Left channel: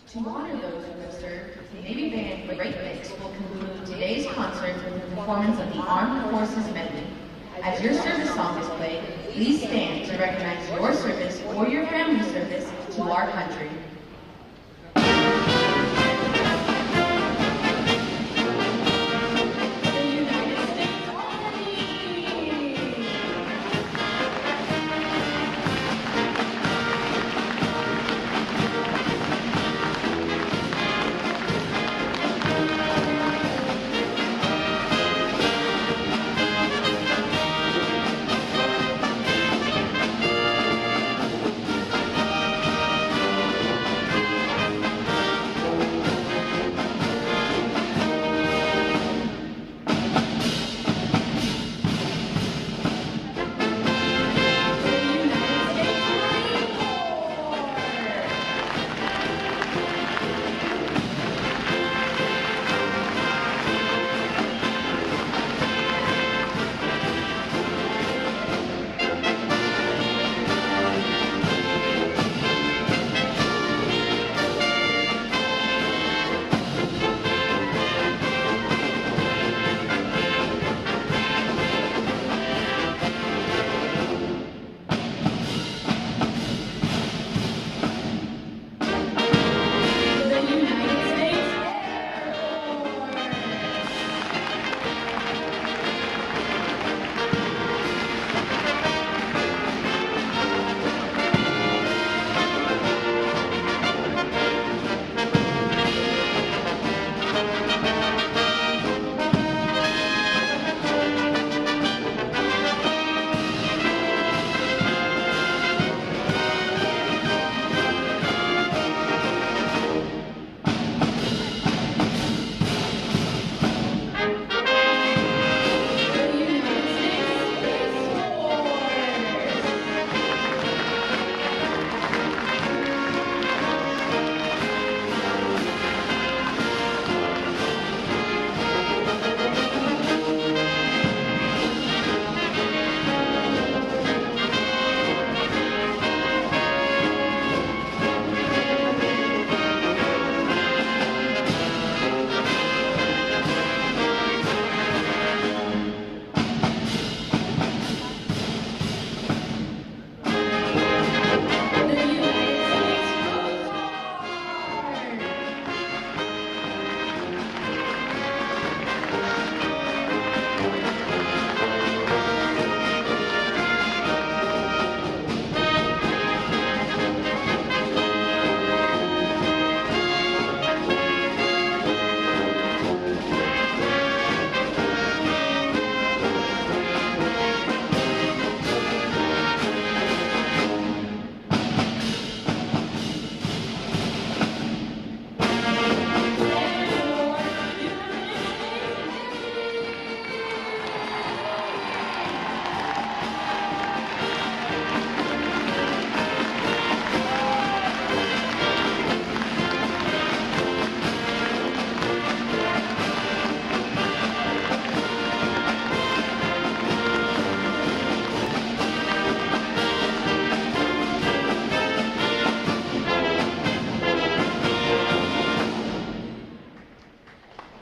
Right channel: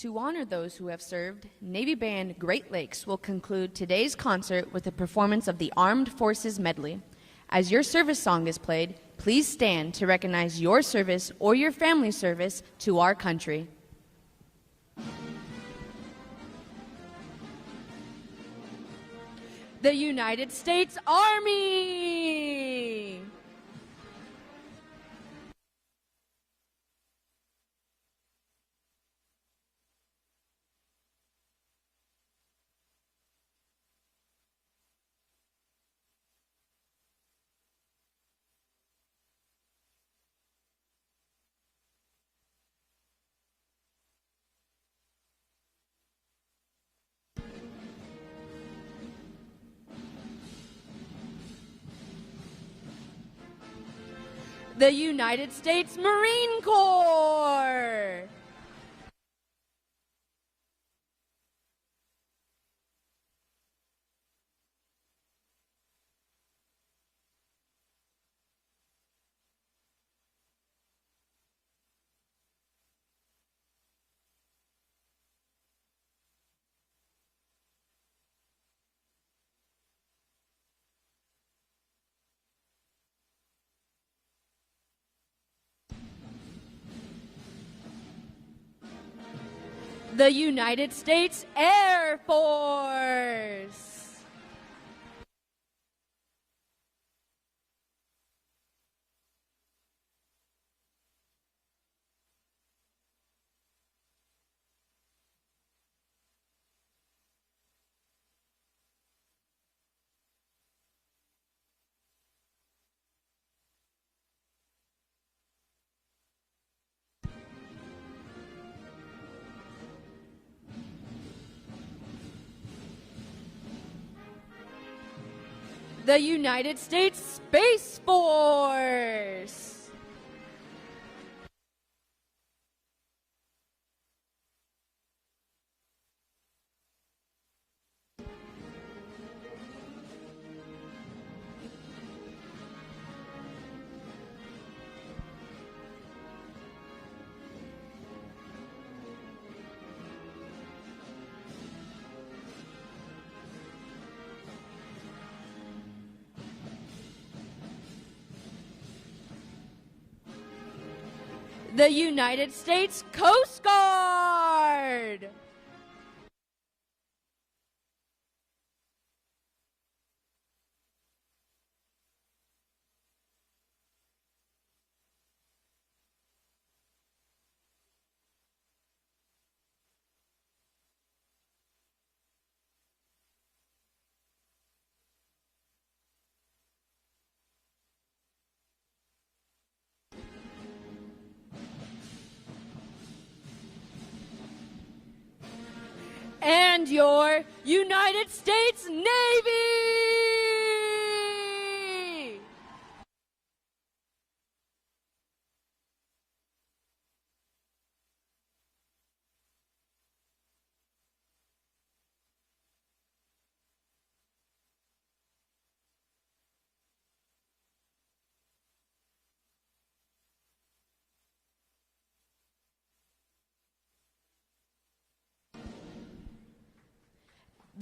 To honor those who have served, Navy Band Great Lakes will conclude today's concert with the performance of the Armed Forces Medley. As your service song is played, please stand to recognize your service or your family's service to our country.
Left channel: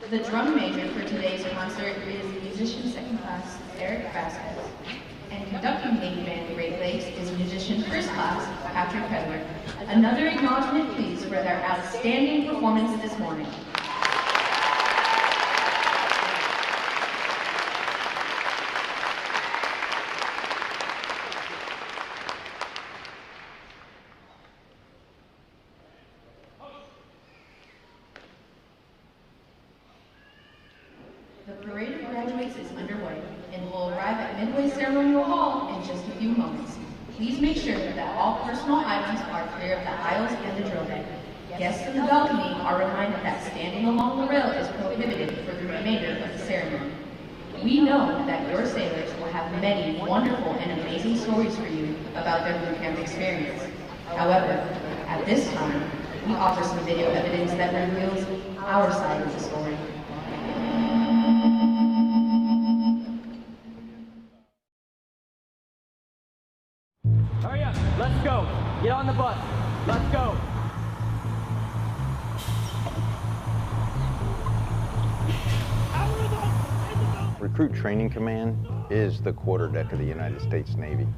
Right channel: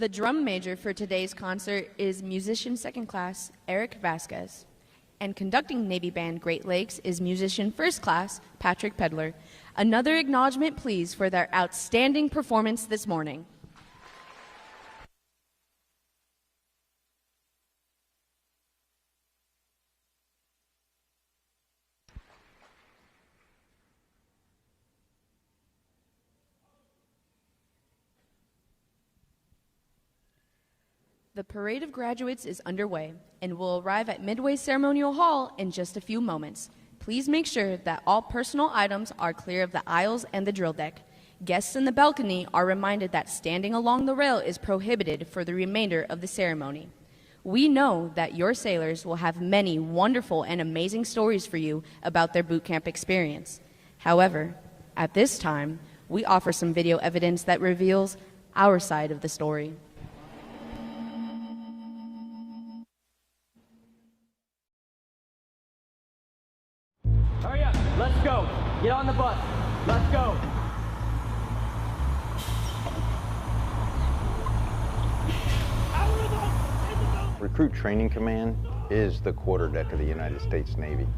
The drum major for today's concert is musician second class Eric Vasquez, and conducting Navy Band Great Lakes is musician first class Patrick Pedler. Another acknowledgement please for their outstanding performance this morning. The parade of graduates is underway and will arrive at Midway Ceremonial Hall in just a few moments. Please make sure that all personal items are clear of the aisles and the drill deck. Guests in the balcony are reminded that standing along the rail is prohibited for the remainder of the ceremony. We know that your sailors will have many wonderful and amazing stories for you about their boot camp experience. However, at this time, we offer some video evidence that reveals our side of the story. Hurry up, let's go. Get on the bus. Let's go. Recruit Training Command is the quarterdeck of the United States Navy.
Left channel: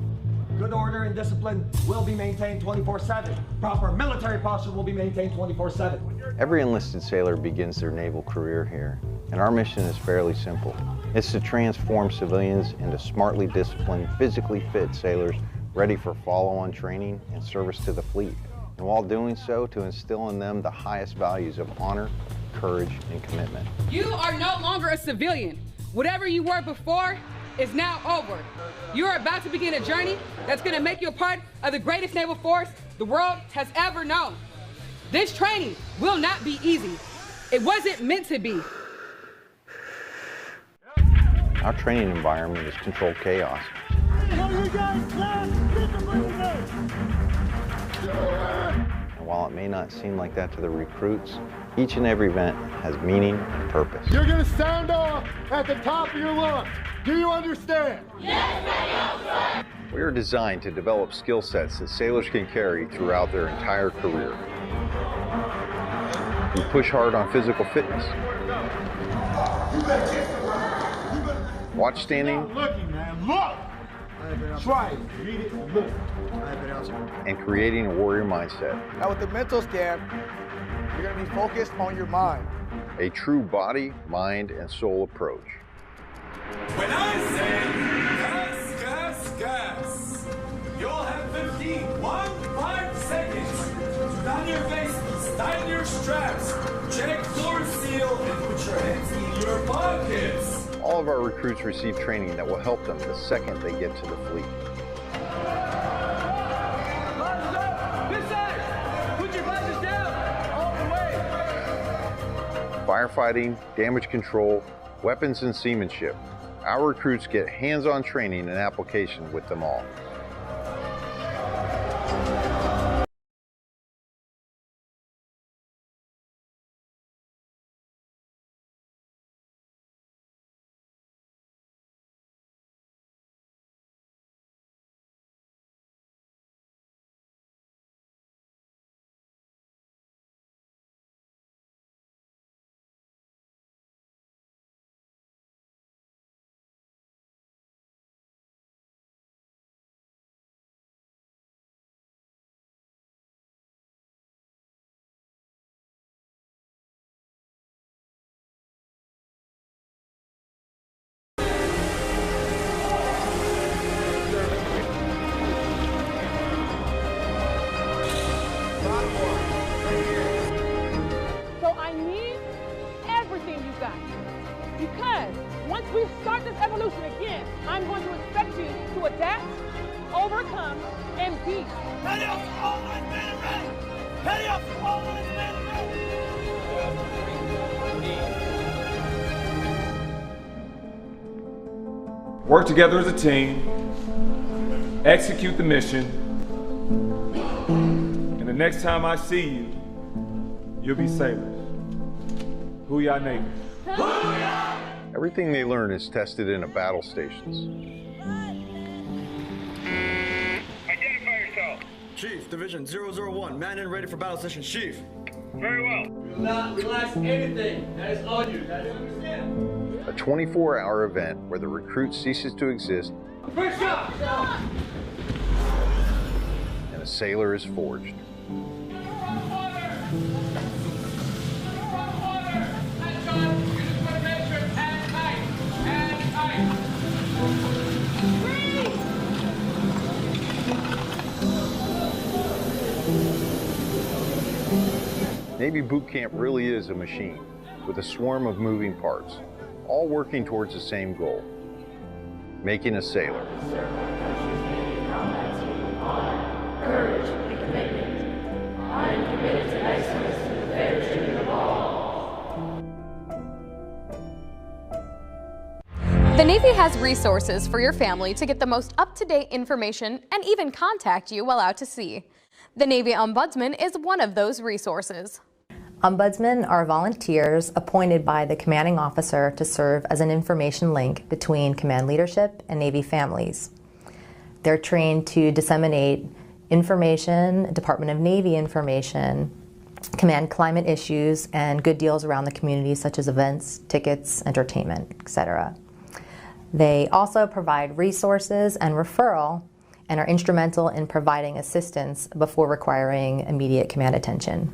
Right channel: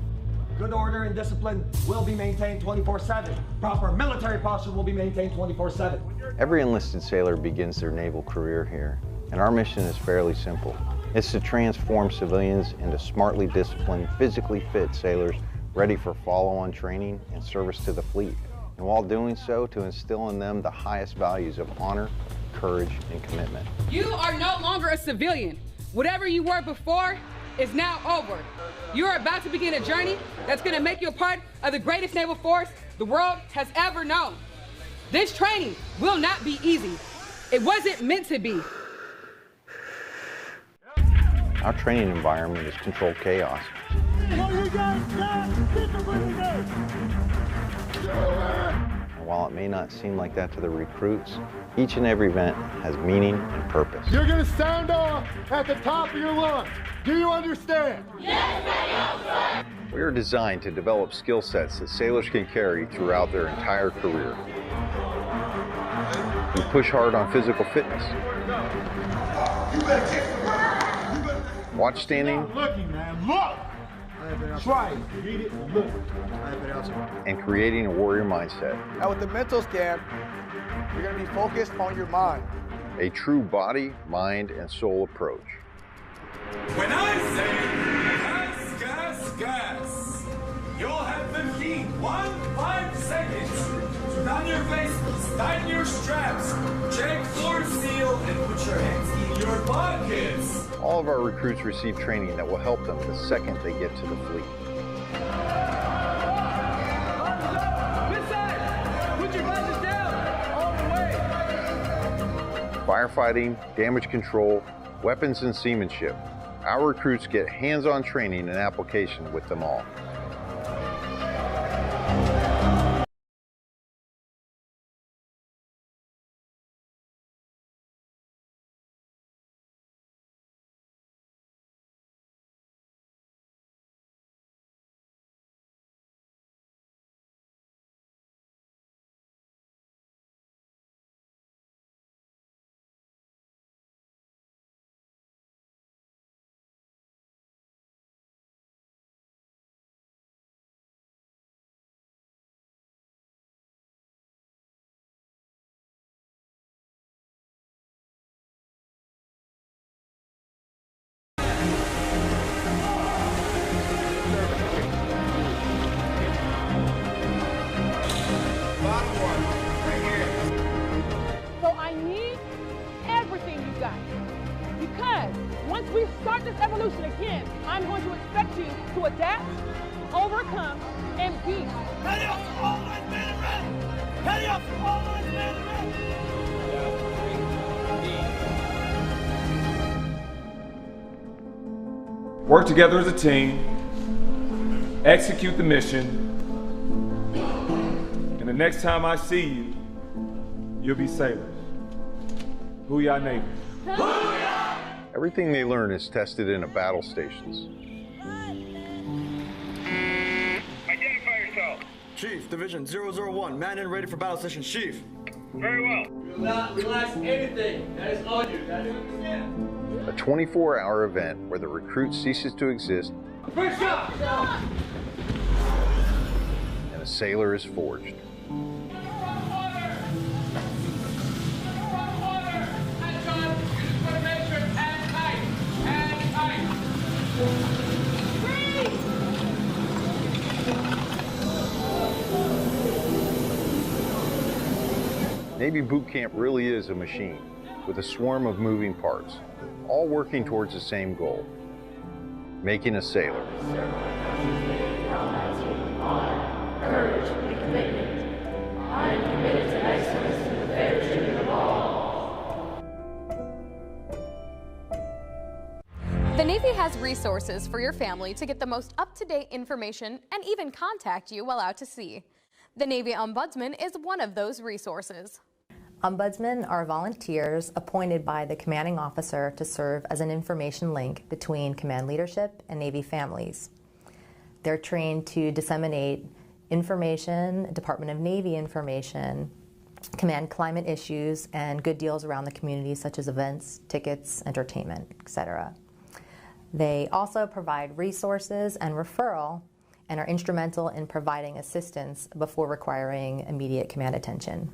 Good order and discipline will be maintained 24/7. Proper military posture will be maintained 24/7. Every enlisted sailor begins their naval career here, and our mission is fairly simple. It's to transform civilians into smartly disciplined, physically fit sailors ready for follow-on training and service to the fleet. And while doing so, to instill in them the highest values of honor, courage, and commitment. You are no longer a civilian. Whatever you were before is now over. You are about to begin a journey that's going to make you a part of the greatest naval force the world has ever known. This training will not be easy. It wasn't meant to be. Our training environment is controlled chaos. And while it may not seem like that to the recruits, each and every event has meaning and purpose. You're going to sound off at the top of your lungs. Do you understand? Yes, sir. We are designed to develop skill sets that sailors can carry throughout their entire career. We push hard on physical fitness. Watch standing. Stop looking, man. Look! Try it. Read it and look. And creating a warrior mindset. Now with the mental scan, you're going to be focused on your mind. A true body, mind, and soul approach. When I say gas, gas, gas, you'll have 15 seconds to down your faces, tighten your straps, check floor seal, and put your hands in your pockets. All of our recruits receive training that will help them the second they get to the fleet. This side! Put your visors down! All the way! Firefighting, damage control, weapons and seamanship. Our recruits get hands-on training and application with them all. Bottom one, right here. So I need everything you got. Because once we start this evolution again, I'm going to expect you to adapt, overcome, and be. Ready up, all lines man and ready! Ready up, all lines man and ready! Work together as a team, execute the mission, and the next time I see you, you'll be sailors. Hoo-yah Navy. Everything they learn is tested in battle stations. Identify yourself. Chief, Division 001, man in ready for battle session. Chief. Very well. Do not relax anything that is on you. That is understand. A 24-hour event where the recruit ceases to exist First shot! and a sailor is forged. Navy boot camp really is a machine with a swarm of moving parts, all working towards the same goal, making a sailor. Courage and commitment. I am committed to excellence and the fair treatment of all. The Navy has resources for your family to get the most up-to-date information and even contact you while out to sea. The Navy Ombudsman is one of those resources. Ombudsmen are volunteers appointed by the commanding officer to serve as an information link between command leadership and Navy families. They're trained to disseminate information, Department of Navy information, command climate issues, and good deals around the community such as events, tickets, entertainment, etc. They also provide resources and referral and are instrumental in providing assistance before requiring immediate command attention.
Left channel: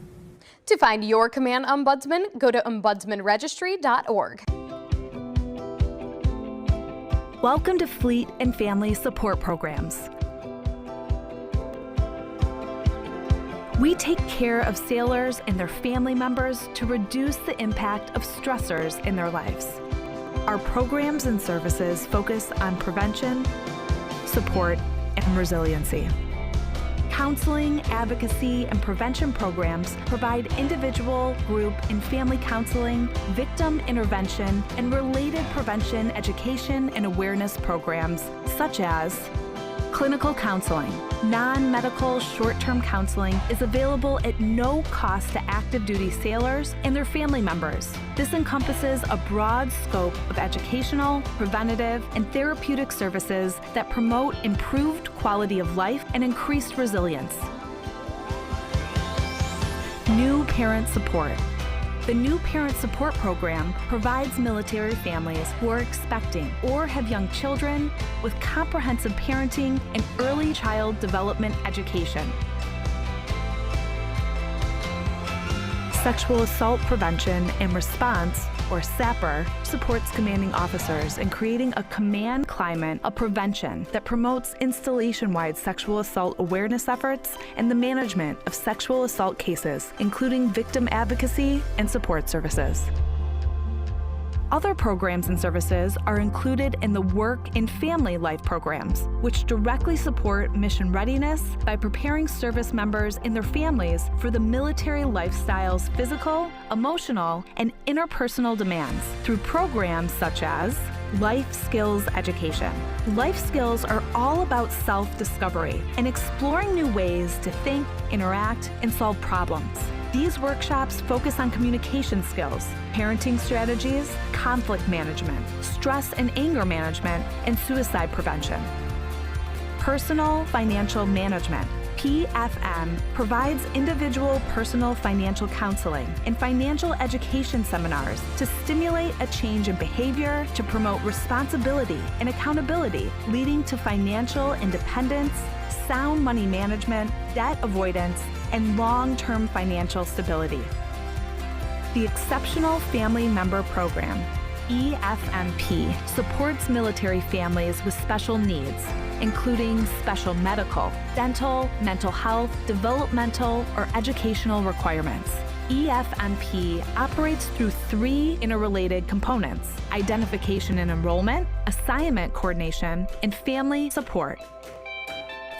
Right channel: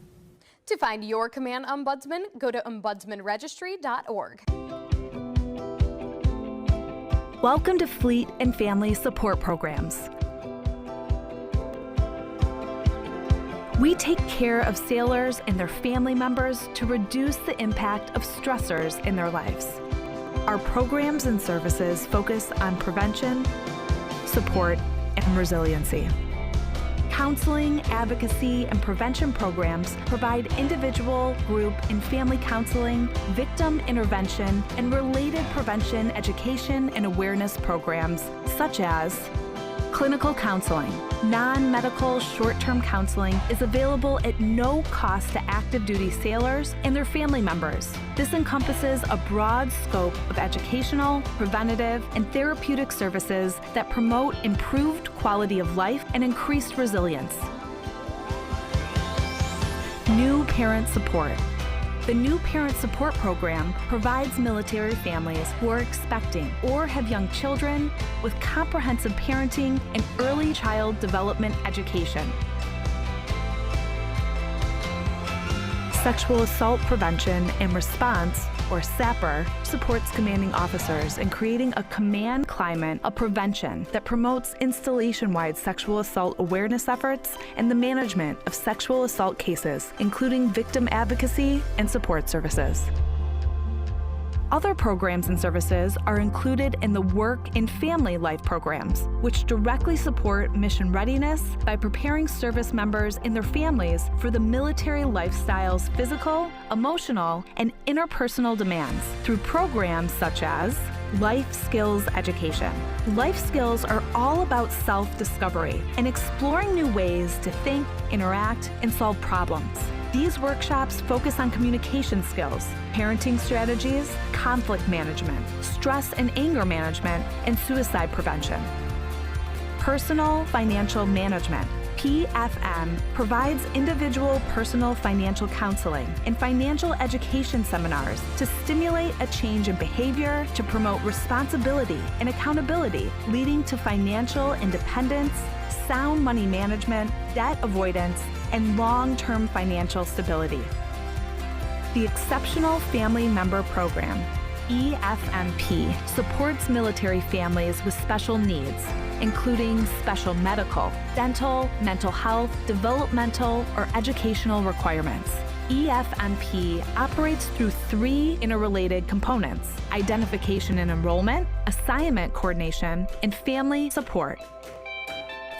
To find your command ombudsman, go to ombudsmanregistry.org. Welcome to Fleet and Family Support Programs. We take care of sailors and their family members to reduce the impact of stressors in their lives. Our programs and services focus on prevention, support, and resiliency. Counseling, advocacy, and prevention programs provide individual, group, and family counseling, victim intervention, and related prevention, education, and awareness programs such as clinical counseling. Non-medical short-term counseling is available at no cost to active duty sailors and their family members. This encompasses a broad scope of educational, preventative, and therapeutic services that promote improved quality of life and increased resilience. New parent support. The New Parent Support Program provides military families who are expecting or have young children with comprehensive parenting and early child development education. Sexual Assault Prevention and Response, or SAPR, supports commanding officers in creating a command climate of prevention that promotes installation-wide sexual assault awareness efforts and the management of sexual assault cases, including victim advocacy and support services. Other programs and services are included in the Work and Family Life programs, which directly support mission readiness by preparing service members and their families for the military lifestyle's physical, emotional, and interpersonal demands through programs such as Life Skills Education. Life skills are all about self-discovery and exploring new ways to think, interact, and solve problems. These workshops focus on communication skills, parenting strategies, conflict management, stress and anger management, and suicide prevention. Personal Financial Management, PFM, provides individual personal financial counseling and financial education seminars to stimulate a change in behavior to promote responsibility and accountability, leading to financial independence, sound money management, debt avoidance, and long-term financial stability. The Exceptional Family Member Program, EFMP, supports military families with special needs, including special medical, dental, mental health, developmental, or educational requirements. EFMP operates through 3 interrelated components: identification and enrollment, assignment coordination, and family support.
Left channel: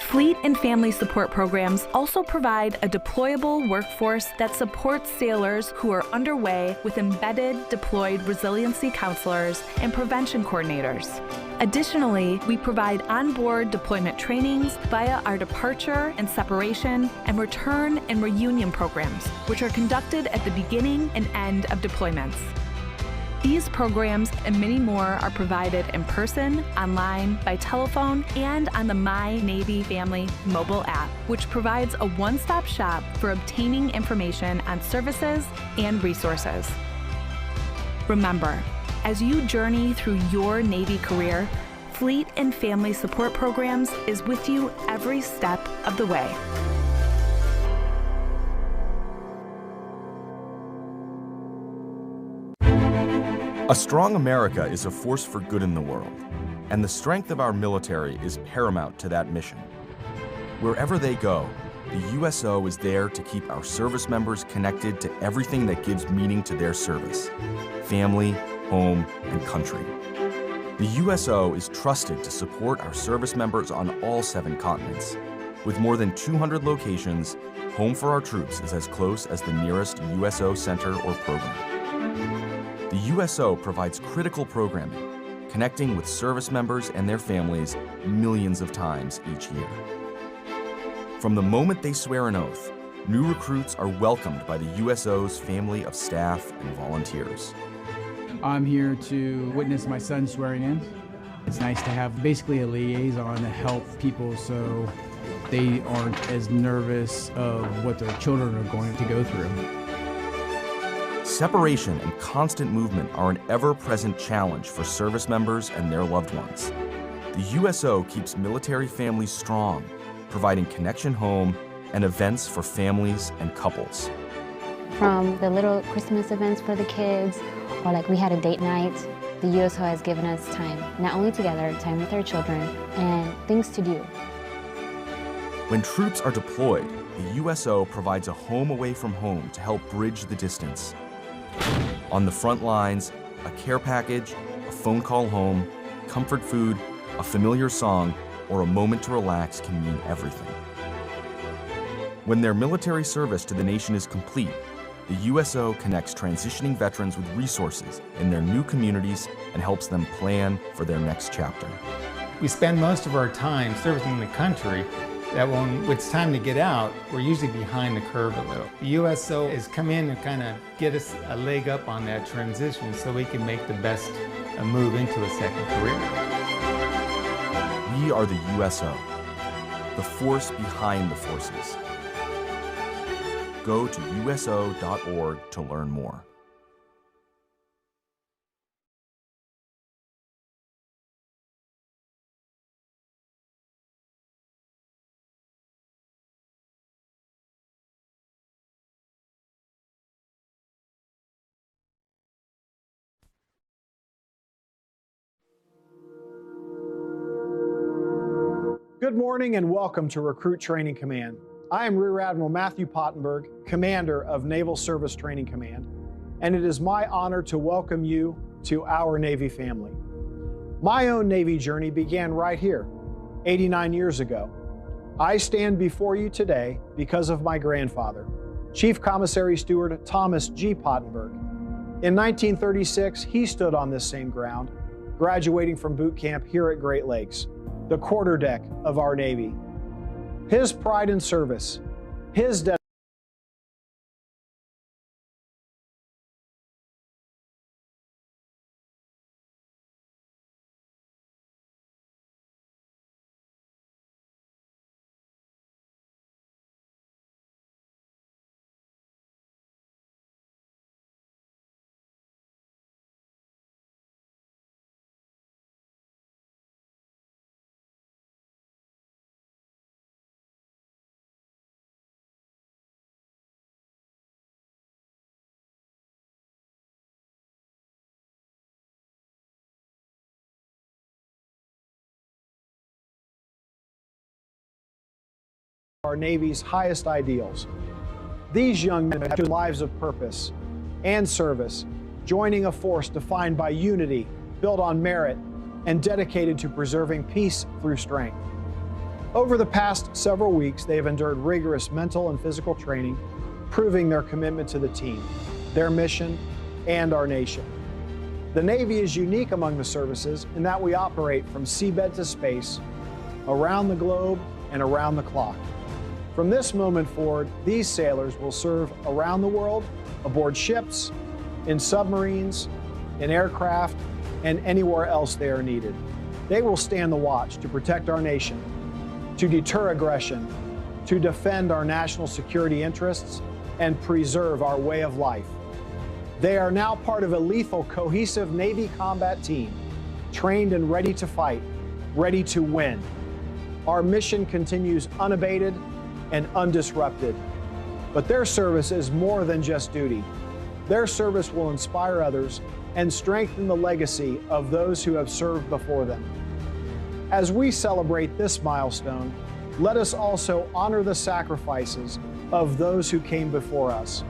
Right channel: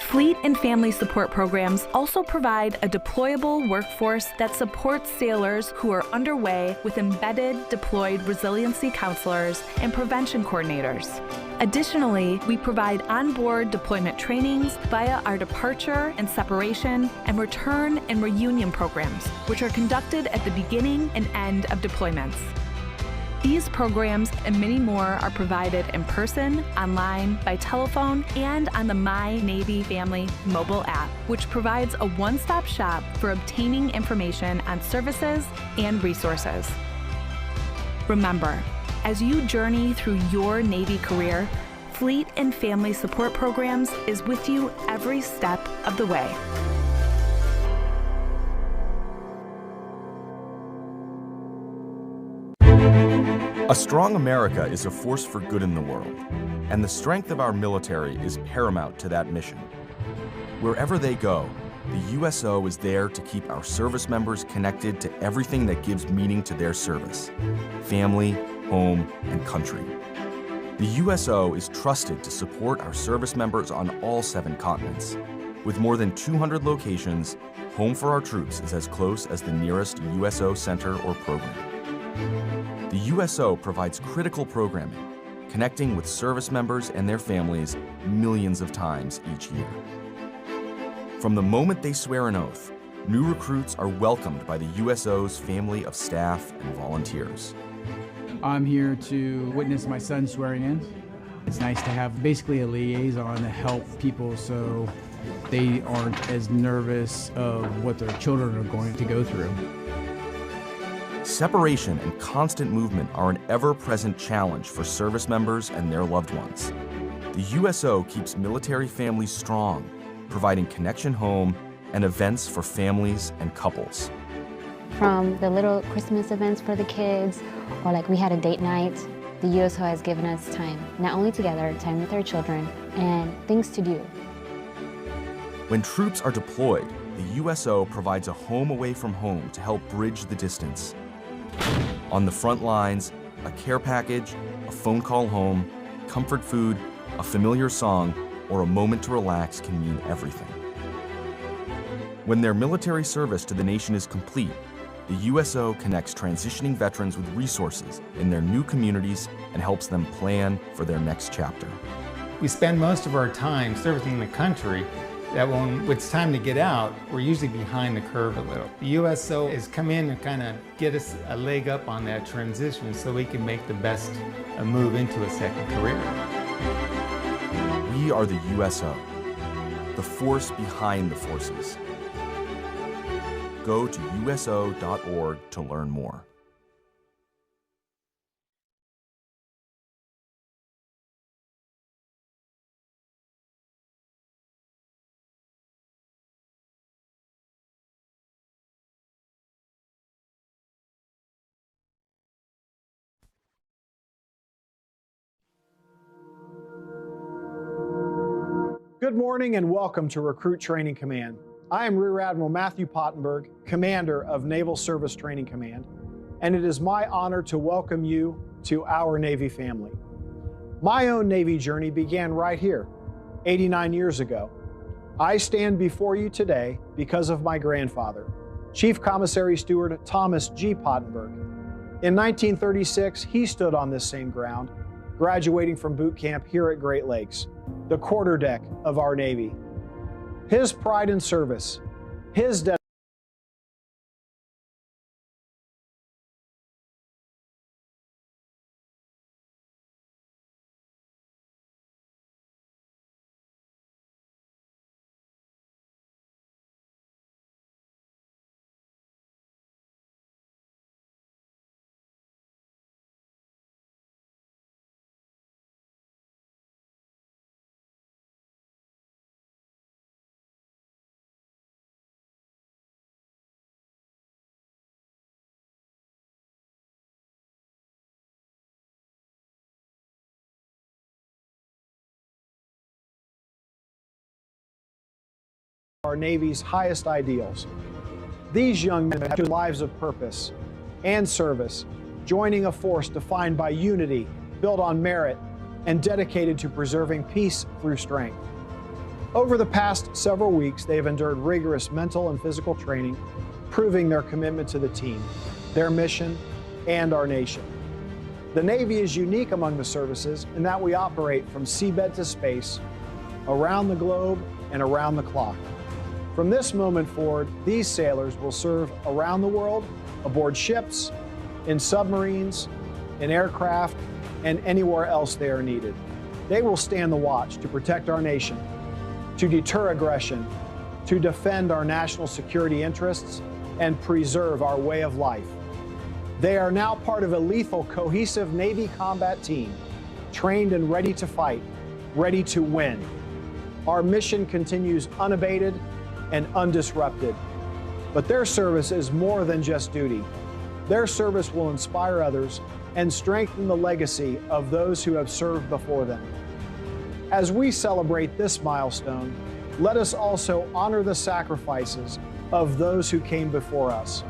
Fleet and family support programs also provide a deployable workforce that supports sailors who are underway with embedded deployed resiliency counselors and prevention coordinators. Additionally, we provide onboard deployment trainings via our departure and separation and return and reunion programs, which are conducted at the beginning and end of deployments. These programs and many more are provided in person, online, by telephone, and on the My Navy Family mobile app, which provides a one-stop shop for obtaining information on services and resources. Remember, as you journey through your Navy career, Fleet and Family Support Programs is with you every step of the way. A strong America is a force for good in the world, and the strength of our military is paramount to that mission. Wherever they go, the USO is there to keep our service members connected to everything that gives meaning to their service: family, home, and country. The USO is trusted to support our service members on all 7 continents. With more than 200 locations, Home for Our Troops is as close as the nearest USO center or program. The USO provides critical programming, connecting with service members and their families millions of times each year. From the moment they swear an oath, new recruits are welcomed by the USO's family of staff and volunteers. I'm here to witness my son swearing in. It's nice to have basically a liaison to help people so they aren't as nervous of what their children are going to go through. Separation and constant movement are an ever-present challenge for service members and their loved ones. The USO keeps military families strong, providing connection home and events for families and couples. From the little Christmas events for the kids, or like we had a date night, the USO has given us time, not only together, time with our children, and things to do. When troops are deployed, the USO provides a home away from home to help bridge the distance. On the front lines, a care package, a phone call home, comfort food, a familiar song, or a moment to relax can mean everything. When their military service to the nation is complete, the USO connects transitioning veterans with resources in their new communities and helps them plan for their next chapter. We spend most of our time servicing the country, that when it's time to get out, we're usually behind the curve a little. The USO has come in and kind of get us a leg up on that transition so we can make the best move into a second career. We are the USO, the force behind the forces. Go to uso.org to learn more. Good morning and welcome to Recruit Training Command. I am Rear Admiral Matthew Pottenberg, Commander of Naval Service Training Command, and it is my honor to welcome you to our Navy family. My own Navy journey began right here, 89 years ago. I stand before you today because of my grandfather, Chief Commissary Steward Thomas G. Pottenberg. In 1936, he stood on this same ground, graduating from boot camp here at Great Lakes, the quarterdeck of our Navy. His pride in service, his dedication, our Navy's highest ideals. These young men have lives of purpose and service, joining a force defined by unity, built on merit, and dedicated to preserving peace through strength. Over the past several weeks, they have endured rigorous mental and physical training, proving their commitment to the team, their mission, and our nation. The Navy is unique among the services in that we operate from seabed to space, around the globe, and around the clock. From this moment forward, these sailors will serve around the world, aboard ships, in submarines, in aircraft, and anywhere else they are needed. They will stand the watch to protect our nation, to deter aggression, to defend our national security interests, and preserve our way of life. They are now part of a lethal, cohesive Navy combat team, trained and ready to fight, ready to win. Our mission continues unabated and undisrupted. But their service is more than just duty. Their service will inspire others and strengthen the legacy of those who have served before them. As we celebrate this milestone, let us also honor the sacrifices of those who came before us.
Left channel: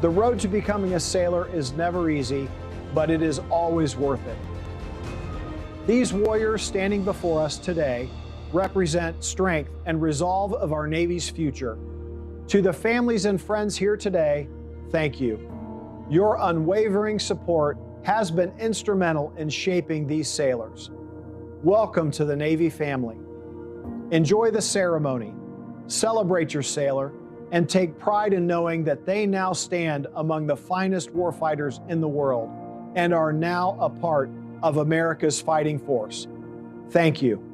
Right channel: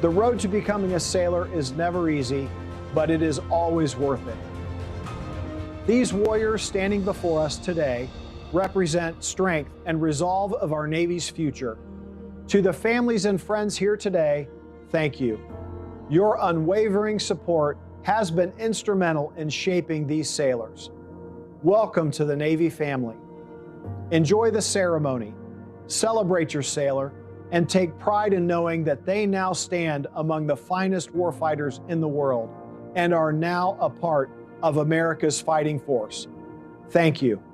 The road to becoming a sailor is never easy, but it is always worth it. These warriors standing before us today represent strength and resolve of our Navy's future. To the families and friends here today, thank you. Your unwavering support has been instrumental in shaping these sailors. Welcome to the Navy family. Enjoy the ceremony, celebrate your sailor, and take pride in knowing that they now stand among the finest warfighters in the world and are now a part of America's fighting force. Thank you.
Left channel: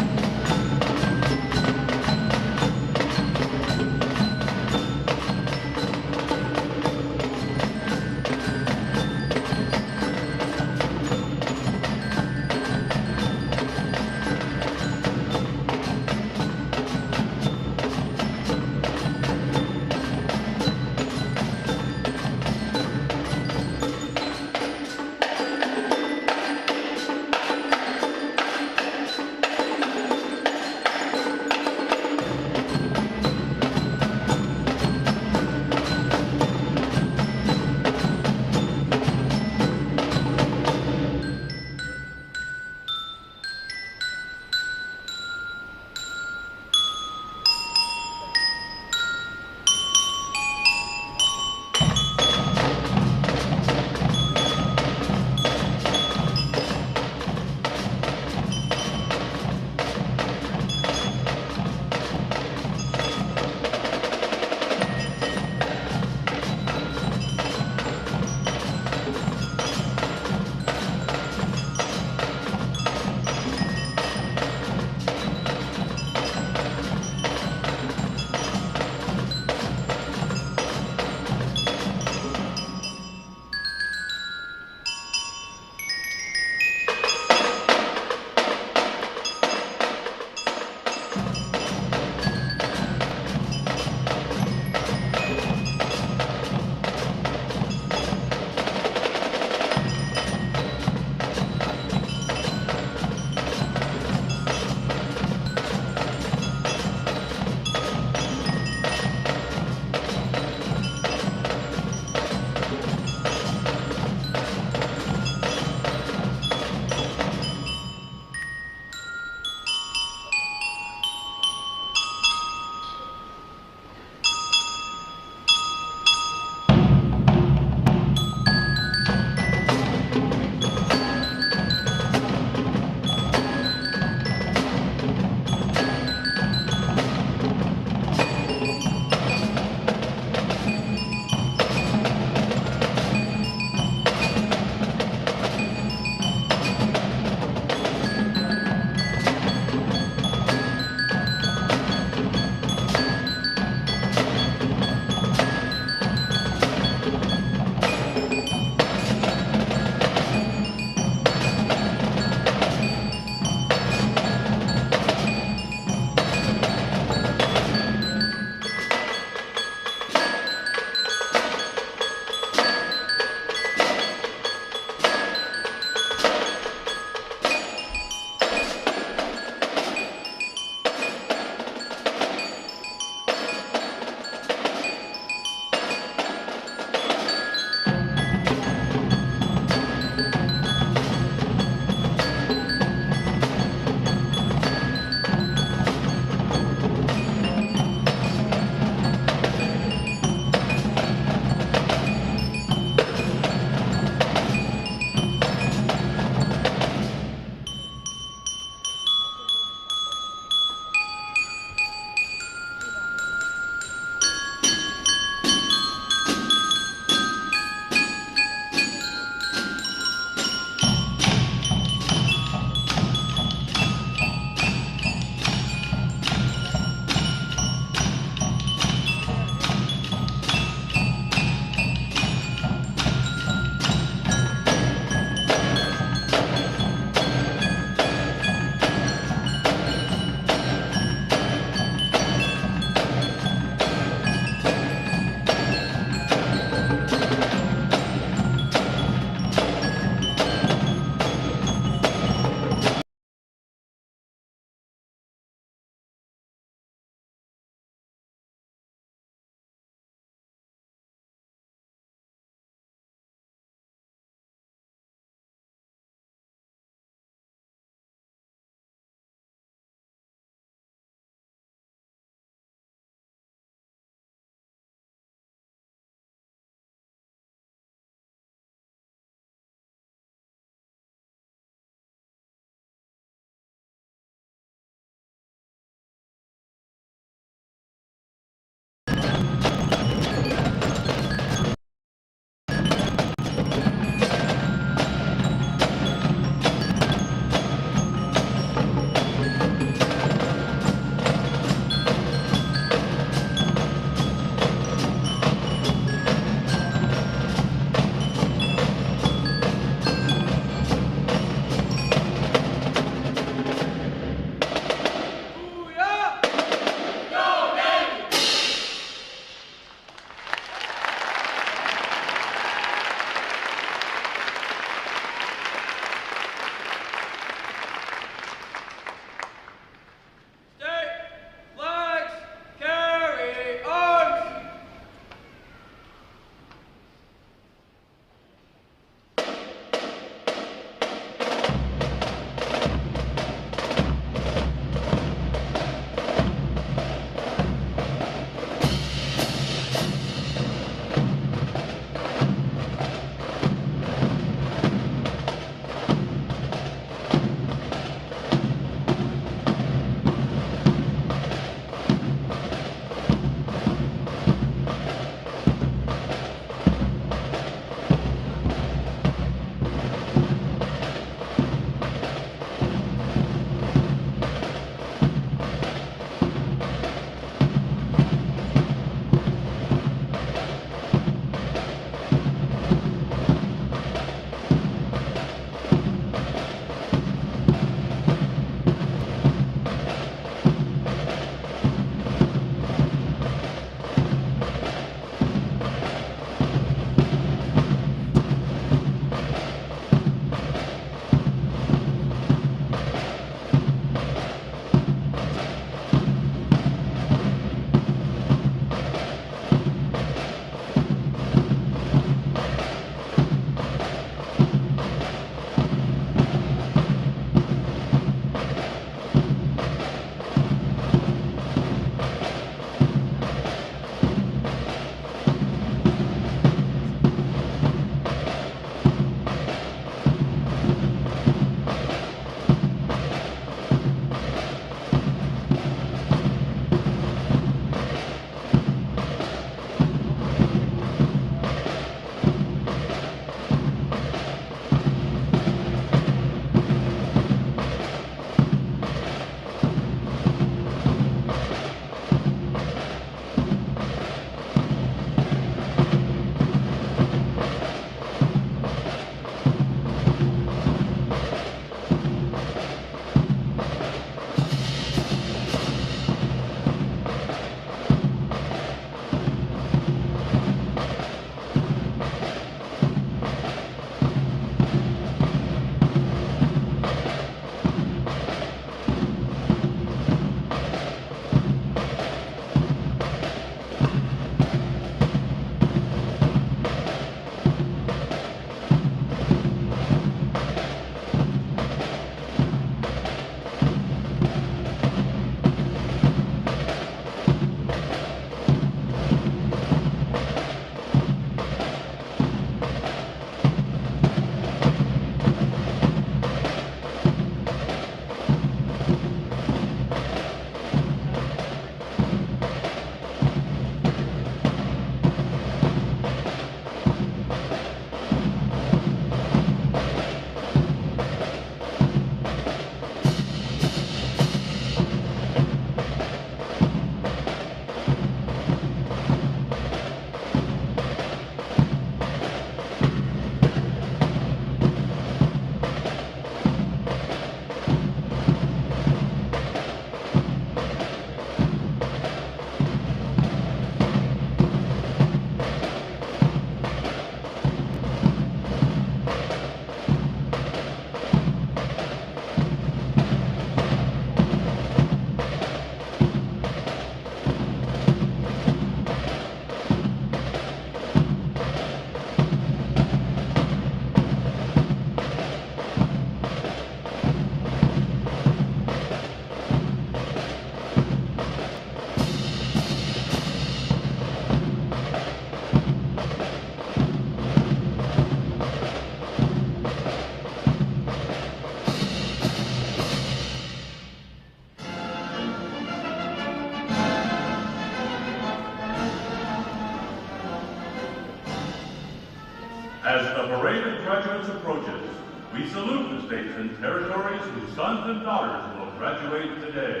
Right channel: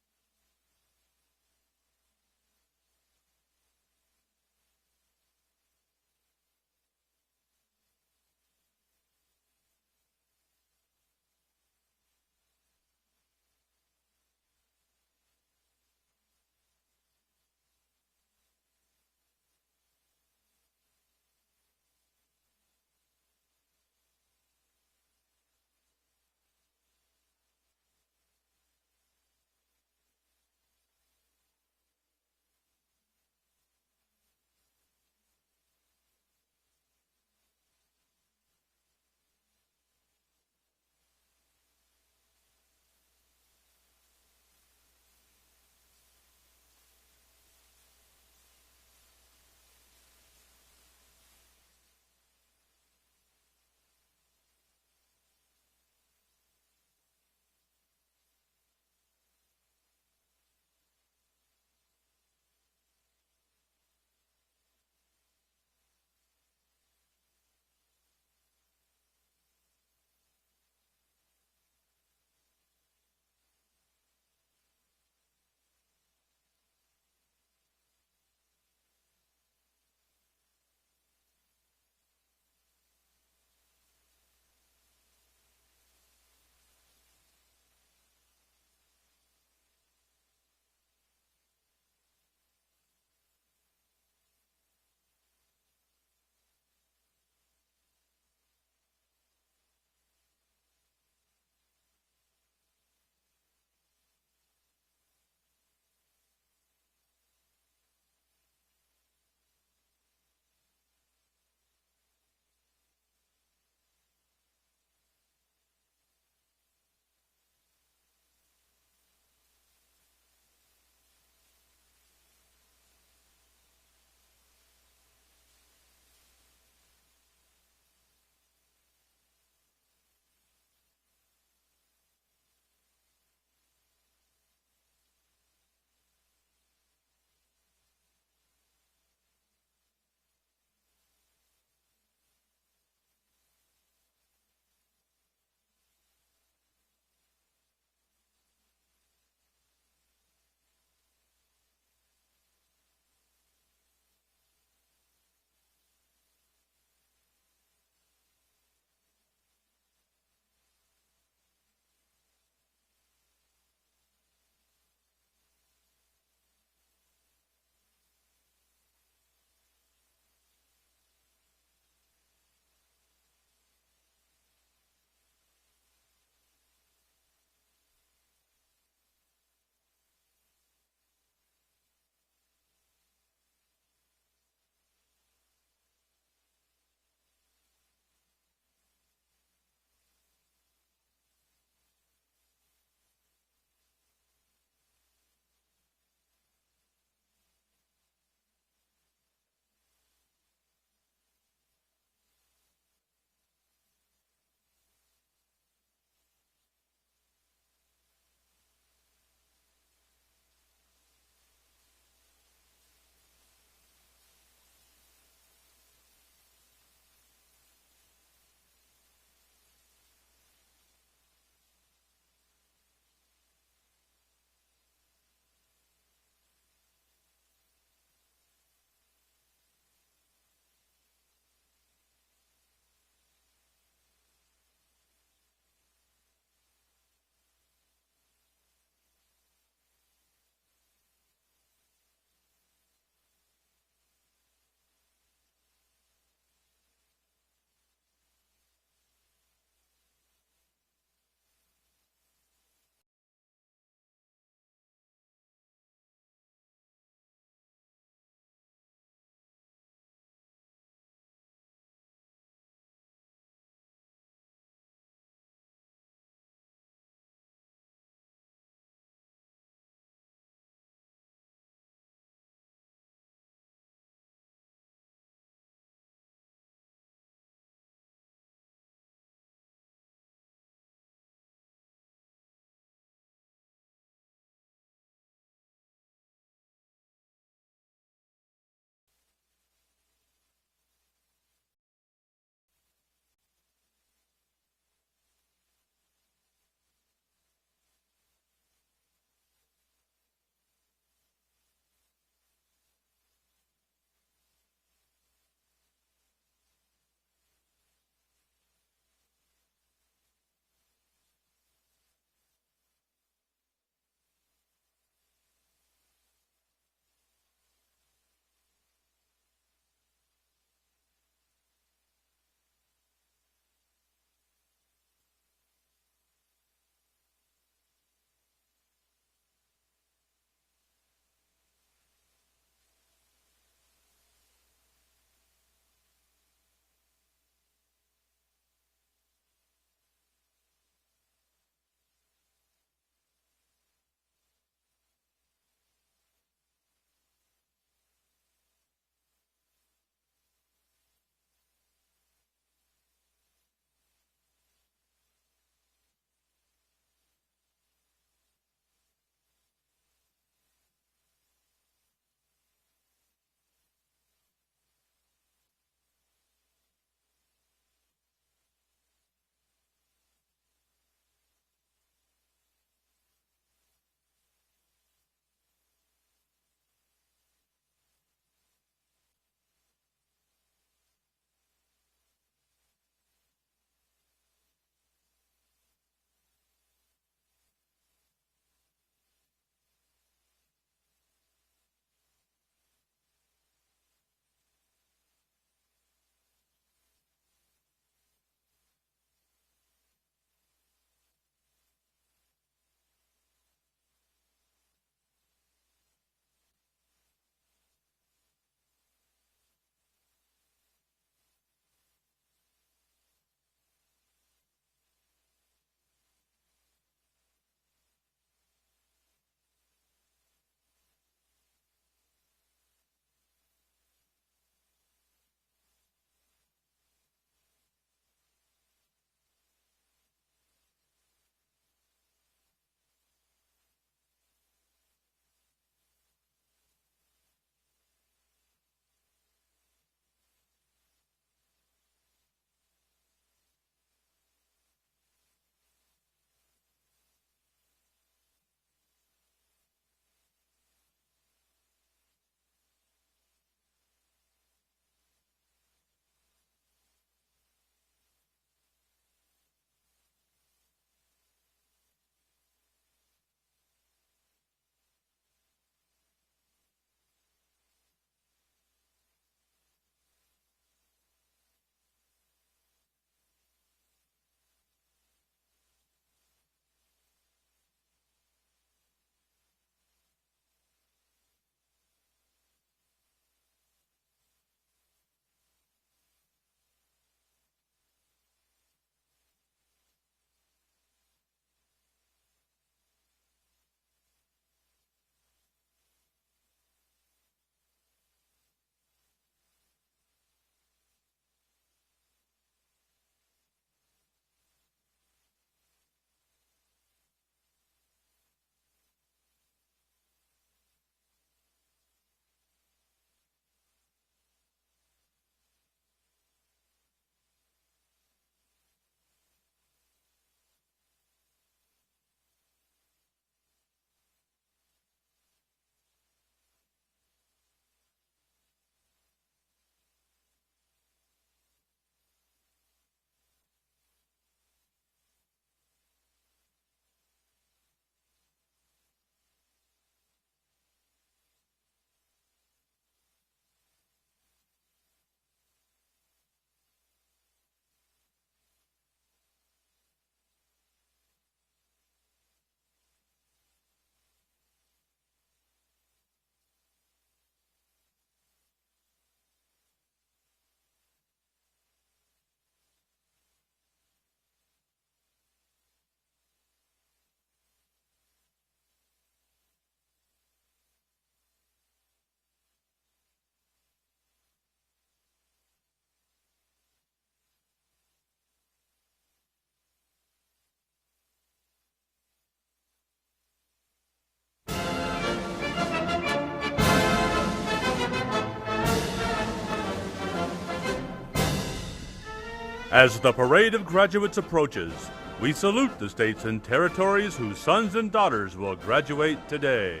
As the parade of graduates approaches, we salute the states and territories whose sons and daughters will graduate today.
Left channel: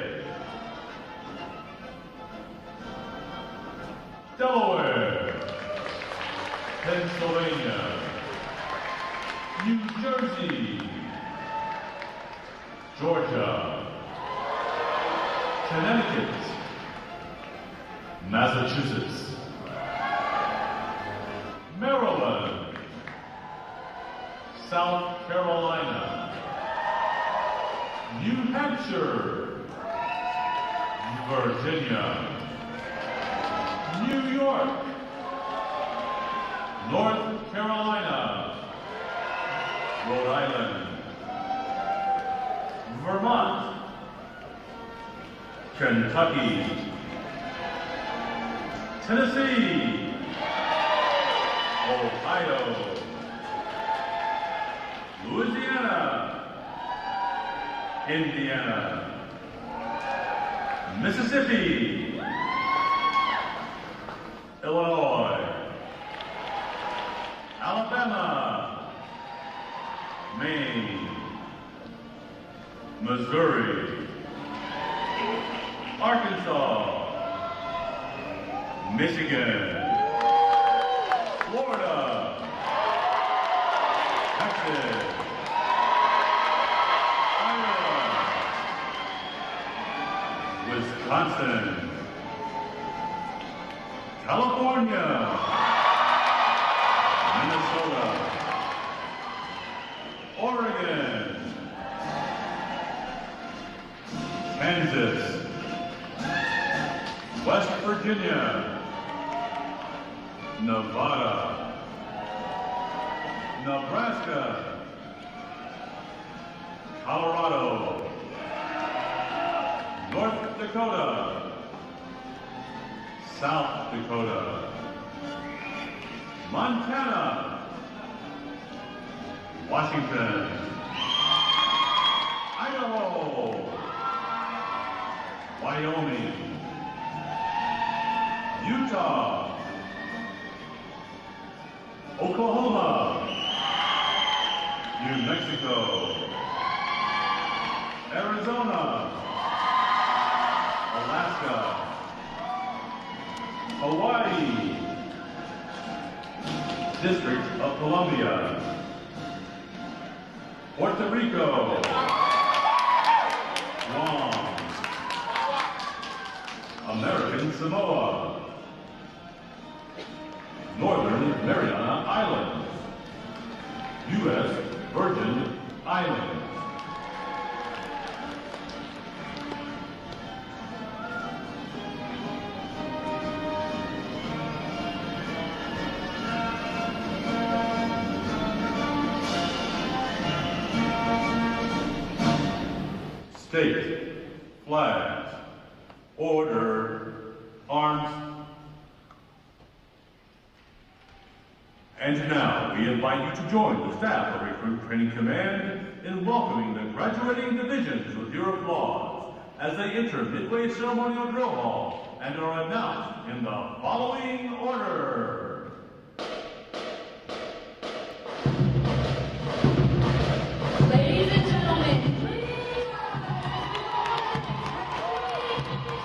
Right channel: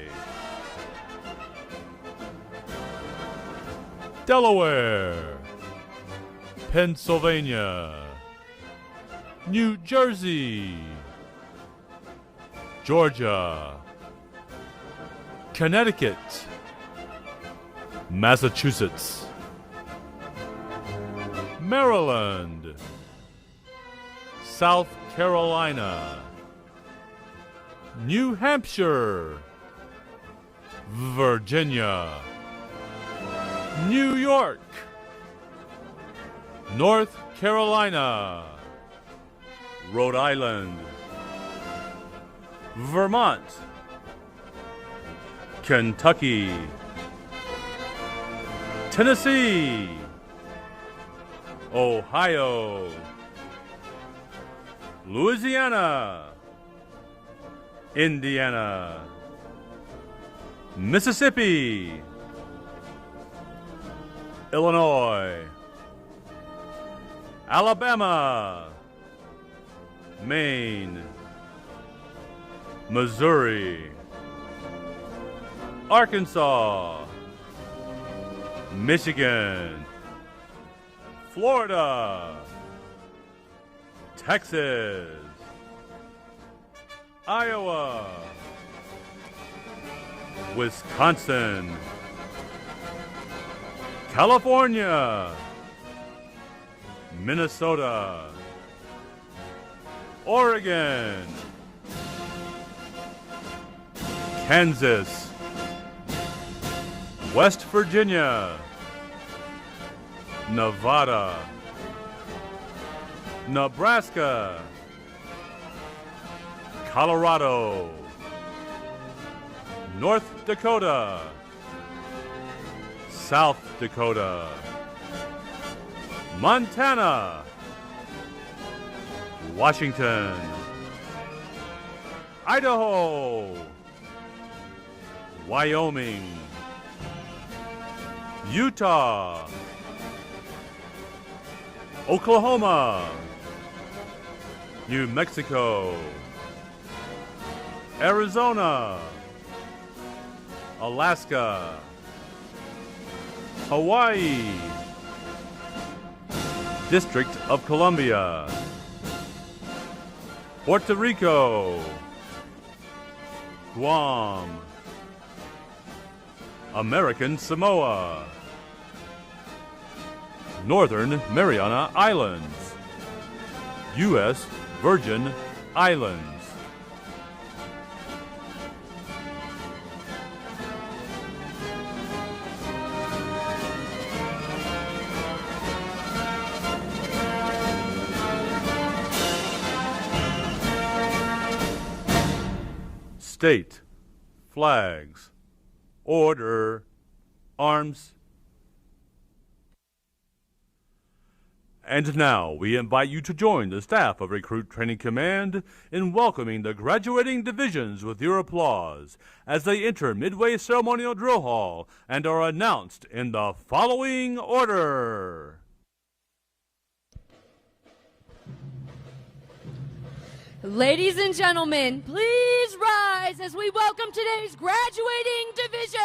Delaware, Pennsylvania, New Jersey, Georgia, Connecticut, Massachusetts, Maryland, South Carolina, New Hampshire, Virginia, New York, North Carolina, Rhode Island, Vermont, Kentucky, Tennessee, Ohio, Louisiana, Indiana, Mississippi, Illinois, Alabama, Maine, Missouri, Arkansas, Michigan, Florida, Texas, Iowa, Wisconsin, California, Minnesota, Oregon, Kansas, West Virginia, Nevada, Nebraska, Colorado, North Dakota, South Dakota, Montana, Washington, Idaho, Wyoming, Utah, Oklahoma, New Mexico, Arizona, Alaska, Hawaii, District of Columbia, Puerto Rico, Guam, American Samoa, Northern Mariana Islands, U.S. Virgin Islands. State, flags, order, arms. And now we invite you to join the staff of Recruit Training Command in welcoming the graduating divisions with your applause as they enter Midway Ceremonial Drill Hall and are announced in the following order. Ladies and gentlemen, please rise as we welcome today's graduating division.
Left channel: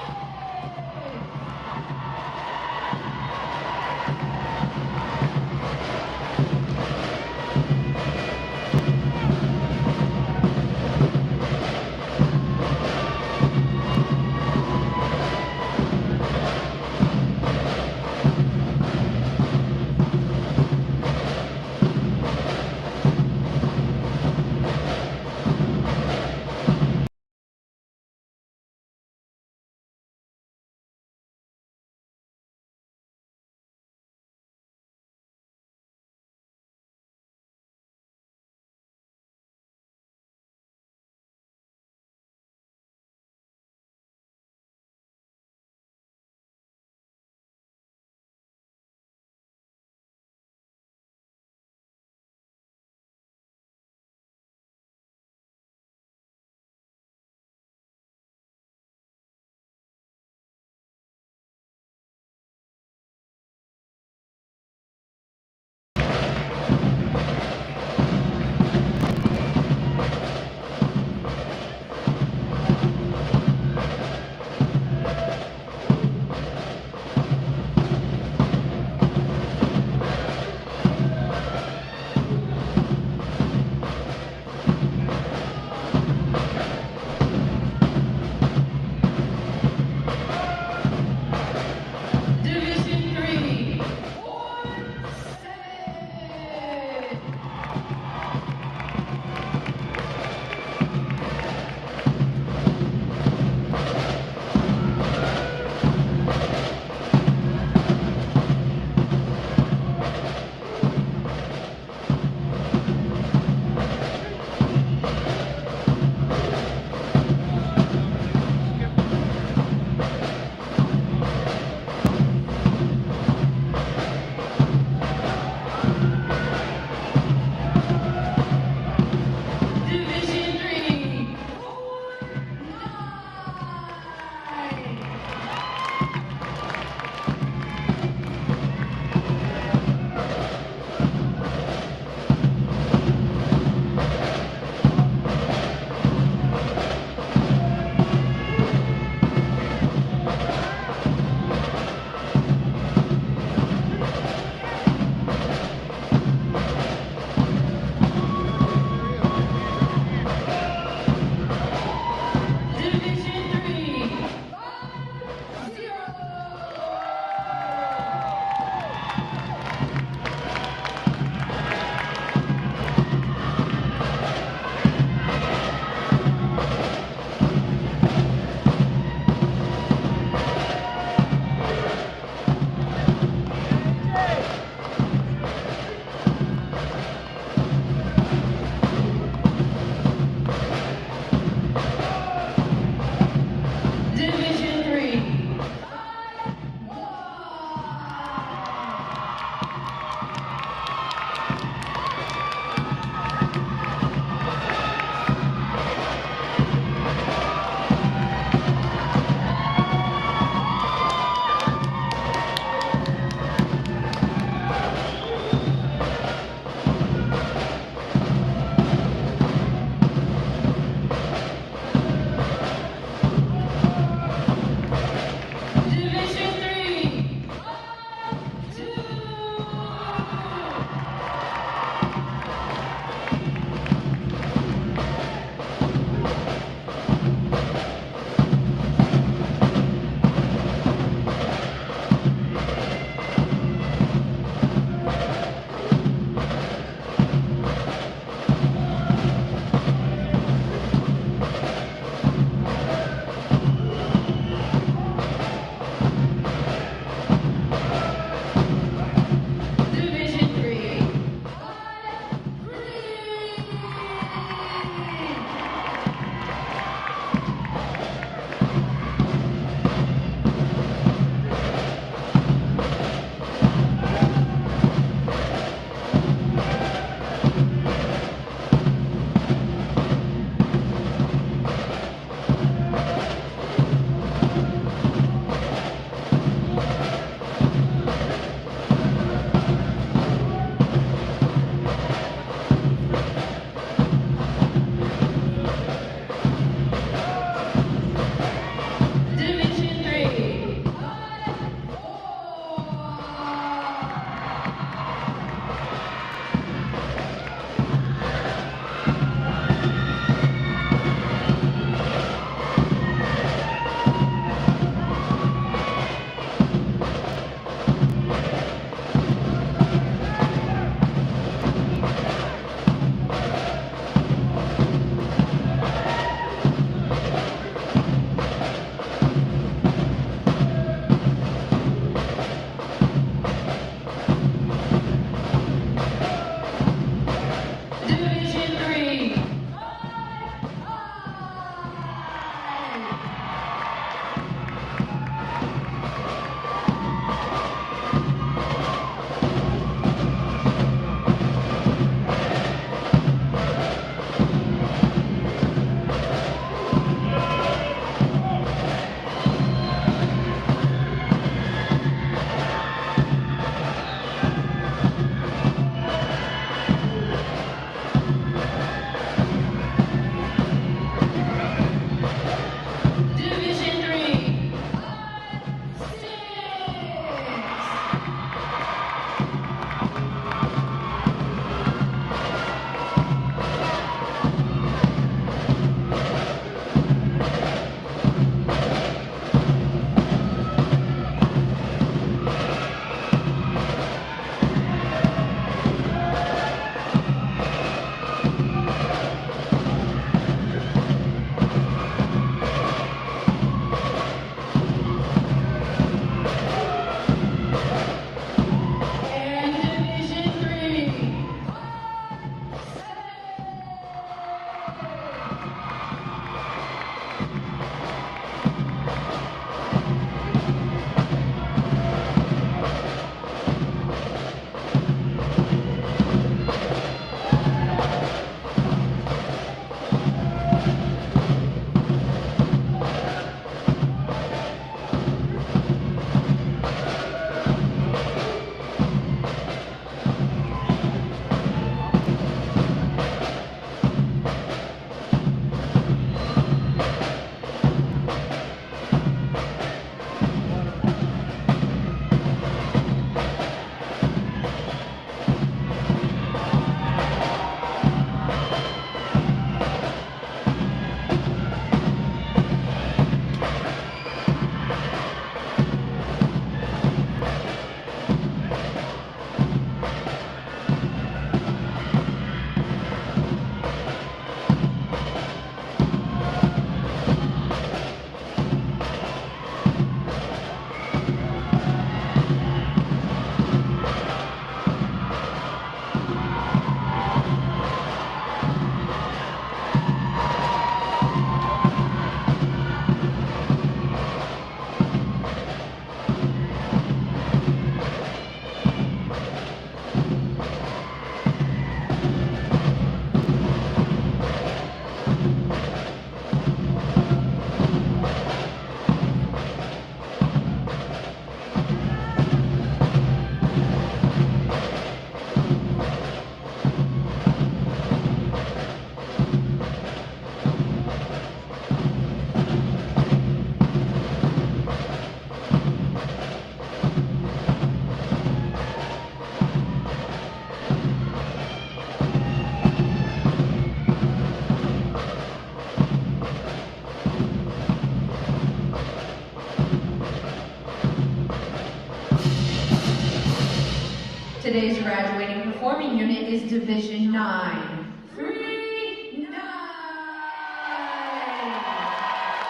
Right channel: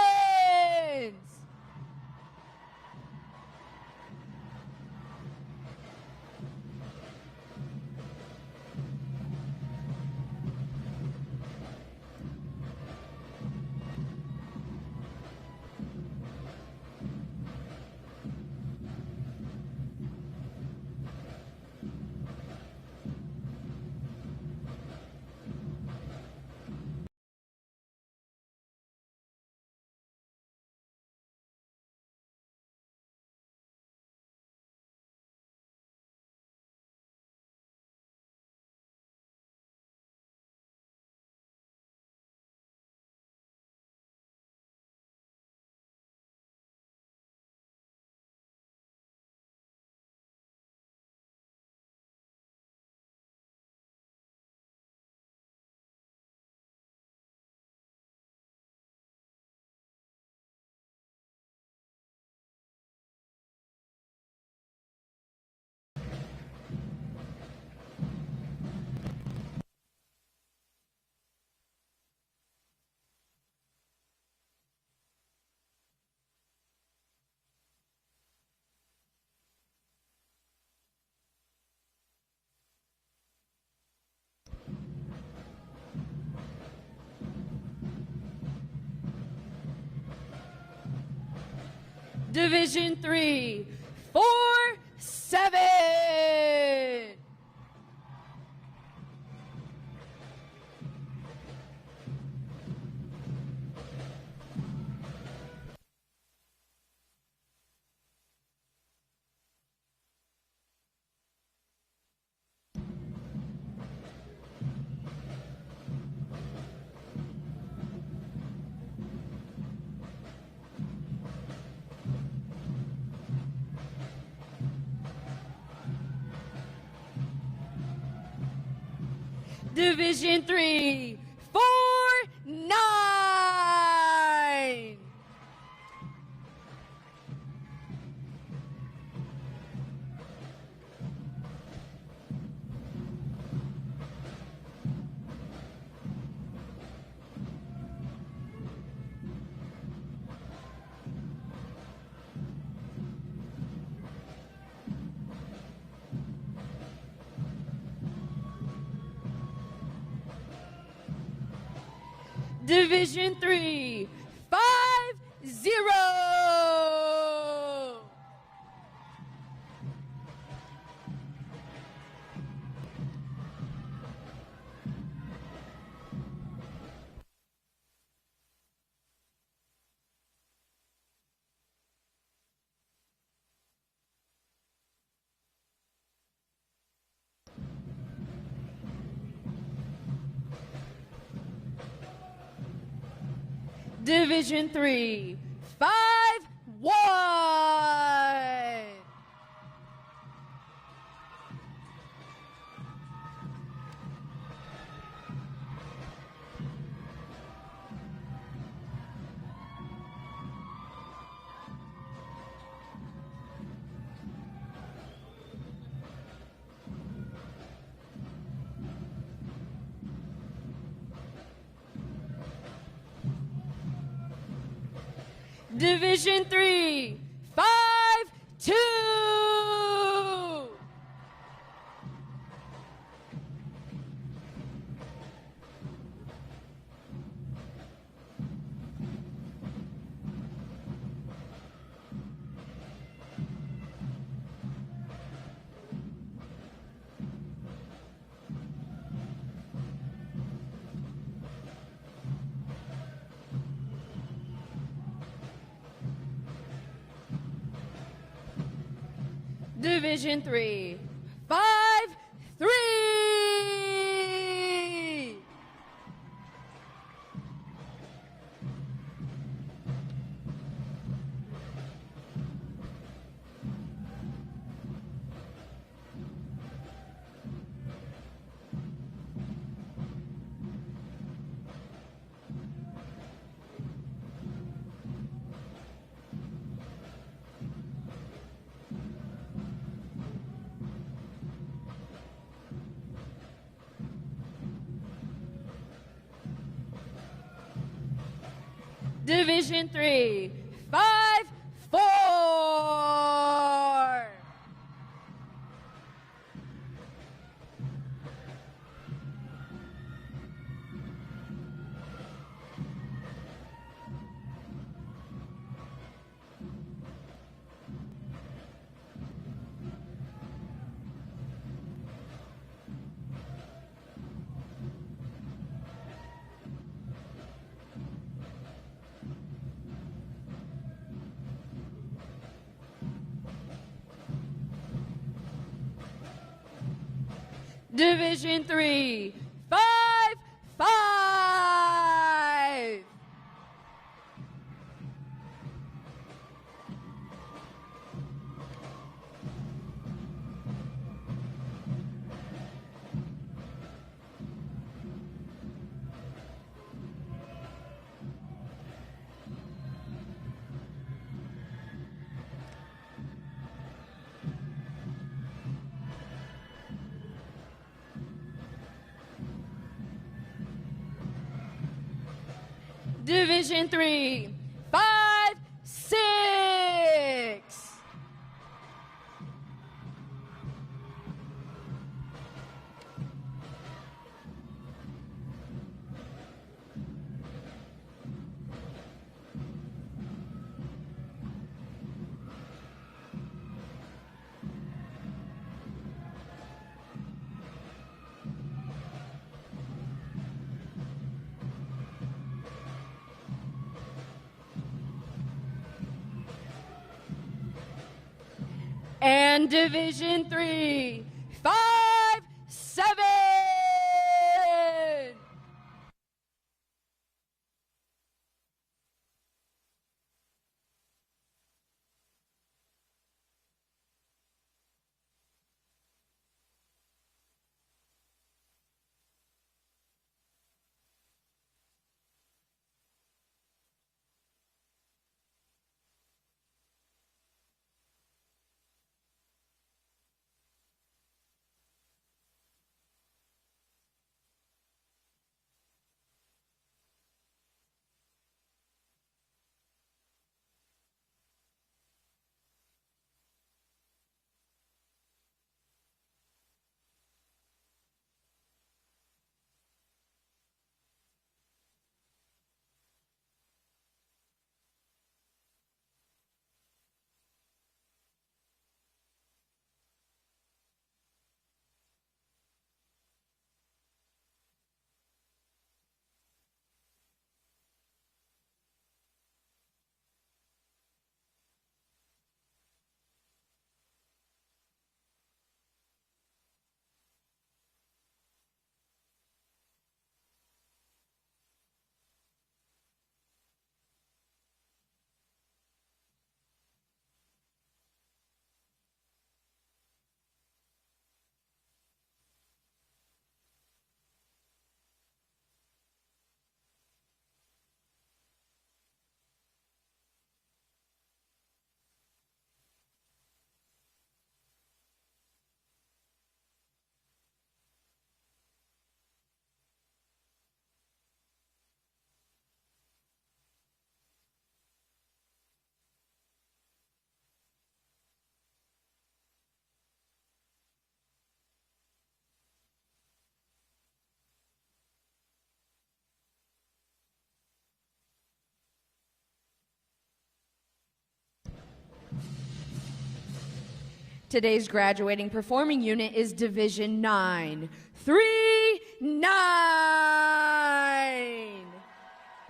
Today's graduating performing unit is Division 939.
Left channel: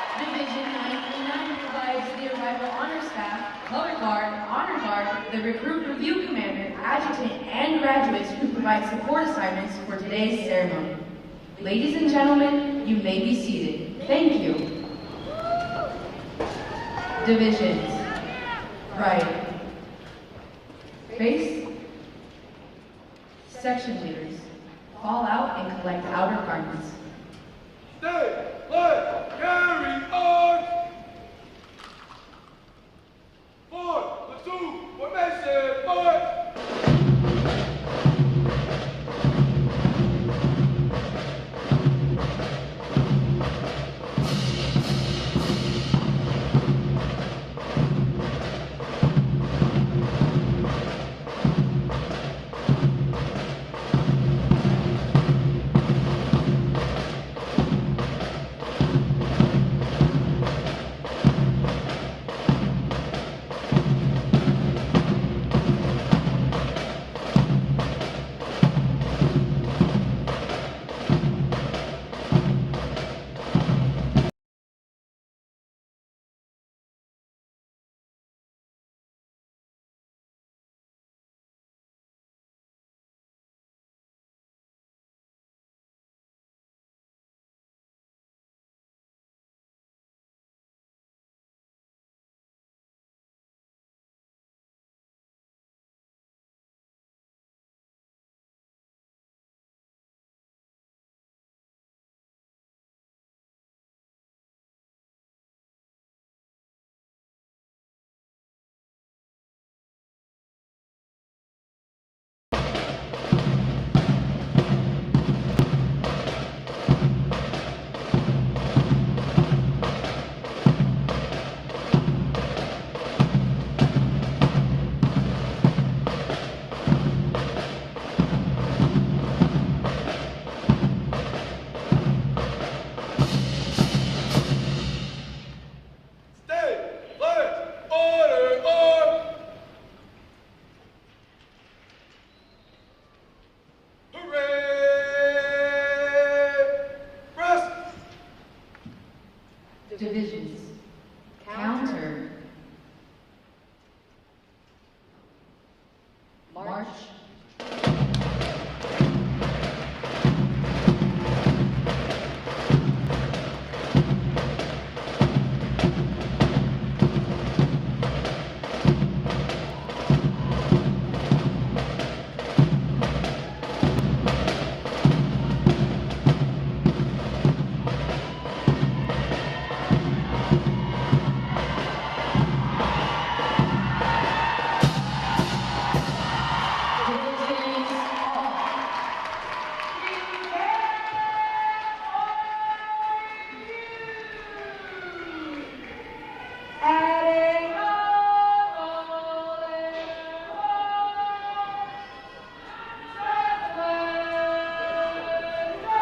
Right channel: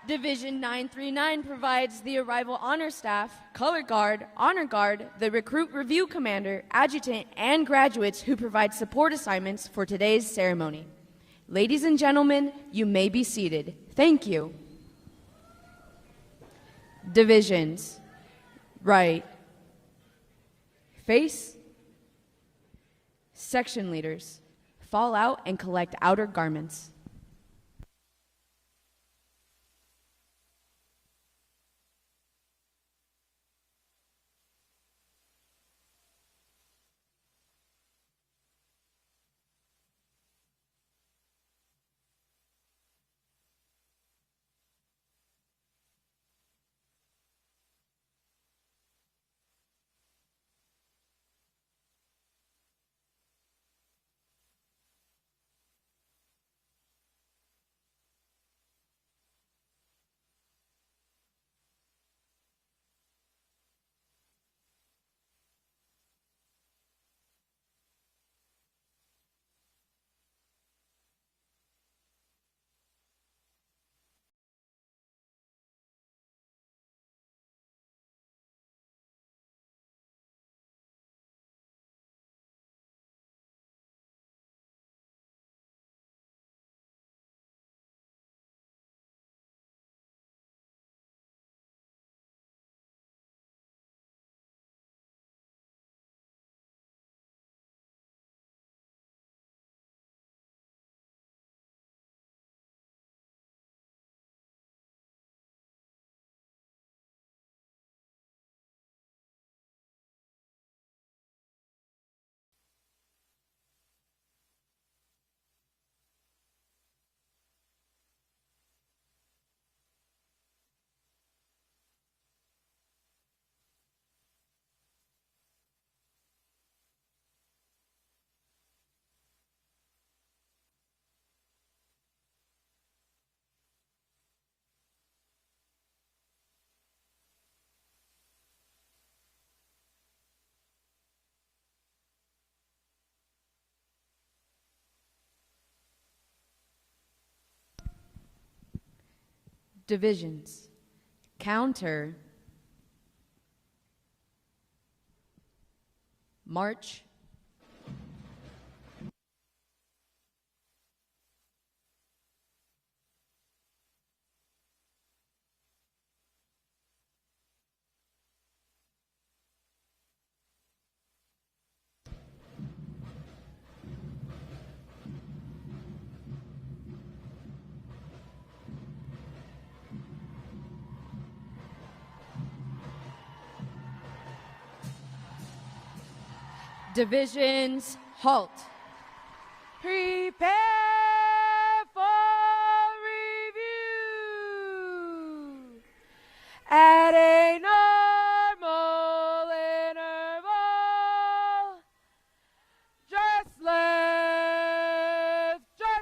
Division 939 provides the arrival honor staff, color guard, honor guard, the recruit review commander, adjutant, and graduates who provide support assignments for today's ceremony. Ladies and gentlemen, you may be seated. Thank you. Divisions. Right. Face. Section leaders. Fall out and collect outer garments. Stay, let, carry on! 4, platoon, formation, forward! Divisions. Counter. March. Divisions, halt. Prepare for review. At a normal interval, just learn, just.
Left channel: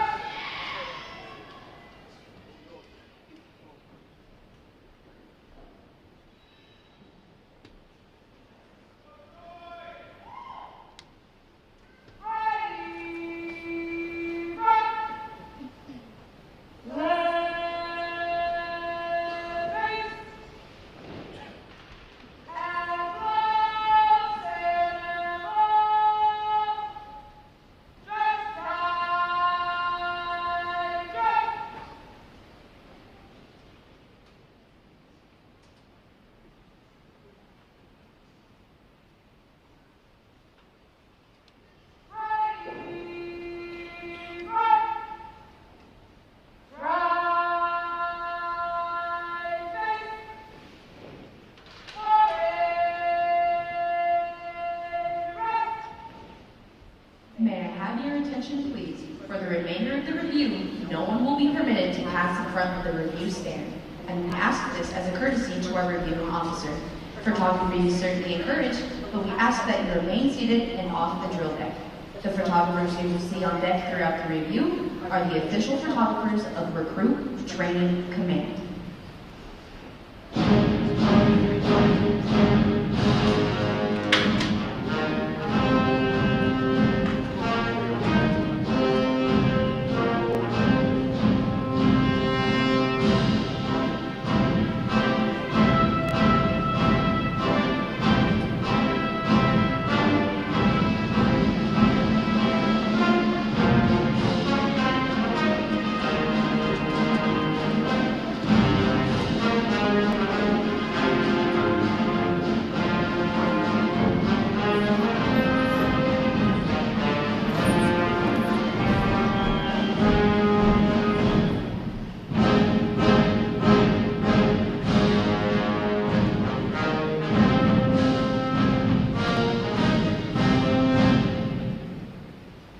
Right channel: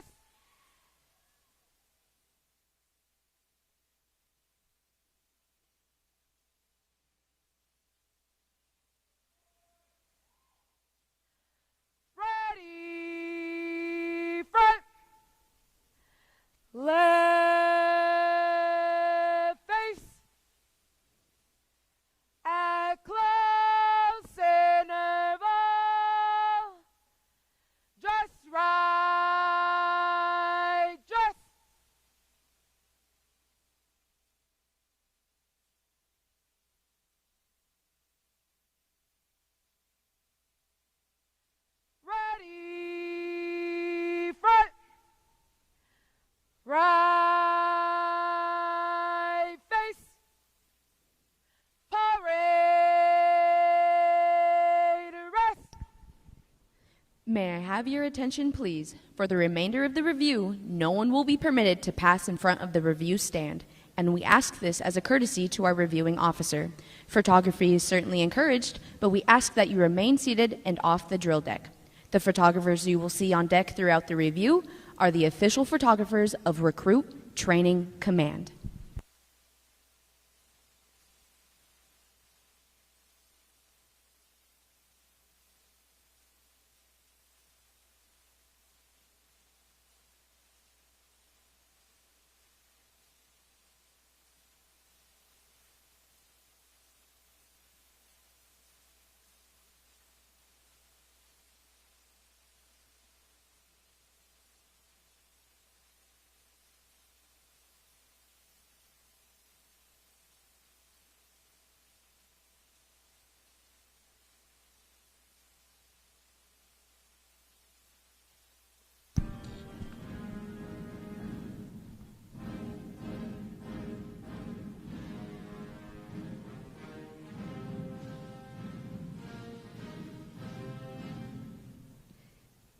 May I have your attention, please? For the remainder of the review, no one will be permitted to pass in front of the review stand, and we ask this as a courtesy to our reviewing officer. Photography is certainly encouraged, but we ask that you remain seated and off the drill deck. The photographers you will see on deck throughout the review are the official photographers of Recruit Training Command.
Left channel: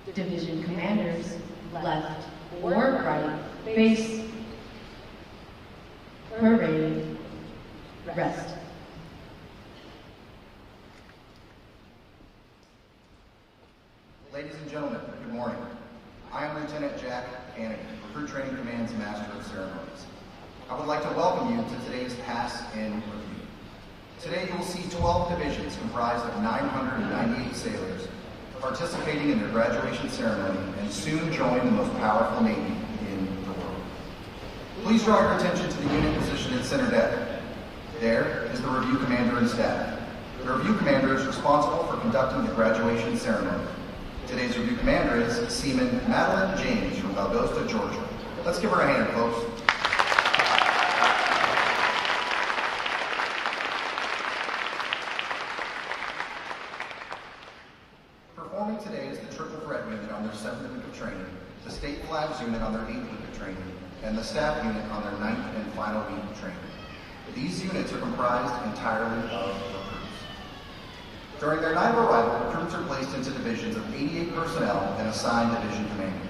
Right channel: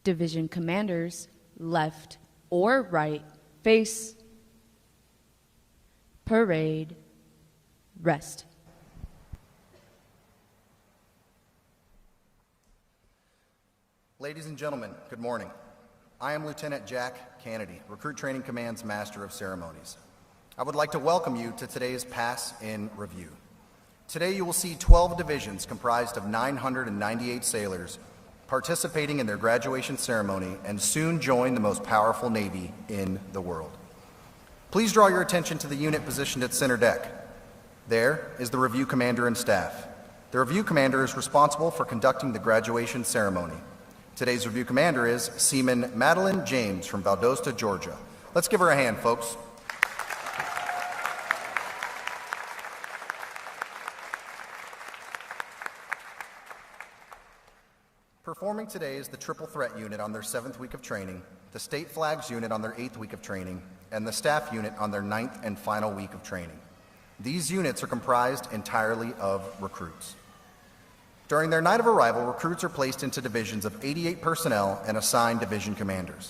Division commanders, left or right, face, parade, rest. Ladies and gentlemen, good morning. I am Lieutenant Jack Kennedy, Recruit Training Command's Master of Ceremonies. I would like to welcome you to today's Pass in Review. Today you will see 12 divisions comprised of 998 sailors participating in their graduation ceremony and soon join the most powerful Navy in the world. Please draw your attention to the unit positioned at center deck. There is the Review Commander and staff. The Review Commander is responsible for conducting the graduation ceremony. Today's Review Commander is Seaman Madeline James from Valdosta, Georgia. Let's give her a hand, folks. Performing today is the Triple Threat Unit on their 7th week of training, the State Flags Unit on their 8th week of training, and the Staff Unit on their 9th and final week of training. These units are comprised entirely of recruits. During their night of arrival, recruits are placed into divisions of 88 personnel and assigned division commanders.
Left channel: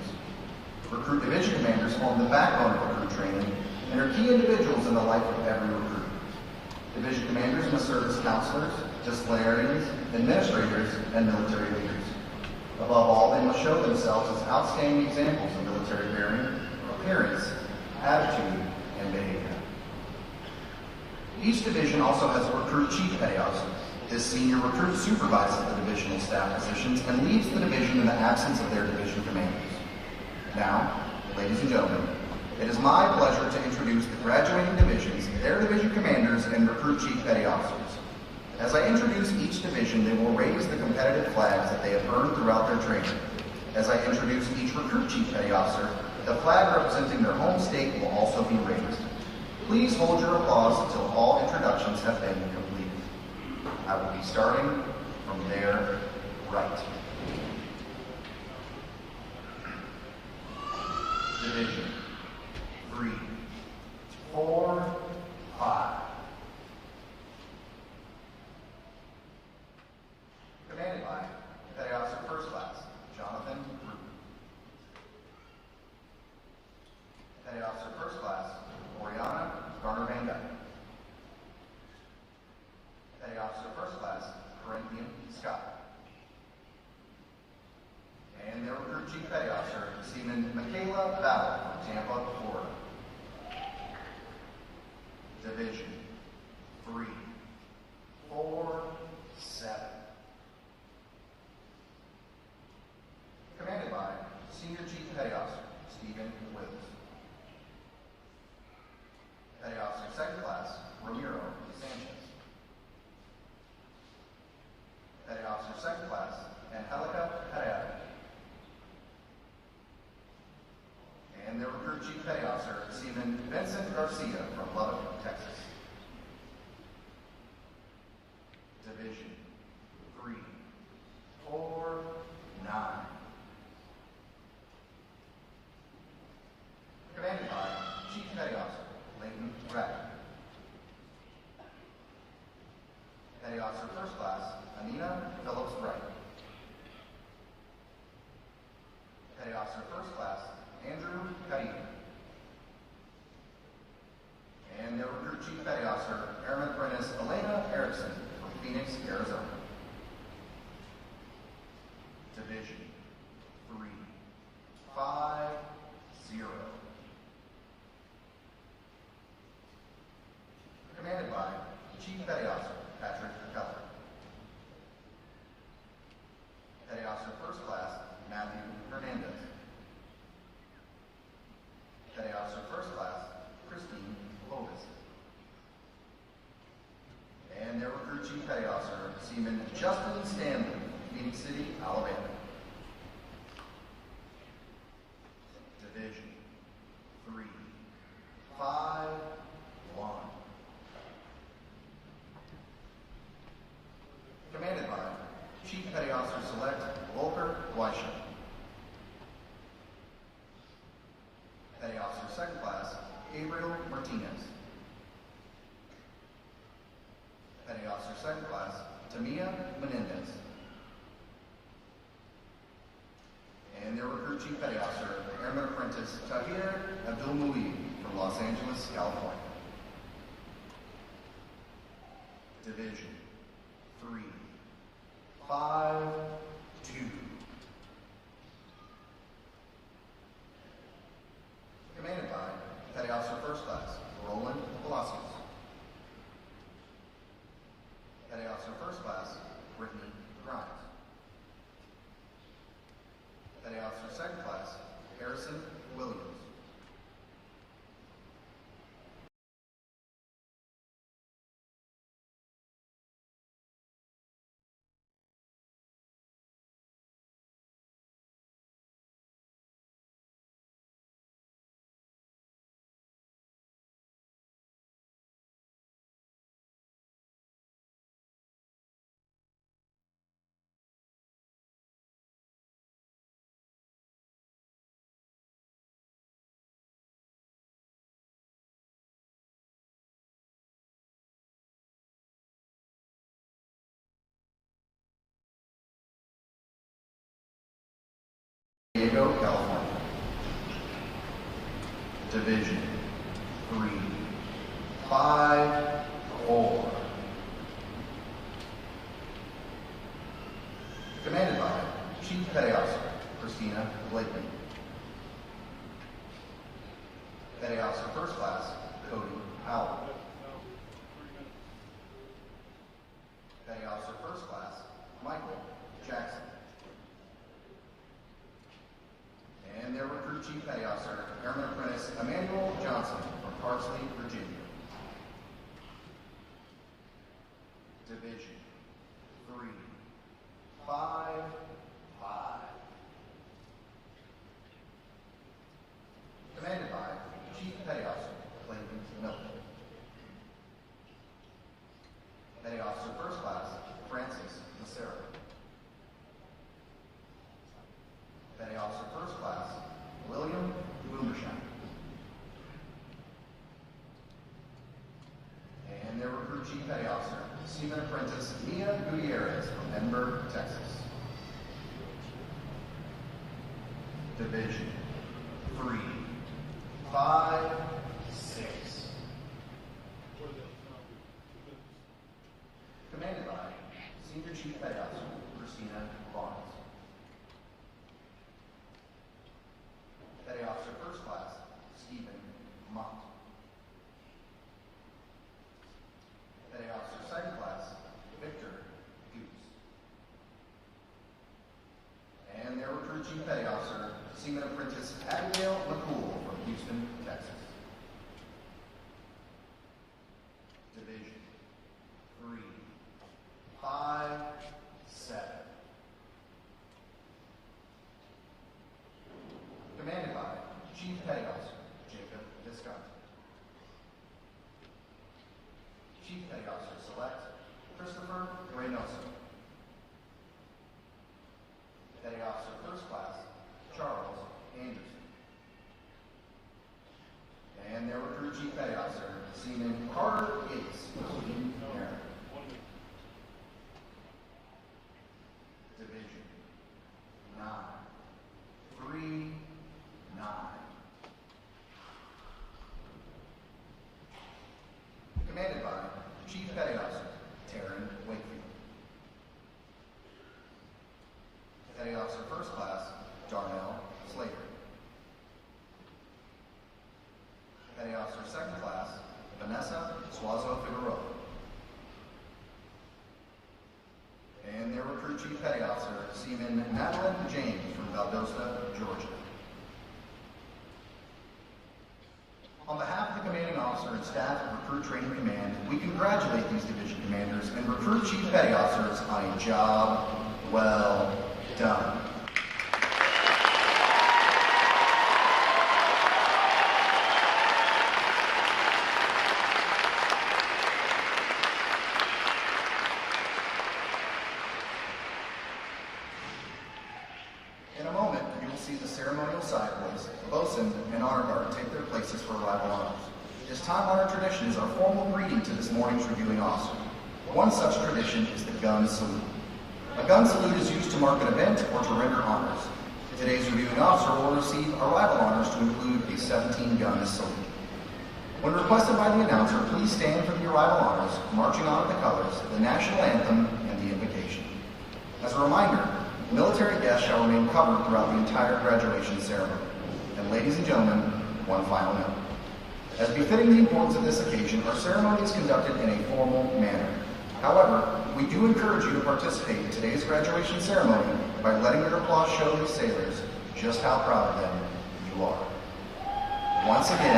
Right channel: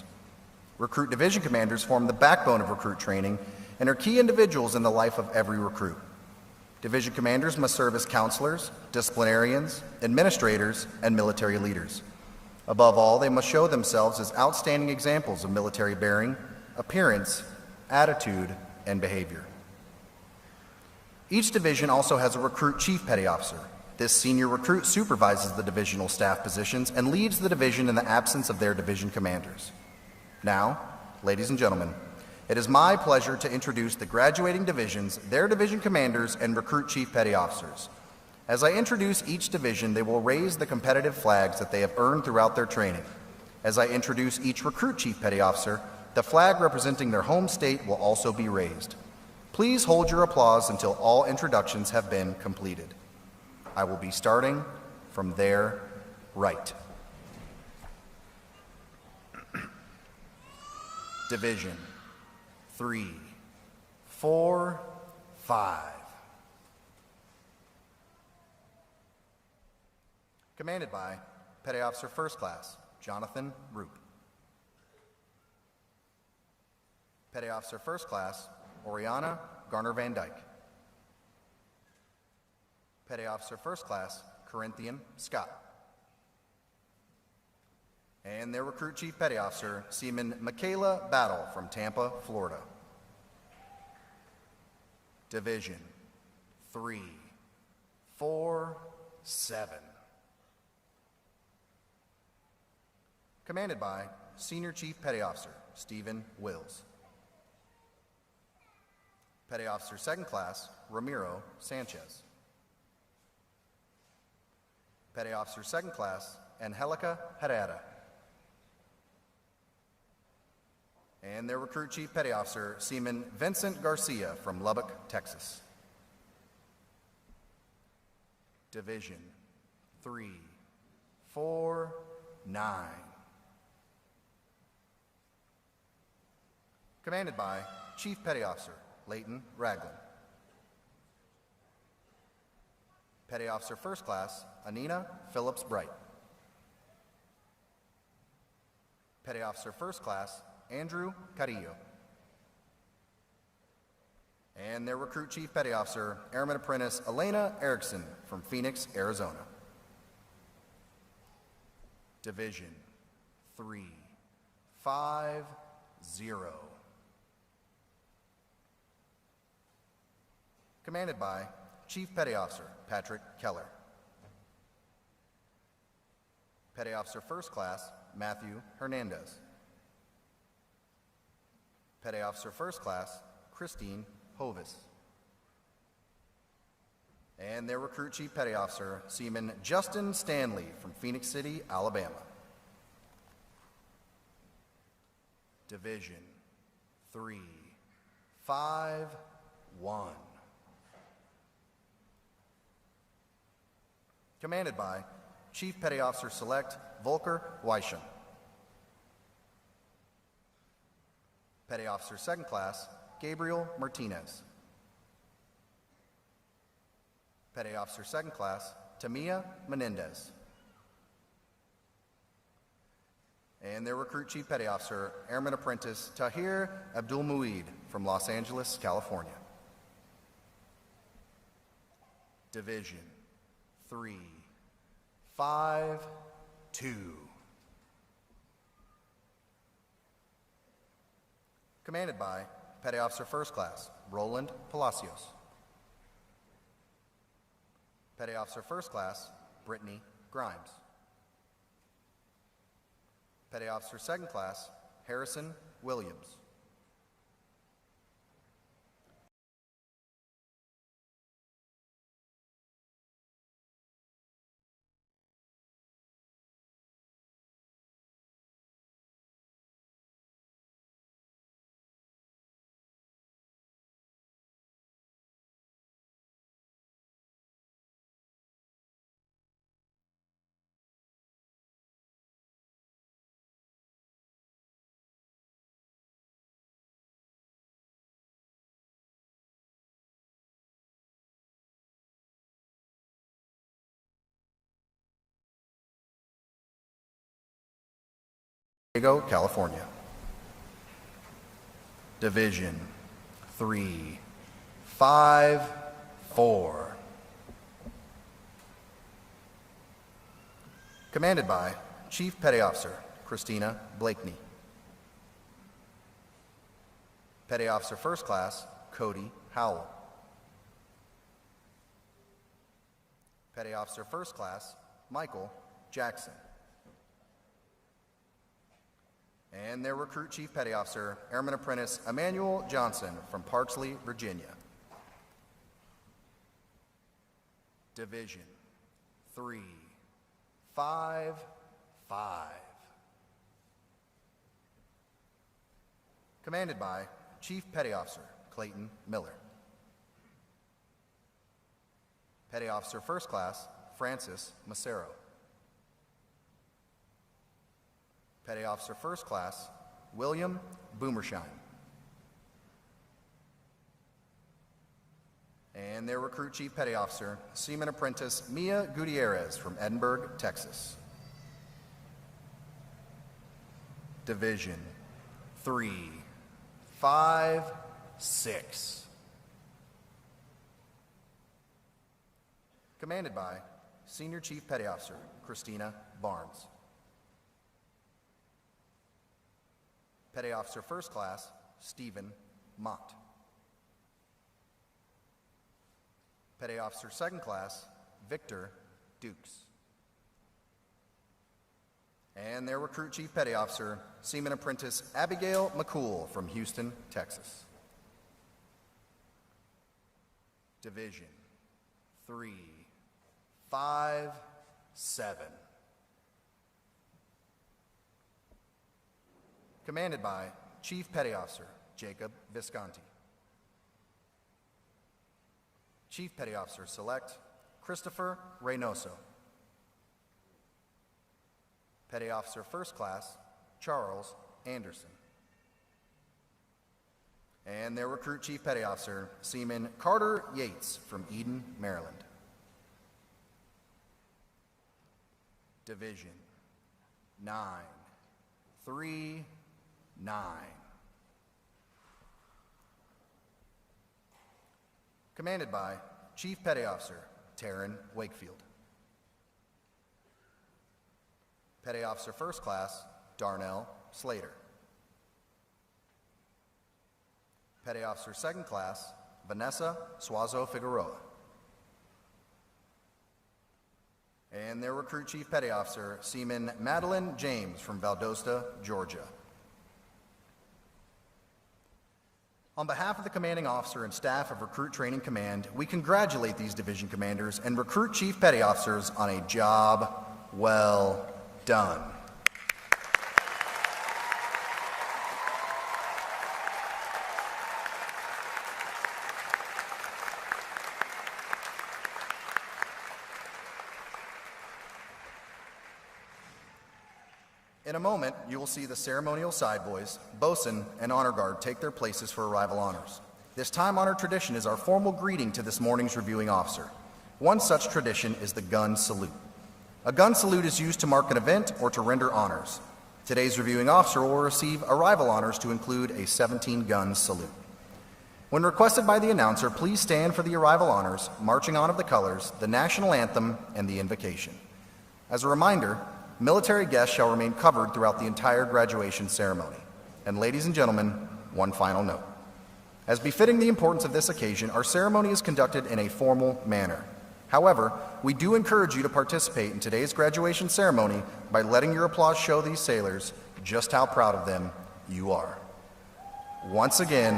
Recruit division commanders form the backbone of recruit training and are key individuals in the life of every recruit. Division commanders must serve as counselors, disciplinarians, administrators, and military leaders. Above all, they must show themselves as outstanding examples of military bearing, appearance, attitude, and behavior. Each division also has a recruit chief petty officer. This senior recruit supervises the divisional staff positions and leads the division in the absence of their division commanders. Now, ladies and gentlemen, it is my pleasure to introduce the graduating divisions, their division commanders, and recruit chief petty officers. As I introduce each division, they will raise the competitive flags that they have earned throughout their training. As I introduce each recruit chief petty officer, the flag representing their home state will also be raised. Please hold your applause until all introductions have been completed. I will be starting from their right. Division 3, 4, 5. Commanded by Petty Officer First Class Jonathan Root. Petty Officer First Class Oriana Garner Van Dyke. Petty Officer First Class Corinthian Scott. And their Recruit Chief Petty Officer, Seaman Michaela Battle from Tampa, Florida. Division 3, 4, 7. Commanded by Senior Chief Petty Officer, Stephen Wills. Petty Officer Second Class, Ramiro Sanchez. Petty Officer Second Class, Angelica Herrera. And their Recruit Chief Petty Officer, Seaman Vincent Garcia from Lubbock, Texas. Division 3, 4, 9. Commanded by Chief Petty Officer Leighton Ragland. Petty Officer First Class Anina Phillips Bright. Petty Officer First Class Andrew Carino. And their Recruit Chief Petty Officer Airman Apprentice Elena Erickson from Phoenix, Arizona. Division 3, 5, 0. Commanded by Chief Petty Officer Patrick Keller. Petty Officer First Class Matthew Hernandez. Petty Officer First Class Christine Hovis. And their Recruit Chief Petty Officer Seaman Justin Stanley from Phoenix City, Alabama. Division 3, 5, 1. Commanded by Chief Petty Officer Select Volker Weischer. Petty Officer Second Class Gabriel Martinez. Petty Officer Second Class Tamia Menendez. their Recruit Chief Petty Officer, Airman Apprentice Tahir Abdul-Mueed from Los Angeles, California. Division 3, 5, 2. Commanded by Petty Officer First Class, Roland Palacios. Petty Officer First Class, Brittany Grimes. Petty Officer Second Class, Harrison Williams. California. Division 3, 5, 4. Commanded by Chief Petty Officer Christina Blakely. Petty Officer First Class Cody Howell. Petty Officer First Class Michael Jackson. And their Recruit Chief Petty Officer, Airman Apprentice Emmanuel Johnson from Parksley, Virginia. Division 3, 5, 5. Commanded by Chief Petty Officer Clayton Miller. Petty Officer First Class Francis Macero. Petty Officer First Class, William Boomershaw. And their Recruit Chief Petty Officer, Seaman Apprentice Mia Gutierrez from Edinburgh, Texas. Division 3, 5, 6. Commanded by Senior Chief Petty Officer, Christina Barnes. Petty Officer First Class, Stephen Mott. Petty Officer Second Class, Victor Dukes. And their Recruit Chief Petty Officer, Seaman Apprentice Abigail McCool from Houston, Texas. Division 3, 5, 7. Commanded by Chief Petty Officer Jacob Visconti. Chief Petty Officer Select Christopher Reynoso. Petty Officer First Class Charles Anderson. And their Recruit Chief Petty Officer Seaman Carter Yates from Eden, Maryland. Division 9, 3, 9. Commanded by Chief Petty Officer Taryn Wakefield. Petty Officer First Class Darnell Slater. Petty Officer Second Class Vanessa Suazo Figueroa. And their Recruit Chief Petty Officer Seaman Madeline James from Valdosta, Georgia. On behalf of the Commanding Officer and staff of Recruit Training Command, we congratulate these division commanders and Recruit Chief Petty Officers on a job well done. In a moment, you will see the ceremonial side boys, bosun, and honor guard take their places for arrival honors. This time-honored tradition is our formal greeting to this morning's reviewing officer. One such tradition is the gun salute. A gun salute is used to mark an event or to render honors. Today's reviewing officer will receive arrival honors to include a 17-gun salute. When requested by the announcer, please stand for the arrival honors, marching on to the colors, the national anthem, and the invocation. As a reminder, military guests shall remain covered throughout the entire graduation ceremony. And ladies and gentlemen, one final note. As befitting the importance of this occasion, our ceremony is conducted in a formal manner. However, we do encourage you to participate in today's graduation ceremony by letting your applause show these sailors just how proud of them you are. Once again,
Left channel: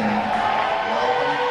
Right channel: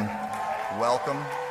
welcome.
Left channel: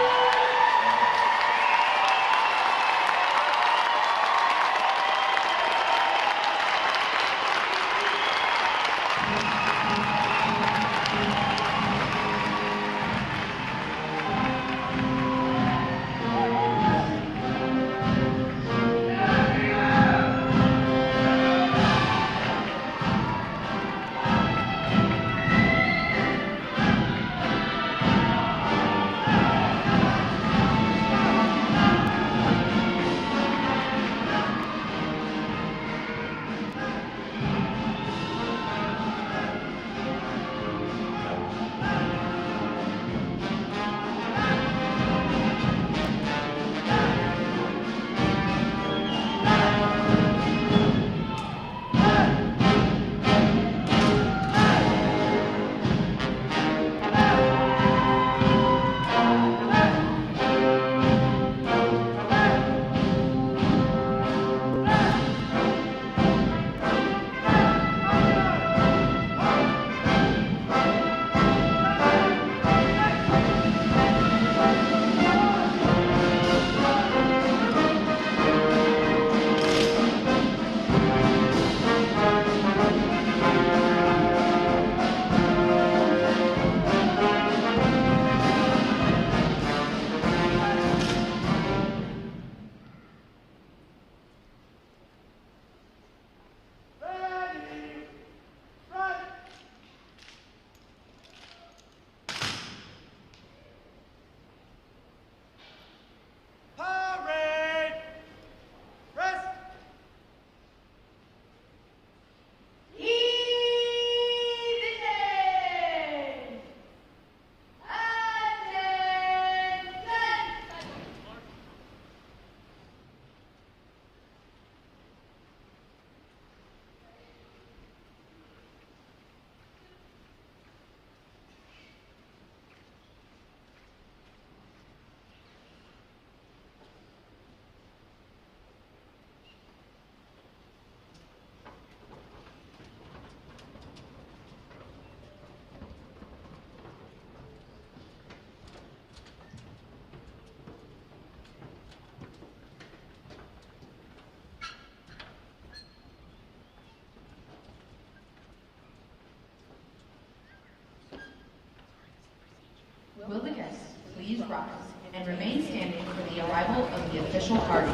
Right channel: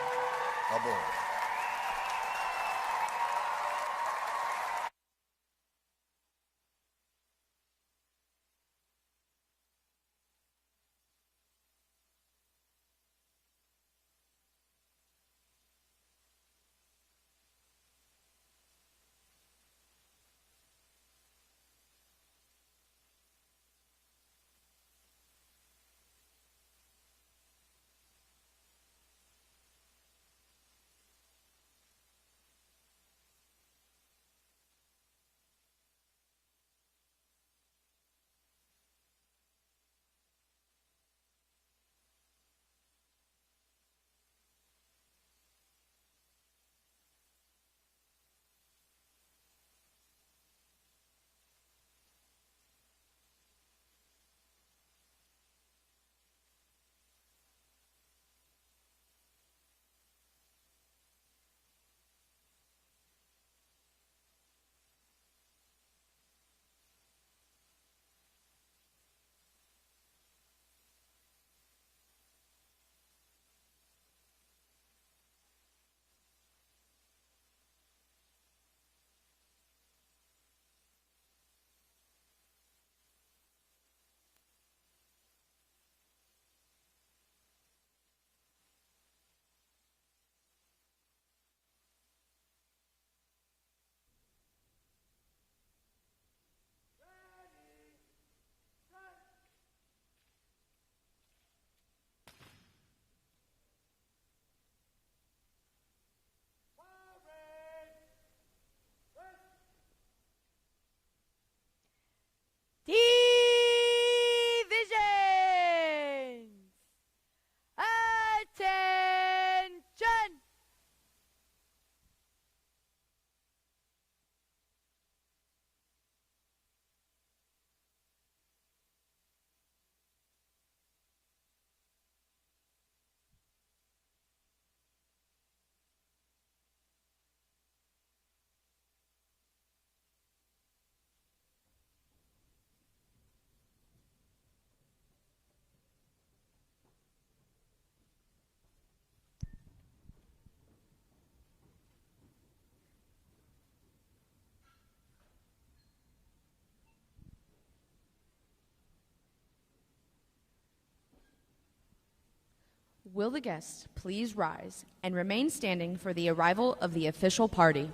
Will the guests please rise and remain standing for the arrival of the official party?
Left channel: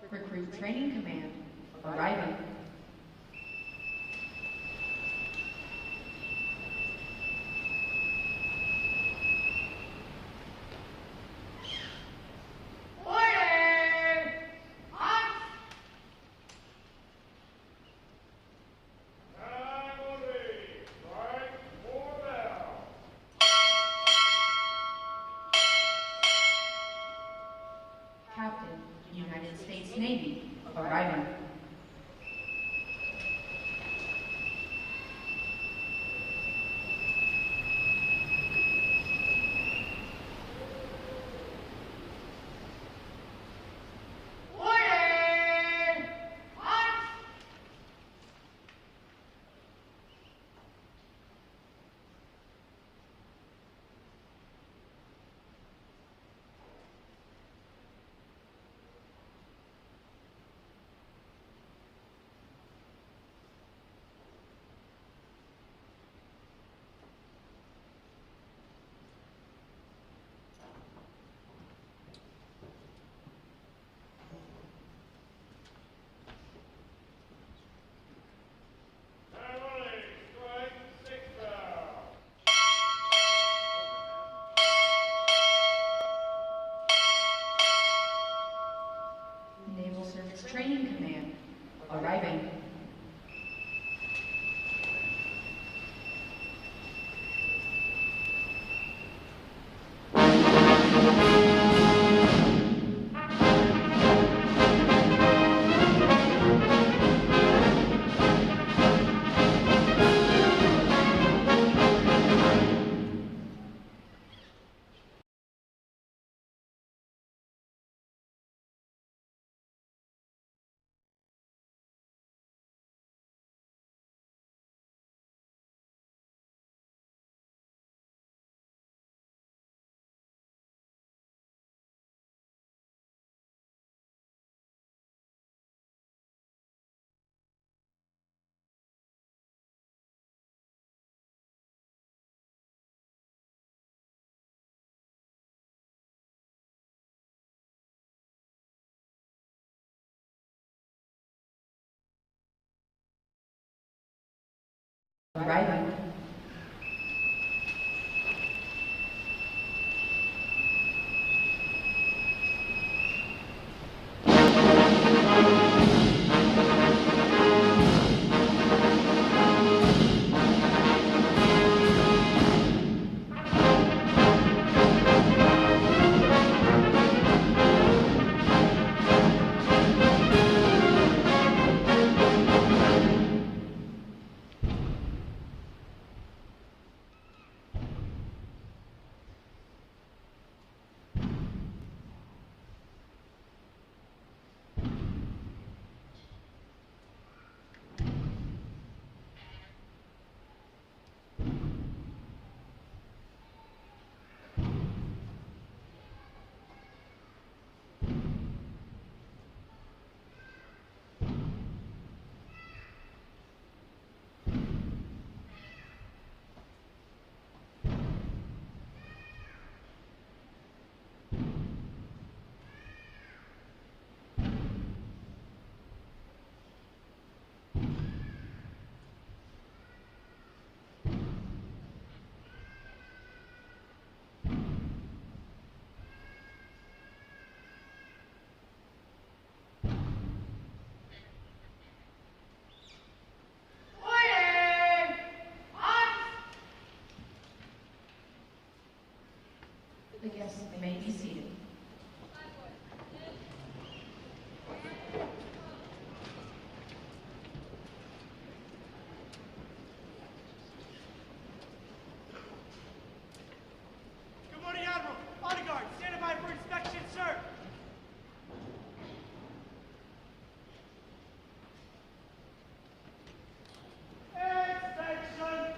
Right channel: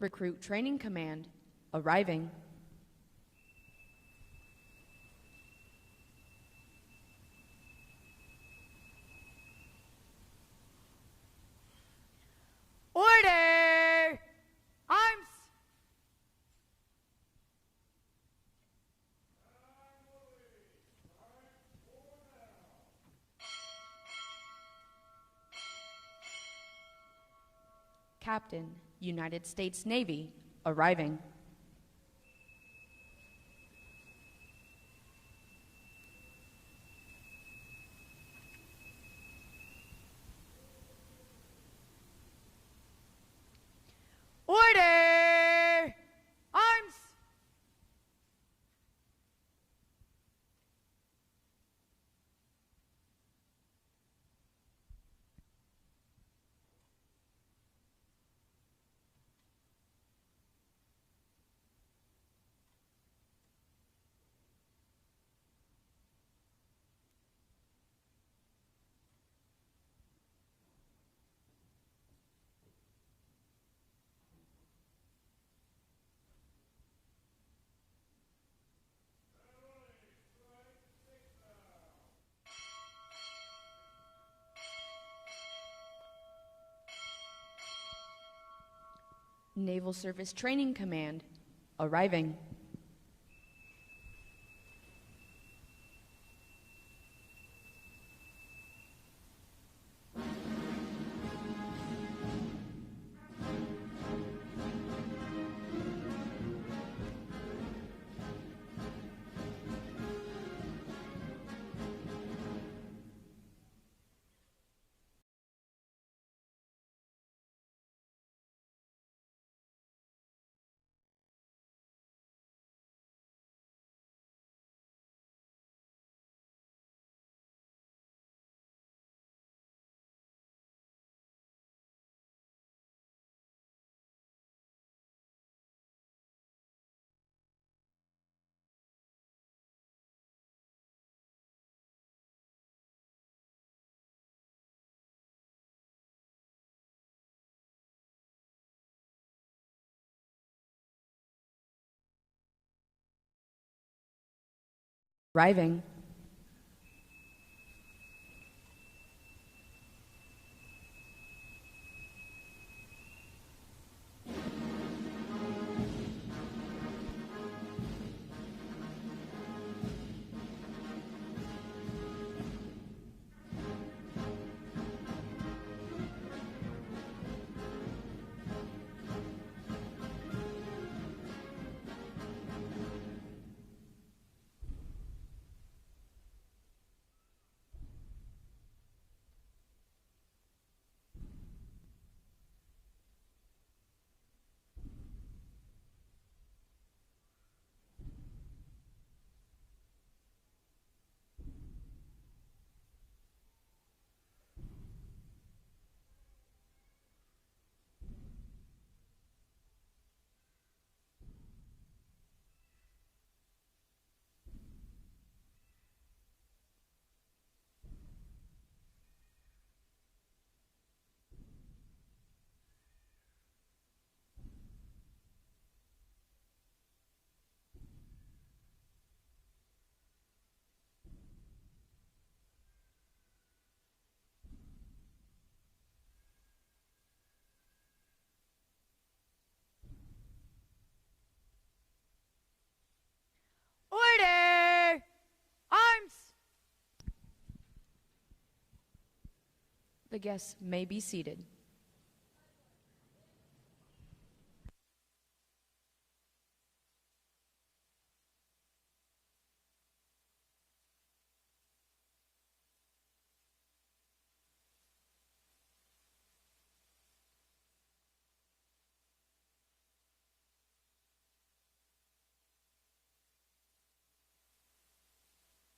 Recruit Training Command arriving. Captain, United States Navy, arriving. Naval Service Training Command, arriving. Arriving. The guests may be seated. Good morning, Admiral. Bodyguard, standing by for inspection, sir. Inspection.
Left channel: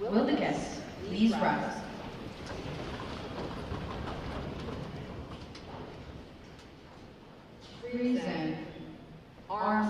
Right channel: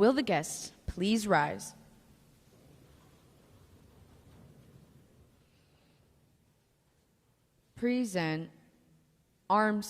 Will the guests please rise? Present. Arms.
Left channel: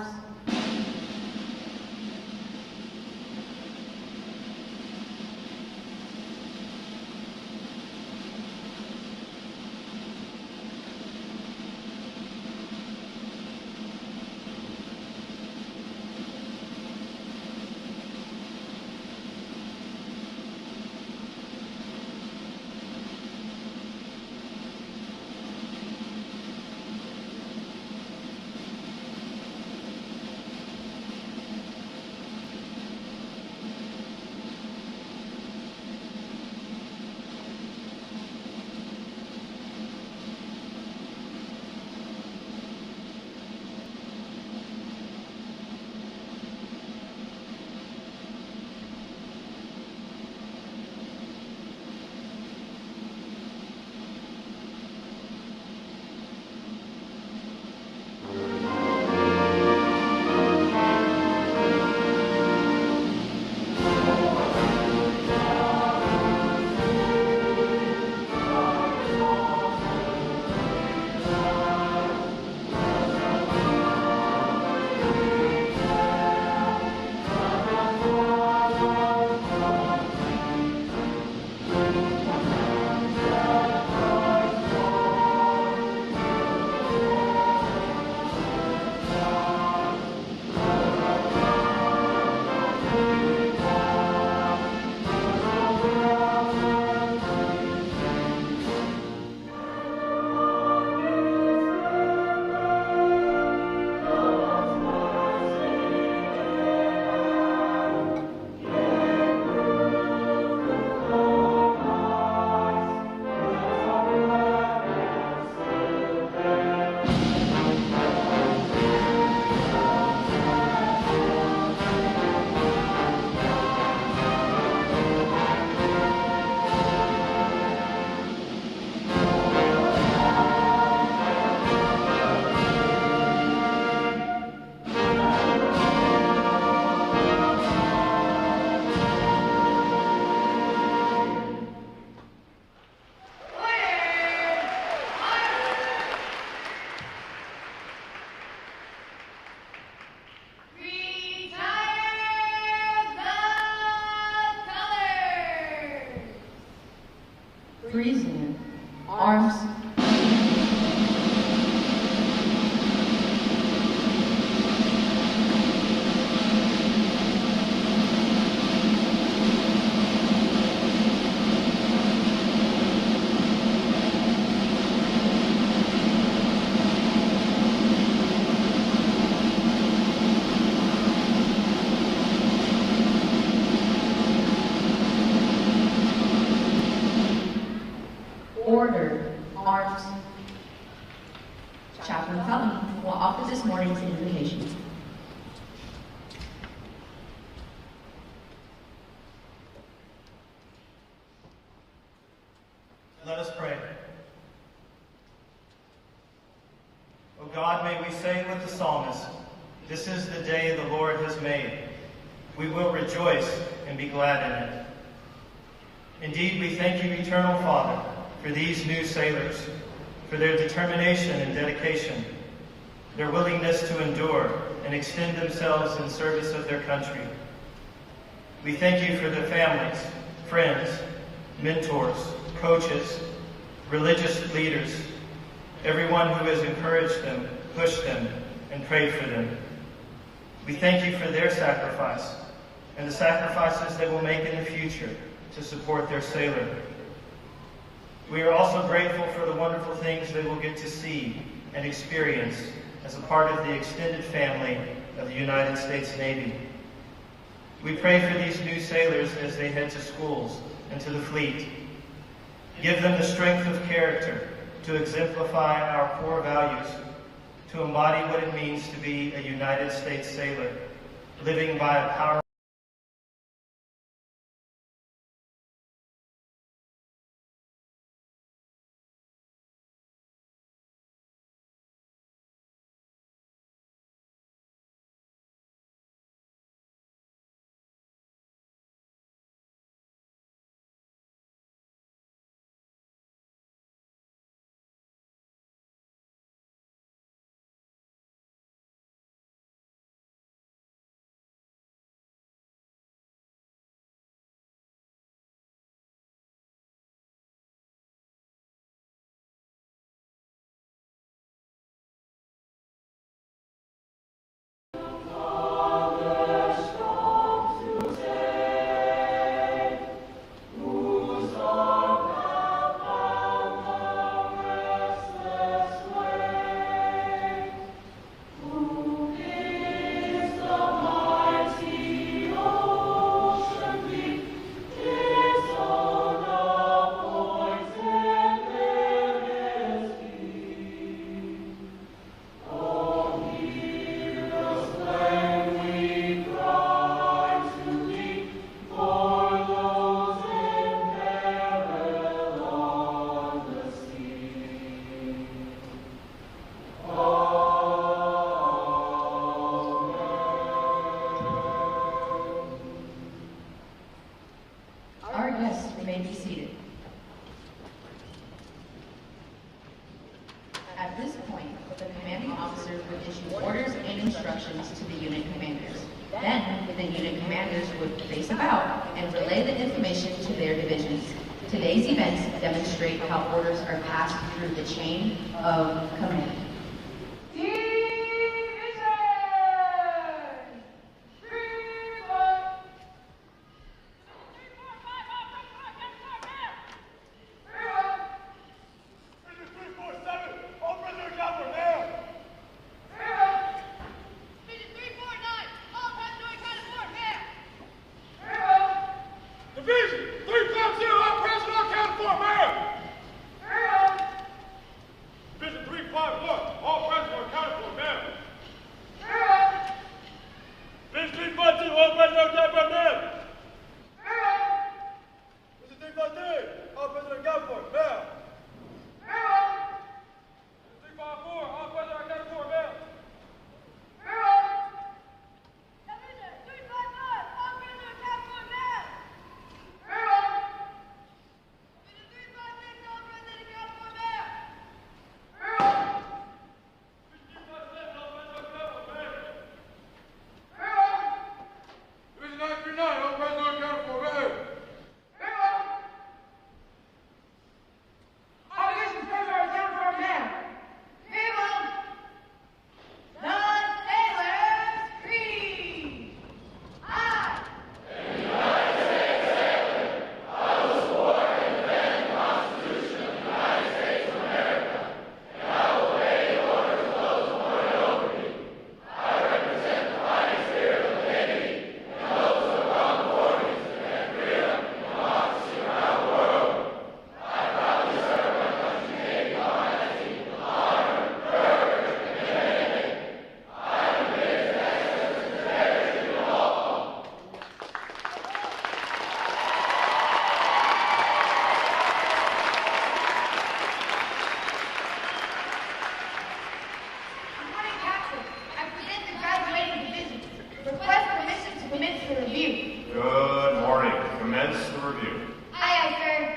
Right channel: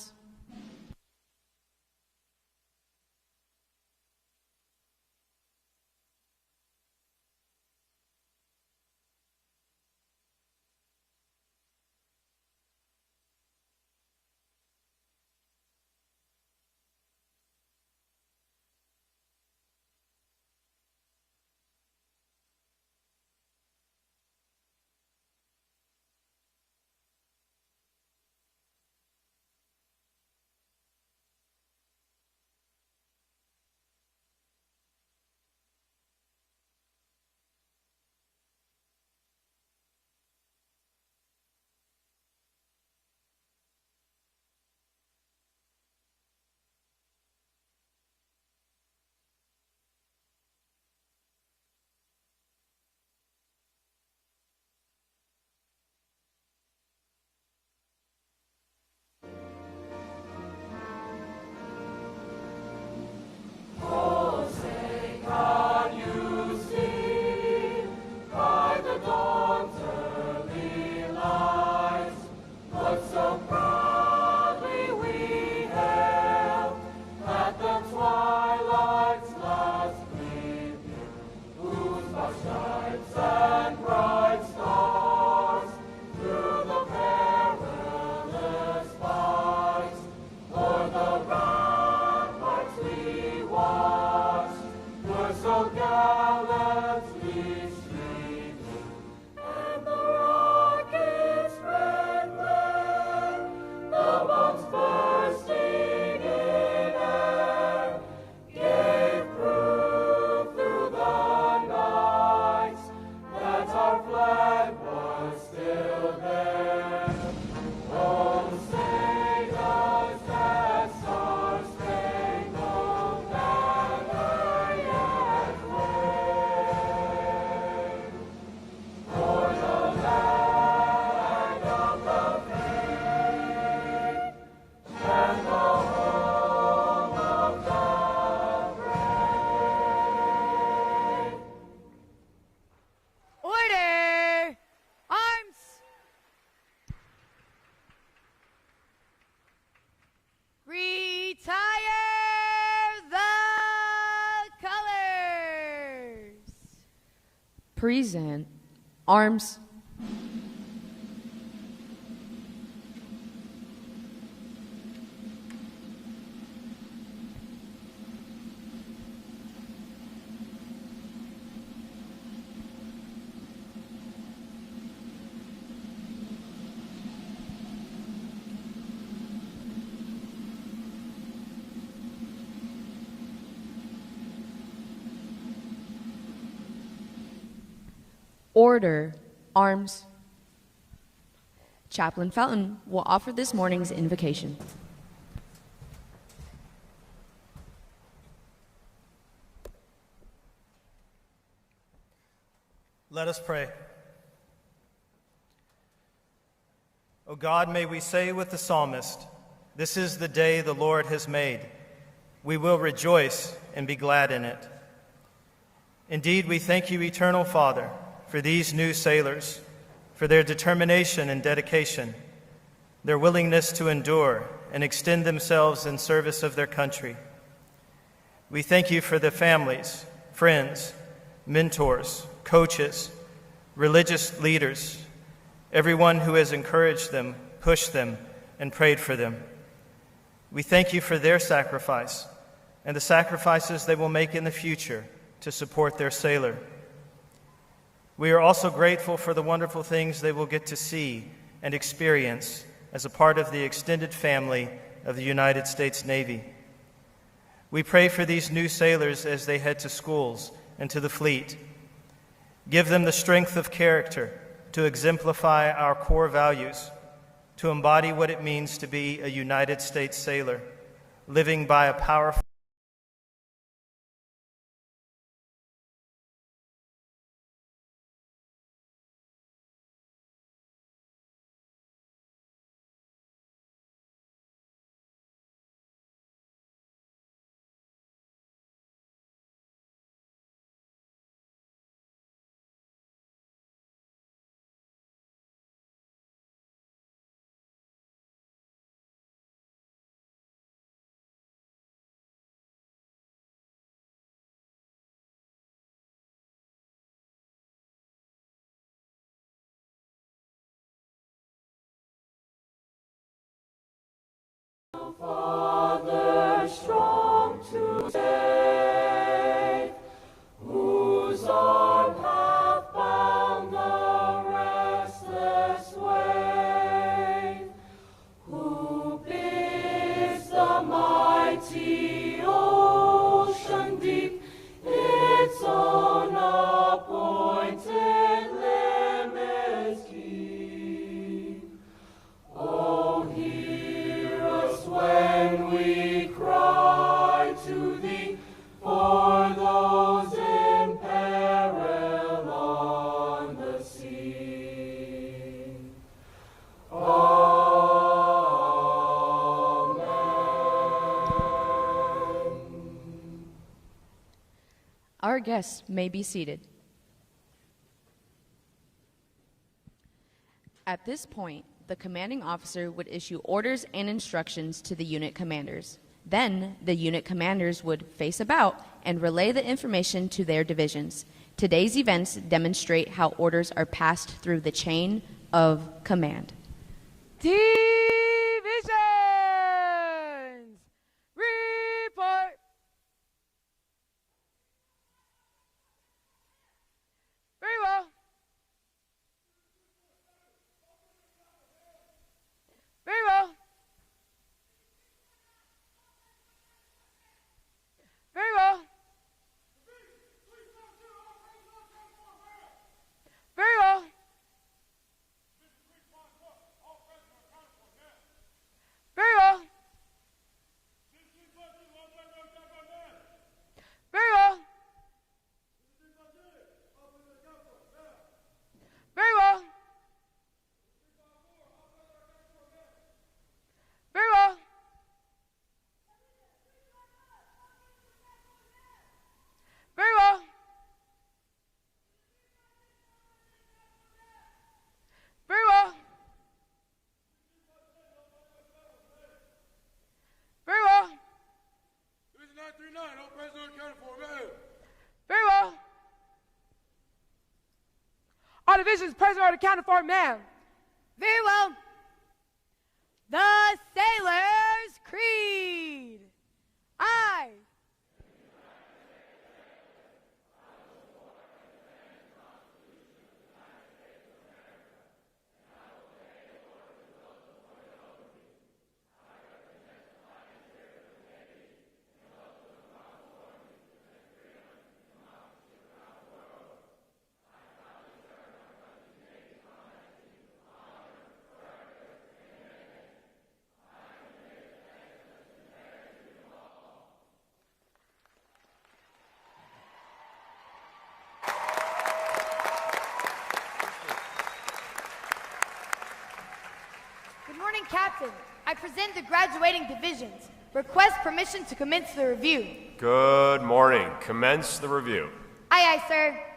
Present. Arms. Order. Arms. Chaplain Felton will offer this morning's invocation. Let us pray. O God, may we say with the psalmist, "This is the day the Lord has made. We will rejoice and be glad in it." Indeed, we thank you, Eternal Father, for these new sailors, for their determination and dedication, their willingness to endure and extend themselves in service of their country. We thank you for the families, friends, mentors, coaches, religious leaders, everyone who has encouraged them, pushed them, and prayed for them. We thank you for their sacrifice and the sacrifices they will make in the future to support their sailor. We are also grateful for the wonderful things they will get to see and experience as a part of the extended family of the United States Navy. We pray for these new sailors as they head to schools and to the fleet. Give them the strength of character to exemplify our core values, to embody what it means to be a United States sailor, living by a powerful Our guests may be seated. At this point, the commanding officer would issue orders and instructions to the unit commanders. Then, the unit commanders would face about and relay the information to their divisions. Today's events demonstrate how orders are passed through the chain of command. Request permission to commence the review. Good morning. Commence the review. Aye, aye, sir.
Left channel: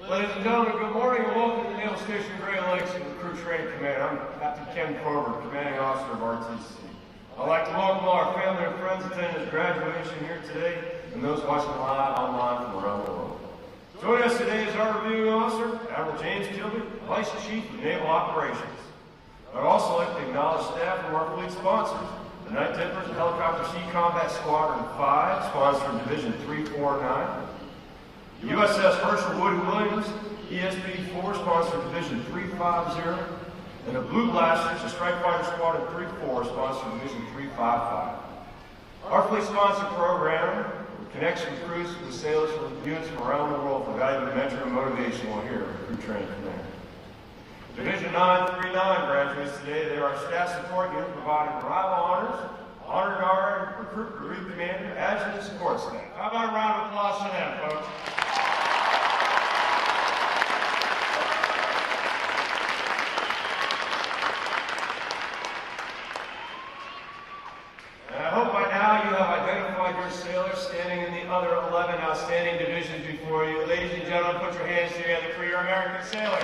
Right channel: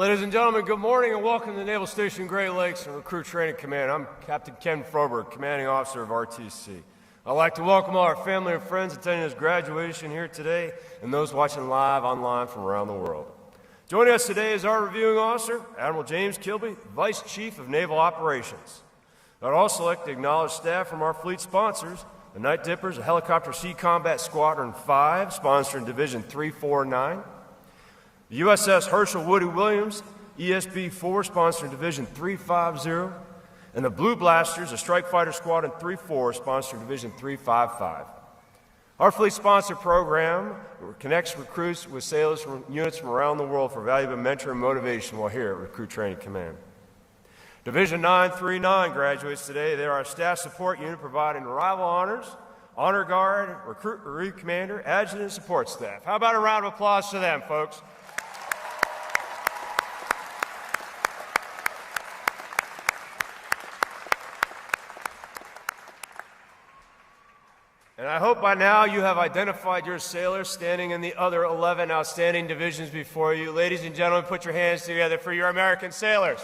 Ladies and gentlemen, good morning and welcome to the Naval Station Great Lakes Recruit Training Command. I'm Captain Ken Frober, Commanding Officer of RTC. I'd like to welcome all our family and friends attending this graduation here today and those watching live online from around the world. Joining us today is our reviewing officer, Admiral James Kilby, Vice Chief of Naval Operations. I'd also like to acknowledge staff from our fleet sponsors, the Night Dippers, Helicopter Sea Combat Squadron 5, sponsoring Division 349. The USS Herschel Woody Williams, ESB-4, sponsoring Division 350. And the Blue Blasters, the Strike Fighter Squadron 34, sponsoring Division 355. Our fleet sponsor program connects recruits with sailors with units from around the world for valuable mentoring and motivation while here at Recruit Training Command. Division 939 graduates today. They are our staff support unit providing arrival honors, honor guard, recruit bereaved commander, adjutant, and support staff. How about a round of applause to them, folks? And I hope by now you have identified your sailors standing in the other 11 outstanding divisions before you. Ladies and gentlemen, put your hands together for your American sailors.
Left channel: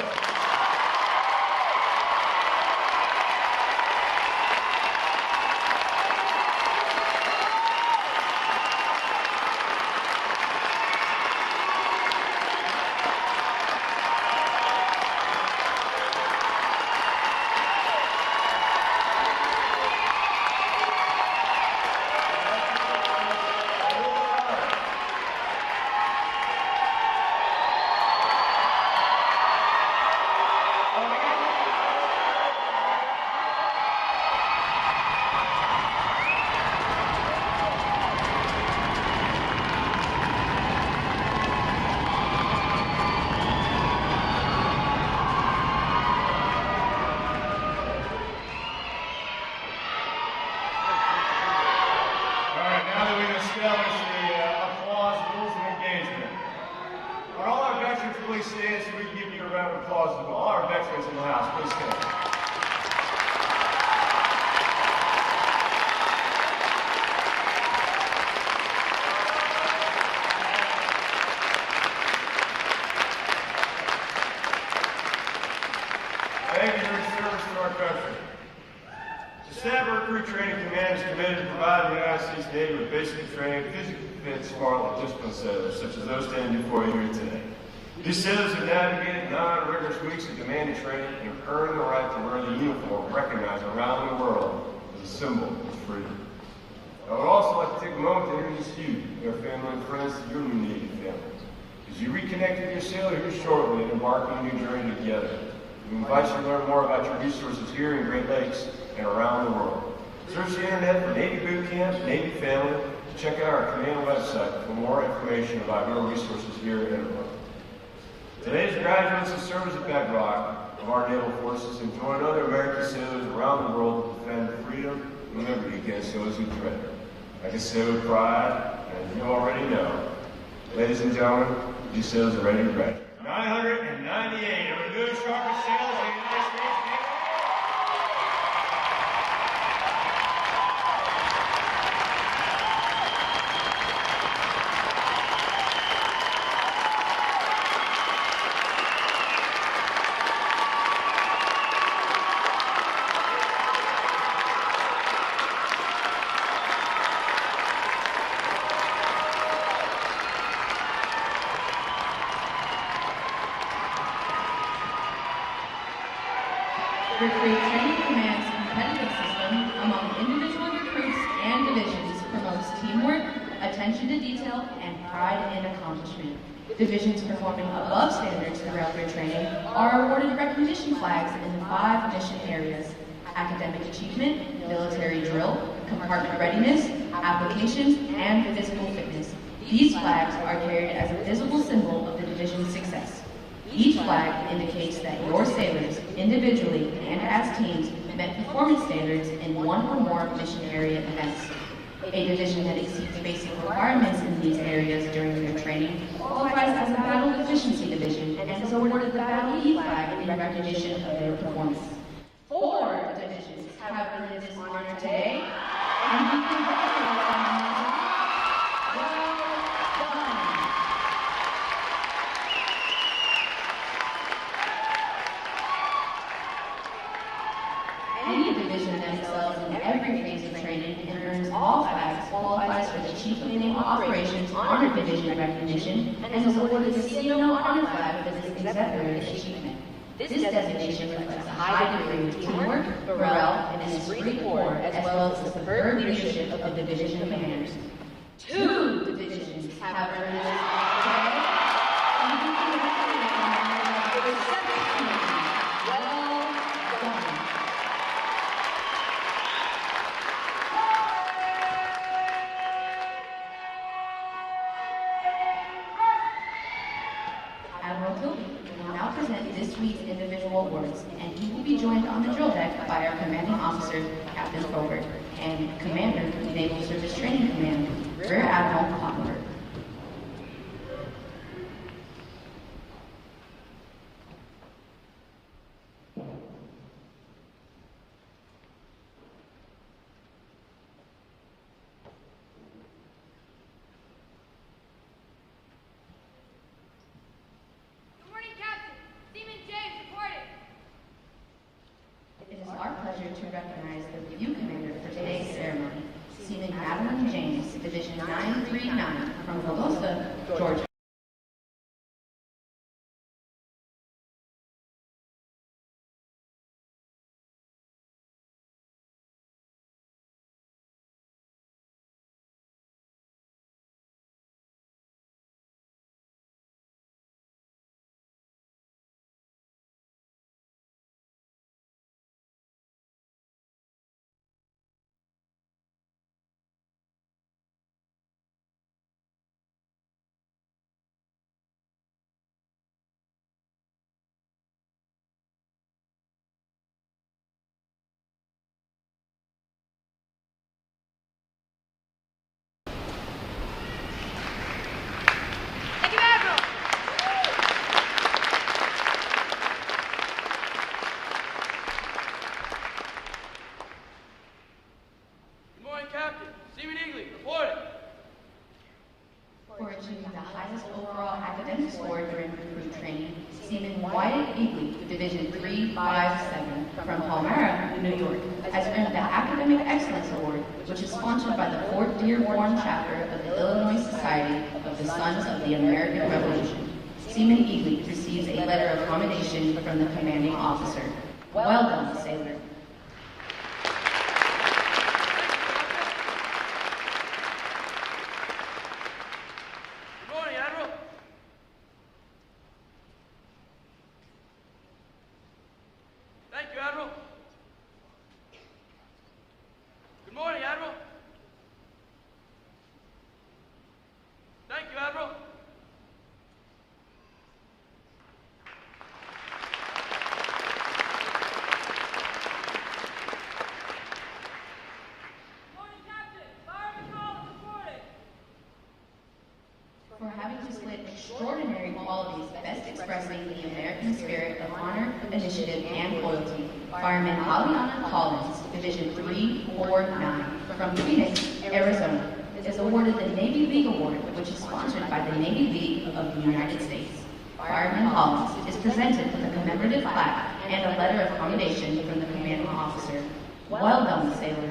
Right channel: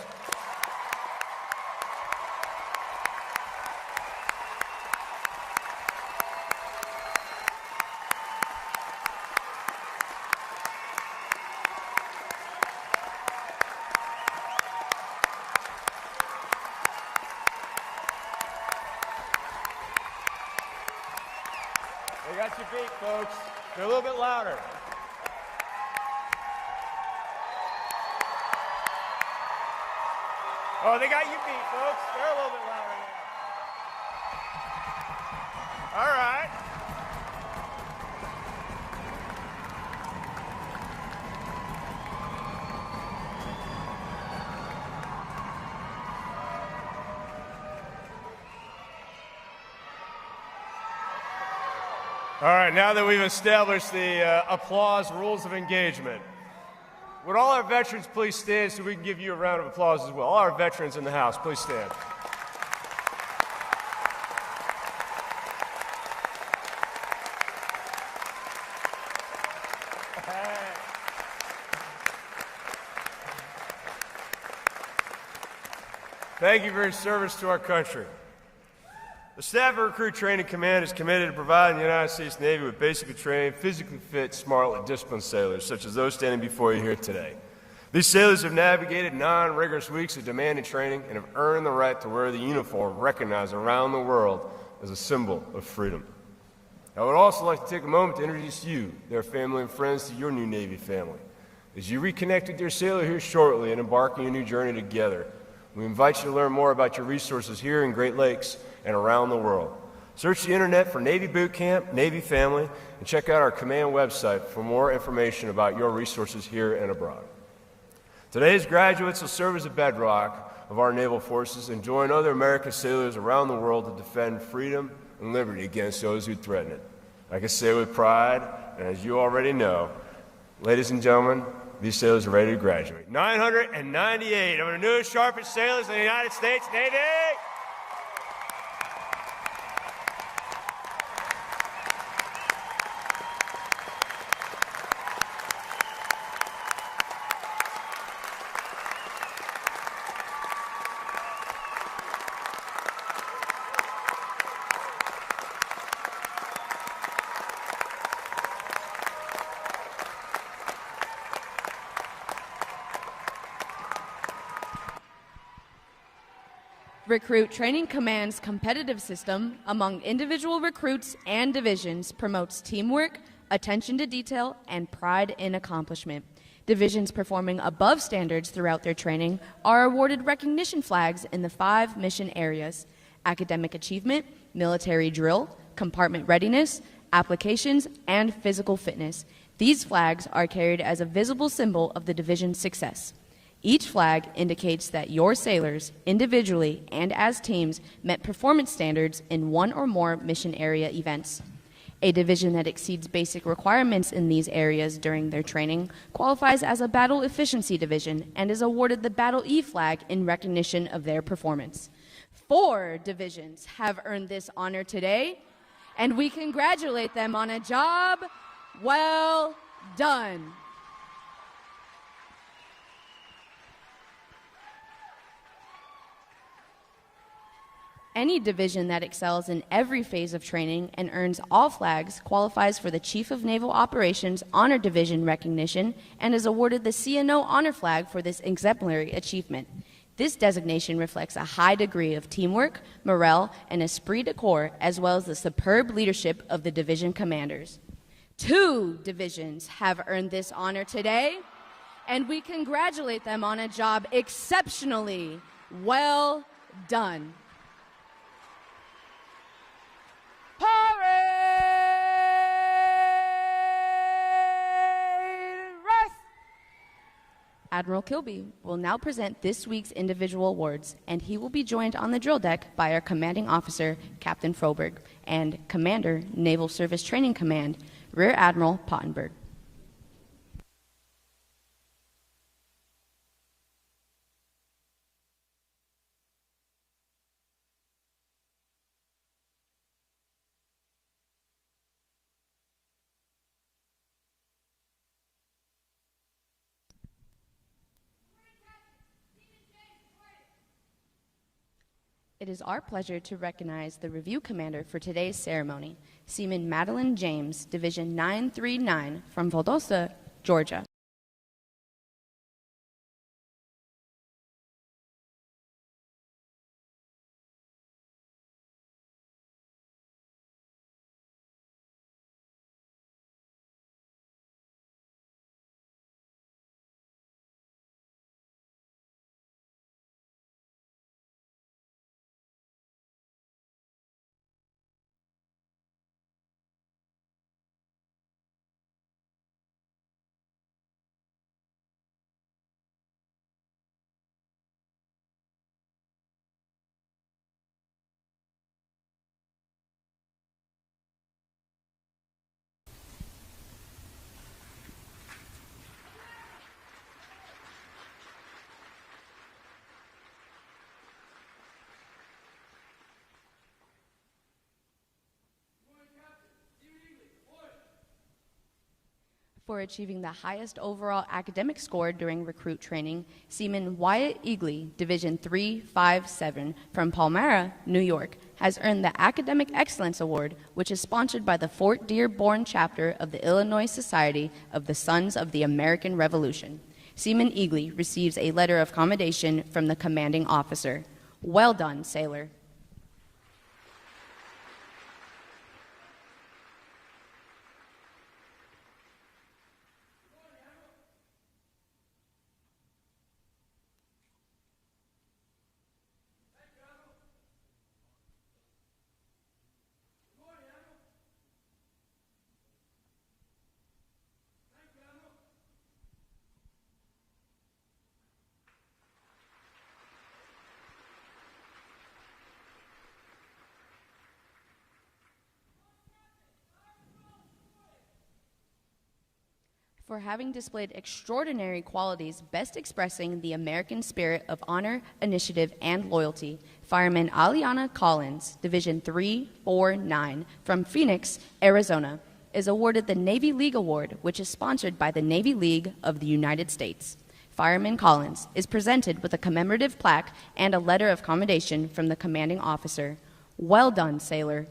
All right, now that we've established the applause rules of engagement, would all our veterans please stand so we can give you a round of applause as well? All our veterans in the house, please stand. Thank you for your service to our country. The staff of Recruit Training Command is committed to providing the United States Navy with basically trained, physically fit, smart, and disciplined sailors, such as those standing before you here today. These sailors have navigated 9 rigorous weeks of demanding training and have earned the right to wear the uniform recognized around the world as a symbol of freedom. I would also like to take a moment to introduce you, their family and friends, to your new Navy family. As you reconnect with your sailor here shortly and embark on a new journey together, we invite you to learn more about your resources here in Great Lakes and around the world. Search the internet for Navy Boot Camp, Navy Family, and check out our command website for more information about your resources here and abroad. Today's graduates will serve as a bedrock of our naval forces and join other American sailors around the world to defend freedom and liberty against those who threaten it. I can say with pride, and as you already know, ladies and gentlemen, these sailors are ready to graduate. 998 of our new sharpest sailors in the United States Navy. Recruit Training Command's competitive system among individual recruits and divisions promotes teamwork, attention to detail, and pride in accomplishment. Divisions performing above standards throughout their training are awarded recognition flags in the 5 mission areas: academic achievement, military drill, compartment readiness, applications, and physical fitness. These flags are carried as a visible symbol of the division's success. Each flag indicates that your sailors, individually and as teams, met performance standards in 1 or more mission area events. A division that exceeds basic requirements in these areas during their training qualifies as a battle efficiency division and is awarded the Battle E flag in recognition of their performance. 4 divisions have earned this honor today, and we congratulate them on a job well done. Any division that excels in every phase of training and earns all flags qualifies for the Chief of Naval Operations Honor Division recognition and is awarded the CNO Honor Flag for this exemplary achievement. This designation reflects a high degree of teamwork, morale, and esprit de corps, as well as the superb leadership of the division commanders. 2 divisions have earned this honor today, and we congratulate them on a job exceptionally well done. Admiral Kilby will now present this week's individual awards, and he will be joined on the drill deck by our commanding officer, Captain Froberg, and Commander, Naval Service Training Command, Rear Admiral Pottenberg. It is our pleasure to recognize the review commander for today's ceremony, Seaman Madeline James, Division 939 from Valdosta, Georgia. For achieving the highest overall academic score during recruit training, Seaman Wyatt Eagley, Division 357 from Palmyra, New York, has earned the Academic Excellence Award, which is sponsored by the Fort Dearborn chapter of the Illinois Society of the Sons of the American Revolution. Seaman Eagley receives a letter of commendation from the commanding officer. Well done, sailor. For having displayed extraordinary qualities best expressing the American spirit of honor, initiative, and loyalty, Fireman Aliana Collins, Division 349 from Phoenix, Arizona, is awarded the Navy League Award, which is sponsored by the Navy League of the United States. Fireman Collins is presented with a commemorative plaque and a letter of commendation from the commanding officer. Well done, sailor.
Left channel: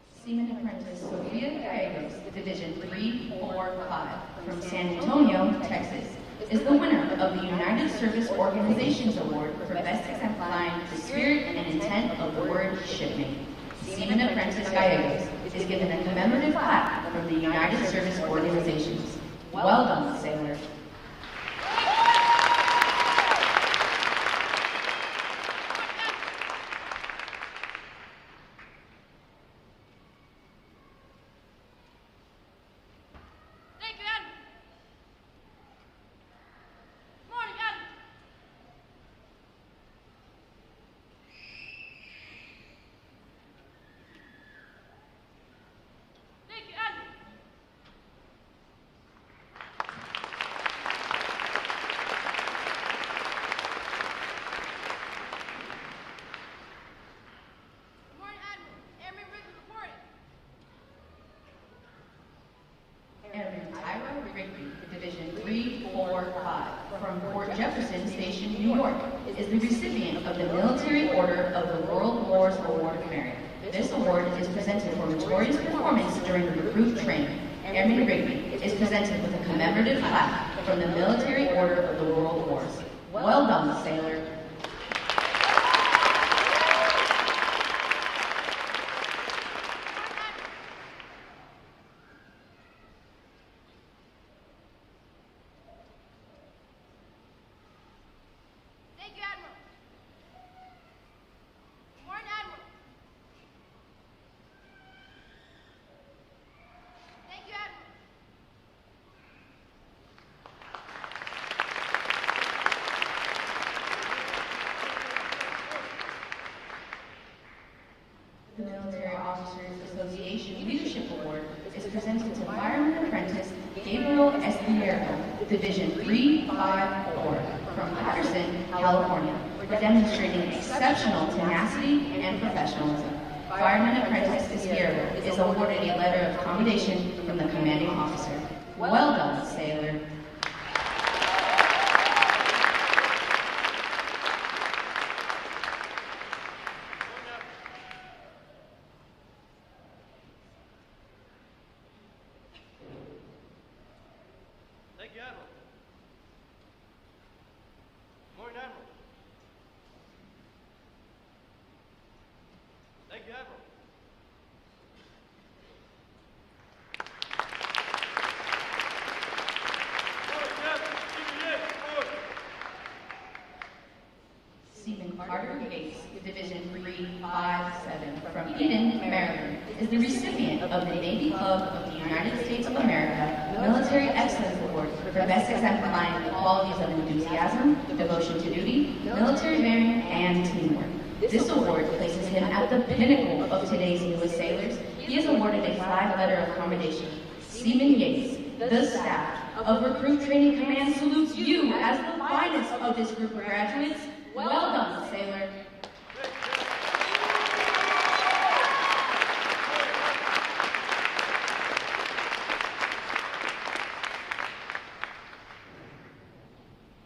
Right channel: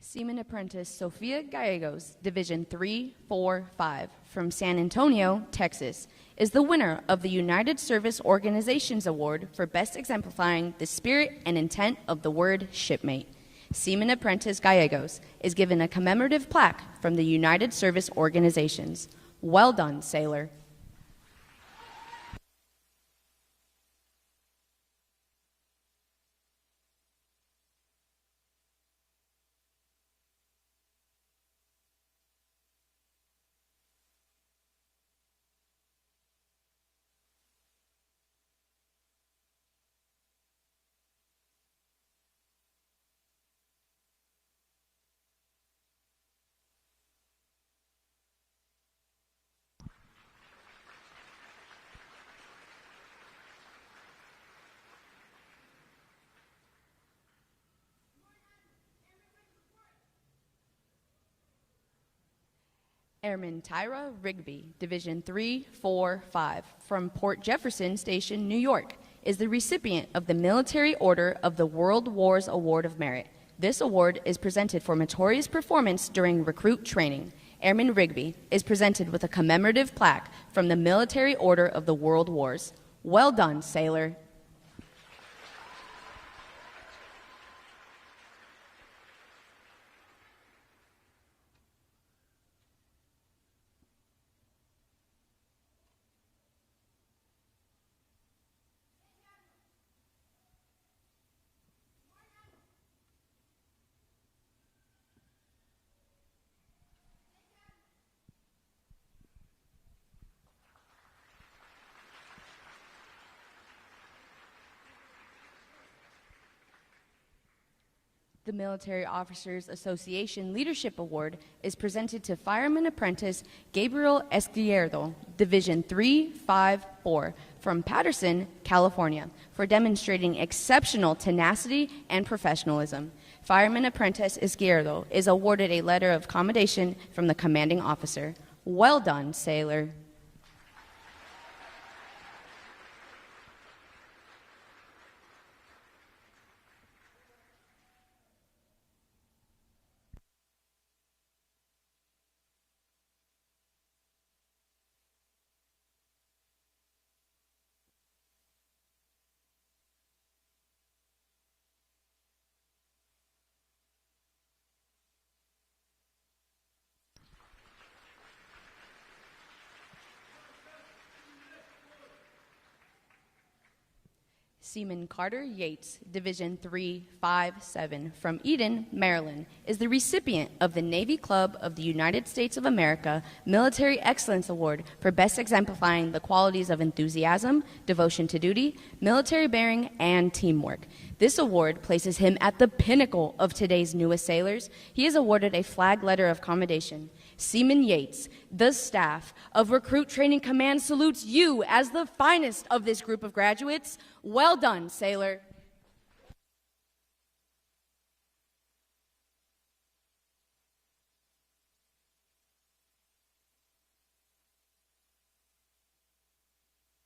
Seaman Apprentice Sophia Gallegos, Division 345 from San Antonio, Texas, is the winner of the United Service Organizations Award for best exemplifying the spirit and intent of the word shipmate. Seaman Apprentice Gallegos is given a commemorative plaque from the United Service Organizations. Well done, sailor. Airman Tyler Rigby, Division 345, from Port Jefferson Station, New York, is the recipient of the Military Order of the World Wars Award of Merit. This award is presented for meritorious performance during recruit training. Airman Rigby is presented with a commemorative plaque from the Military Order of the World Wars. Well done, sailor. The Military Officers Association Leadership Award is presented to Fireman Apprentice Gabriel Espierdo, Division 354, from Patterson, California, for demonstrating exceptional tenacity and professionalism. Fireman Apprentice Espierdo is awarded a letter of commendation from the commanding officer. Well done, sailor. Seaman Carter Yates, Division 357, from Eden, Maryland, is the recipient of the Navy Club of the United States of America Military Excellence Award for best exemplifying the qualities of enthusiasm, devotion to duty, military bearing, and teamwork. This award places him at the pinnacle of today's newest sailors. He is awarded a flag letter of commendation. Seaman Yates, the staff of Recruit Training Command salutes you as the finest of this group of graduates. Well done, sailor.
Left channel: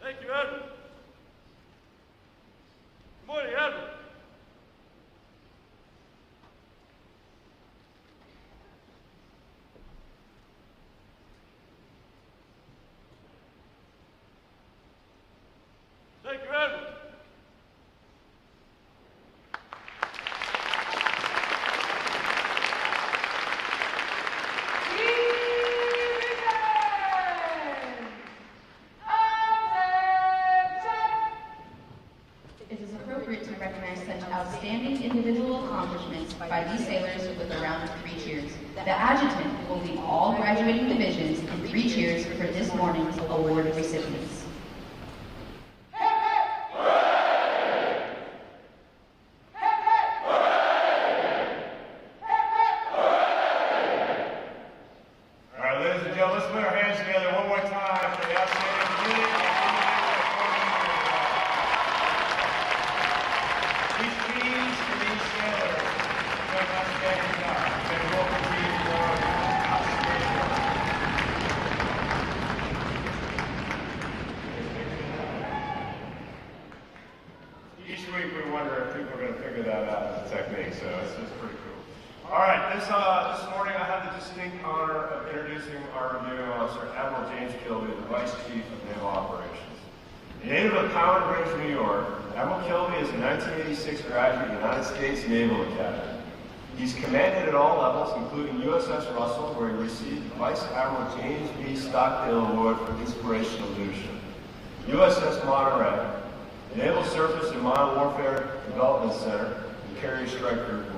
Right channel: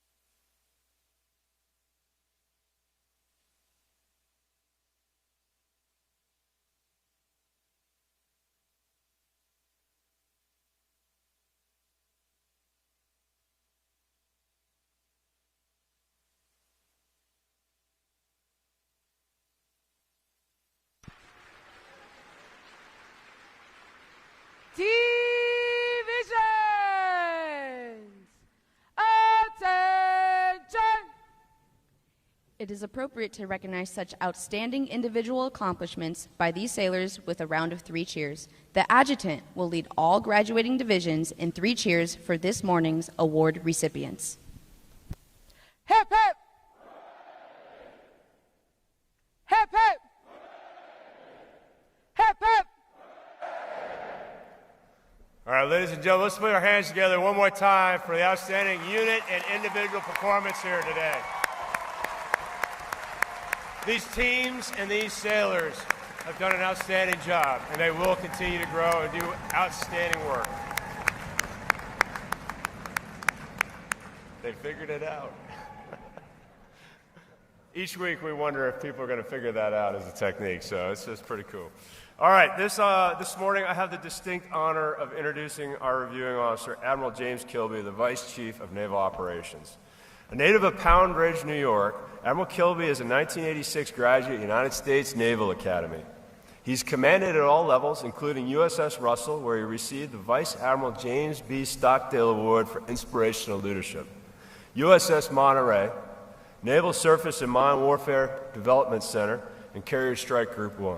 Thank you, Admiral. Good morning, Admiral. Thank you, Admiral. It is appropriate to recognize such outstanding individual accomplishments by these sailors with a round of 3 cheers. The adjutant will lead all graduating divisions in 3 cheers for this morning's award recipients. All right, ladies and gentlemen, let's put our hands together one more time for the outstanding unit and individual performance here today. These teams and these sailors have done an outstanding job, and they will continue to grow and do outstanding work. They figured it out. Each week we wonder if people are going to figure that out as a technique, so it's pretty cool. All right, this morning I have the distinct honor of introducing our reviewing officer, Admiral James Kilby, the Vice Chief of Naval Operations. A native of Pound Ridge, New York, Admiral Kilby is a 1986 graduate of the United States Naval Academy. He's commanded at all levels, including USS Russell, where he received the Vice Admiral James B. Stockdale Award for Inspirational Leadership. USS Monterey, Naval Surface and Mine Warfare Development Center, and Carrier Strike Group 1.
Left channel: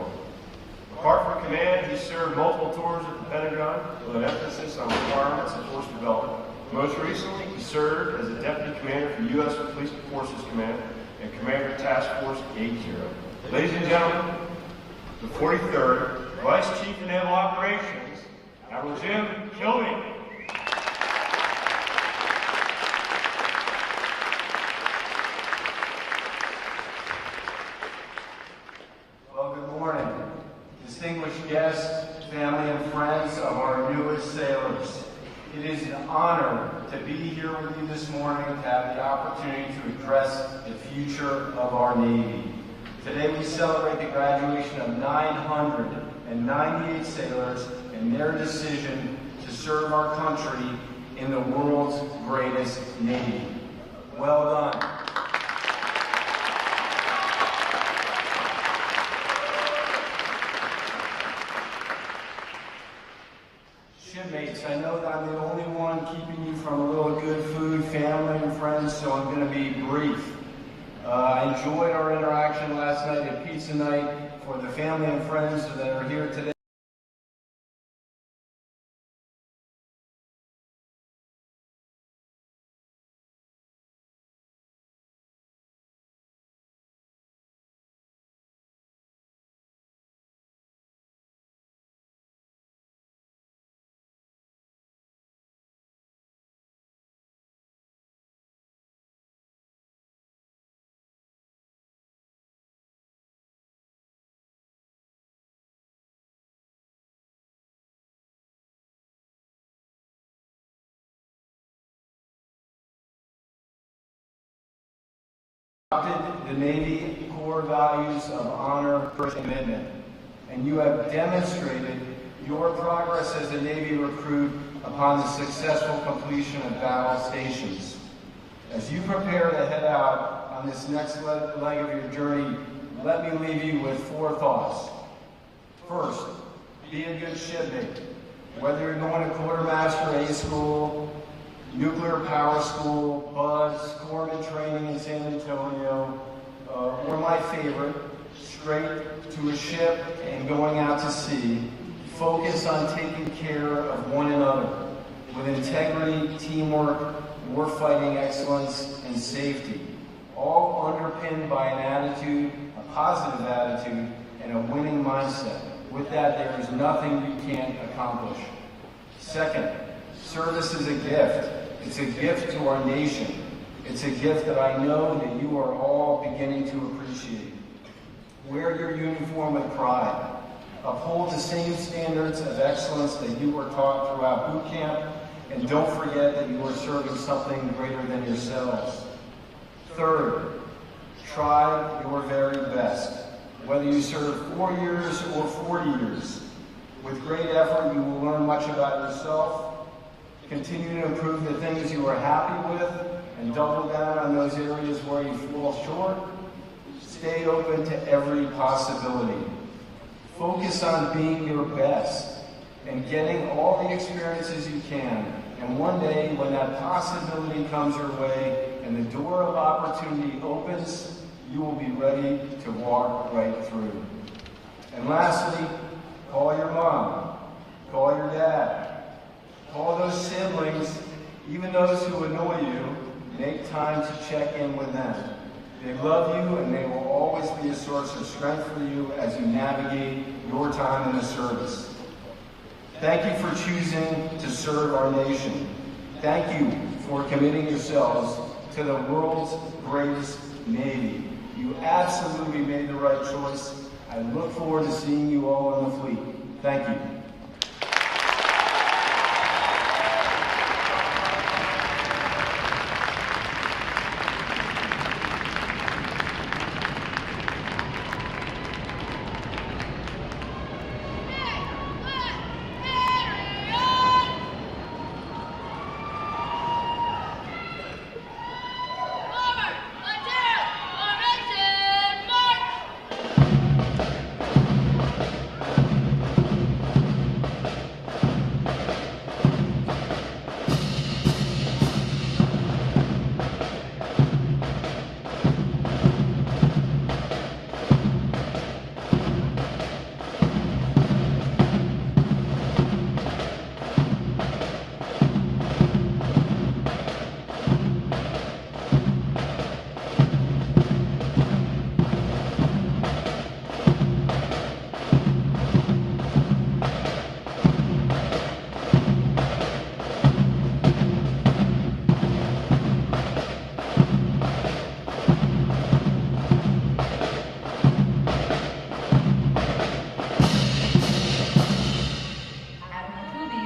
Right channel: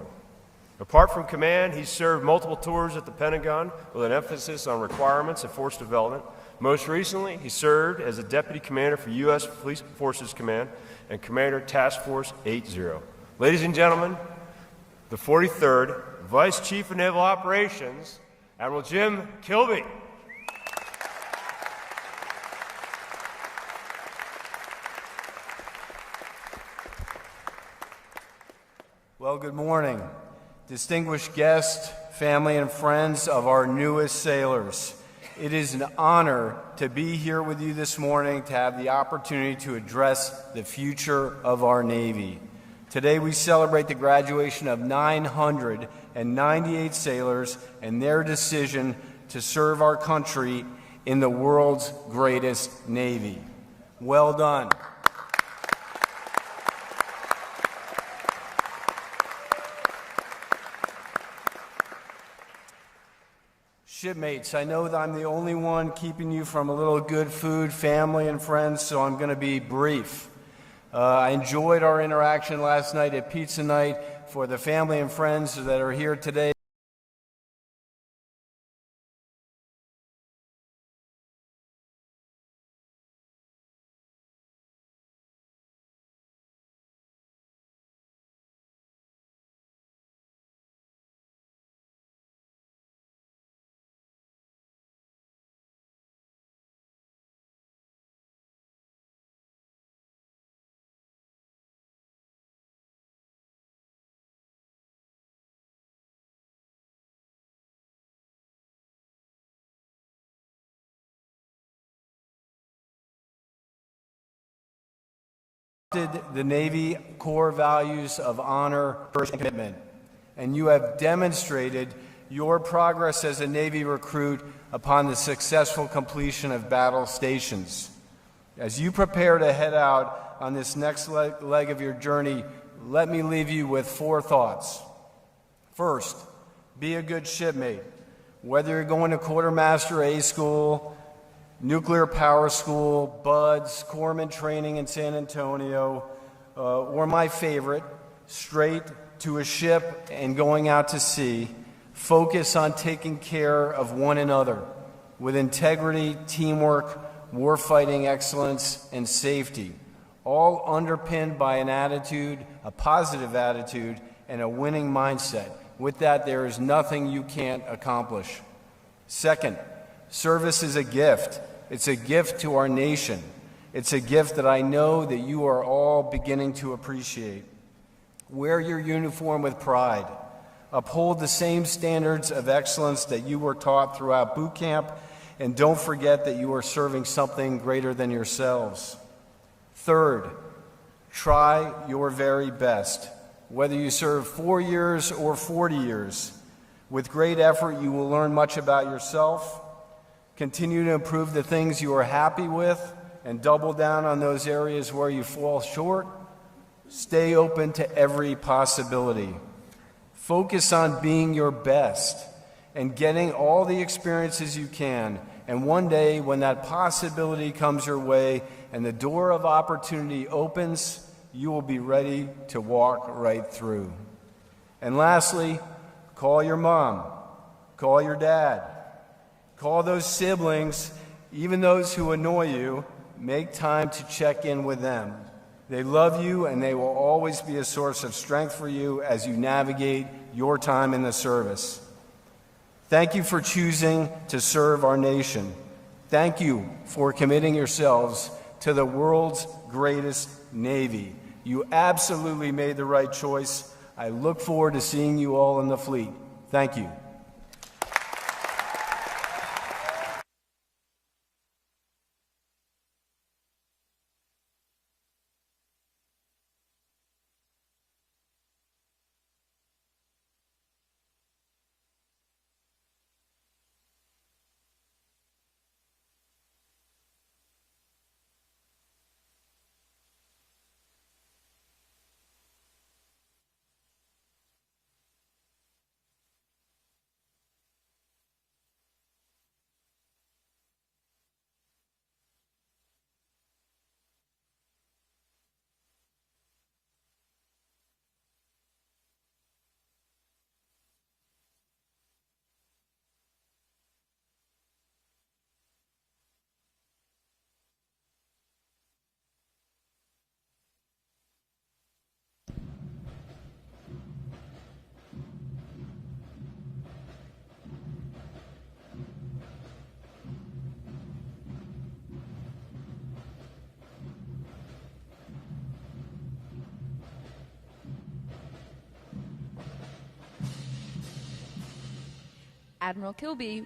Apart from command, he served multiple tours at the Pentagon with an emphasis on requirements of force development. Most recently, he served as the Deputy Commander for U.S. Police Forces Command and Commander of Task Force 80. Ladies and gentlemen, the 43rd Vice Chief of Naval Operations, Admiral Jim Kilby. Well, good morning. Distinguished guests, family, and friends of our newest sailors. It is an honor to be here with you this morning to have the opportunity to address the future of our Navy. Today we celebrate the graduation of 998 sailors and their decision to serve our country in the world's greatest Navy. Well done. Shipmates, I know that I'm the only one keeping you from a little good food, family, and friends, so I'm going to be brief. I enjoyed our interaction last night at Pizza Night. For the family and friends that are here today, the Navy core values of honor, and commitment, and you have demonstrated your progress as a Navy recruit upon the successful completion of battle stations. As you prepare to head out on this next leg of your journey, let me leave you with 4 thoughts. First, be a good shipmate. Whether you're going to Quartermaster A School, Nuclear Power School, BUDS, Corpsman Training in San Antonio, or my favorite, straight to a ship and going out to sea, focus on taking care of one another with integrity, teamwork, warfighting excellence, and safety, all underpinned by an attitude, a positive attitude, and a winning mindset. With that, there is nothing you can't accomplish. Second, service is a gift. It's a gift to our nation. It's a gift that I know that you are all beginning to appreciate. Wear your uniform with pride. Uphold the same standards of excellence that you were taught throughout boot camp, and don't forget that you are serving something greater than yourselves. Third, try your very best. Whether you serve 4 years or 40 years, with great effort you will learn much about yourself. Continue to improve the things you are happy with and double down on those areas where you fall short. Stay open to every possibility. Focus on being your best and getting all the experiences you can. And one day, when that possibility comes your way and the door of opportunity opens, you will be ready to walk right through. And lastly, call your mom, call your dad, call those siblings, even those who annoy you. Make time to check in with them. They love you and they will always be a source of strength for you as you navigate your time in the service. Thank you for choosing to serve our nation. Thank you for committing yourselves to the world's greatest Navy. You absolutely made the right choice. I look forward to seeing you all in the fleet. Thank you.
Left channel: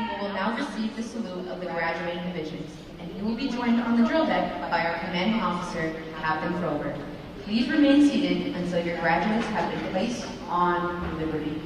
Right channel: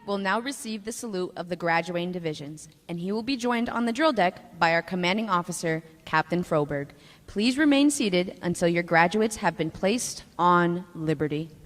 will now receive the salute of the graduating divisions, and he will be joined on the drill deck by our commanding officer, Captain Froberg. Please remain seated until your graduates have been placed on liberty.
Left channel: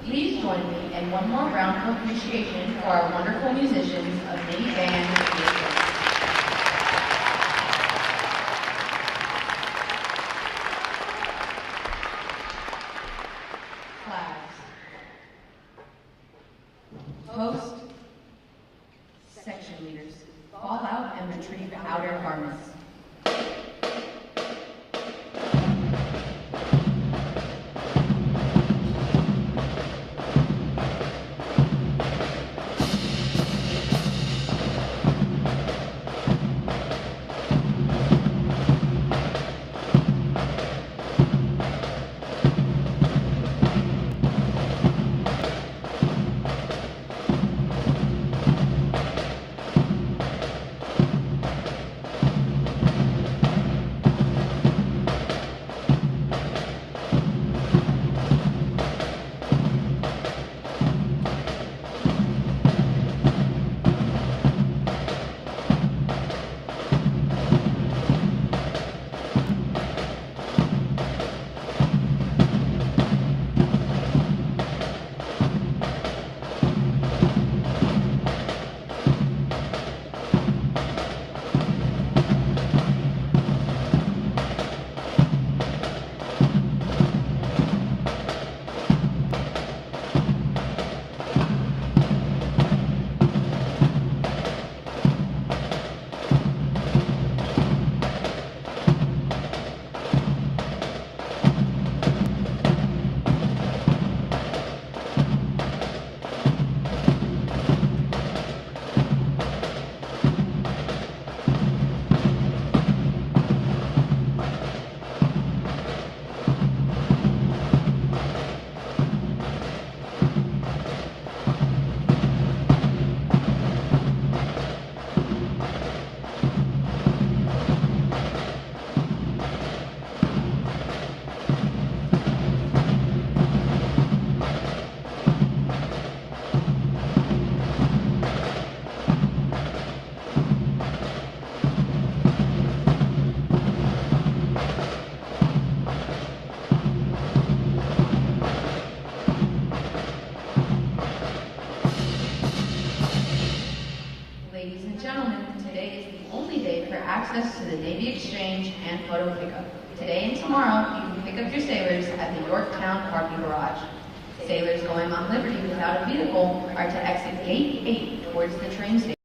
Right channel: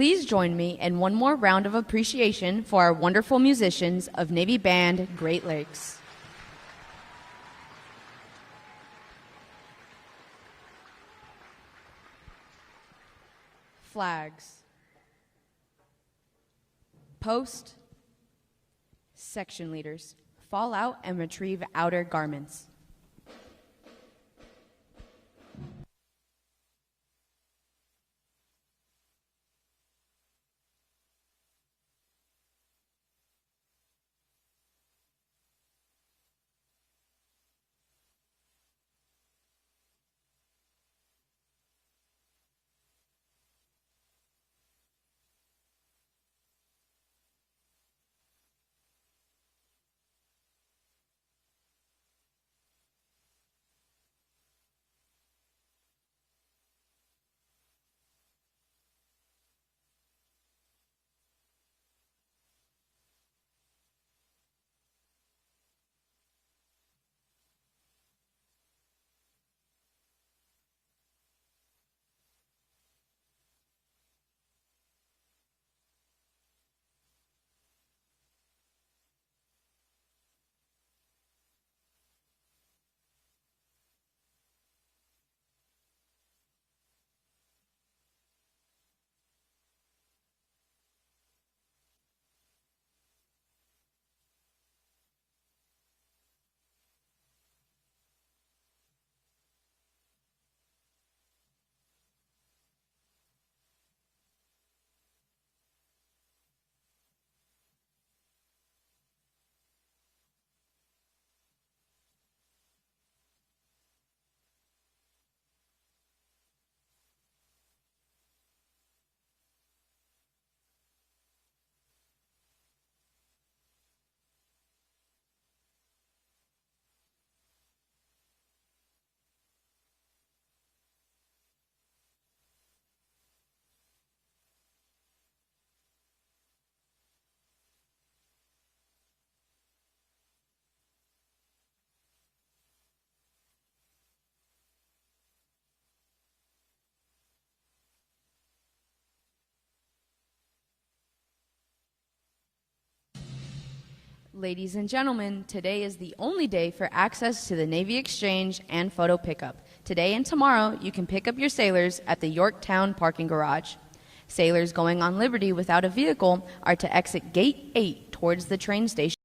Please join me in one more round of appreciation for our wonderful musicians of Navy Band Great Lakes. Flags. Post. Section leaders. Fall out and retrieve outer garments. Ladies and gentlemen, today is the only day for access to the Navy Exchange and photo pickup. Today and tomorrow, you can pick up your sailors at the Yorktown parking garage. Sailors going on liberty without a vehicle are to exit Gate 8 towards the train station.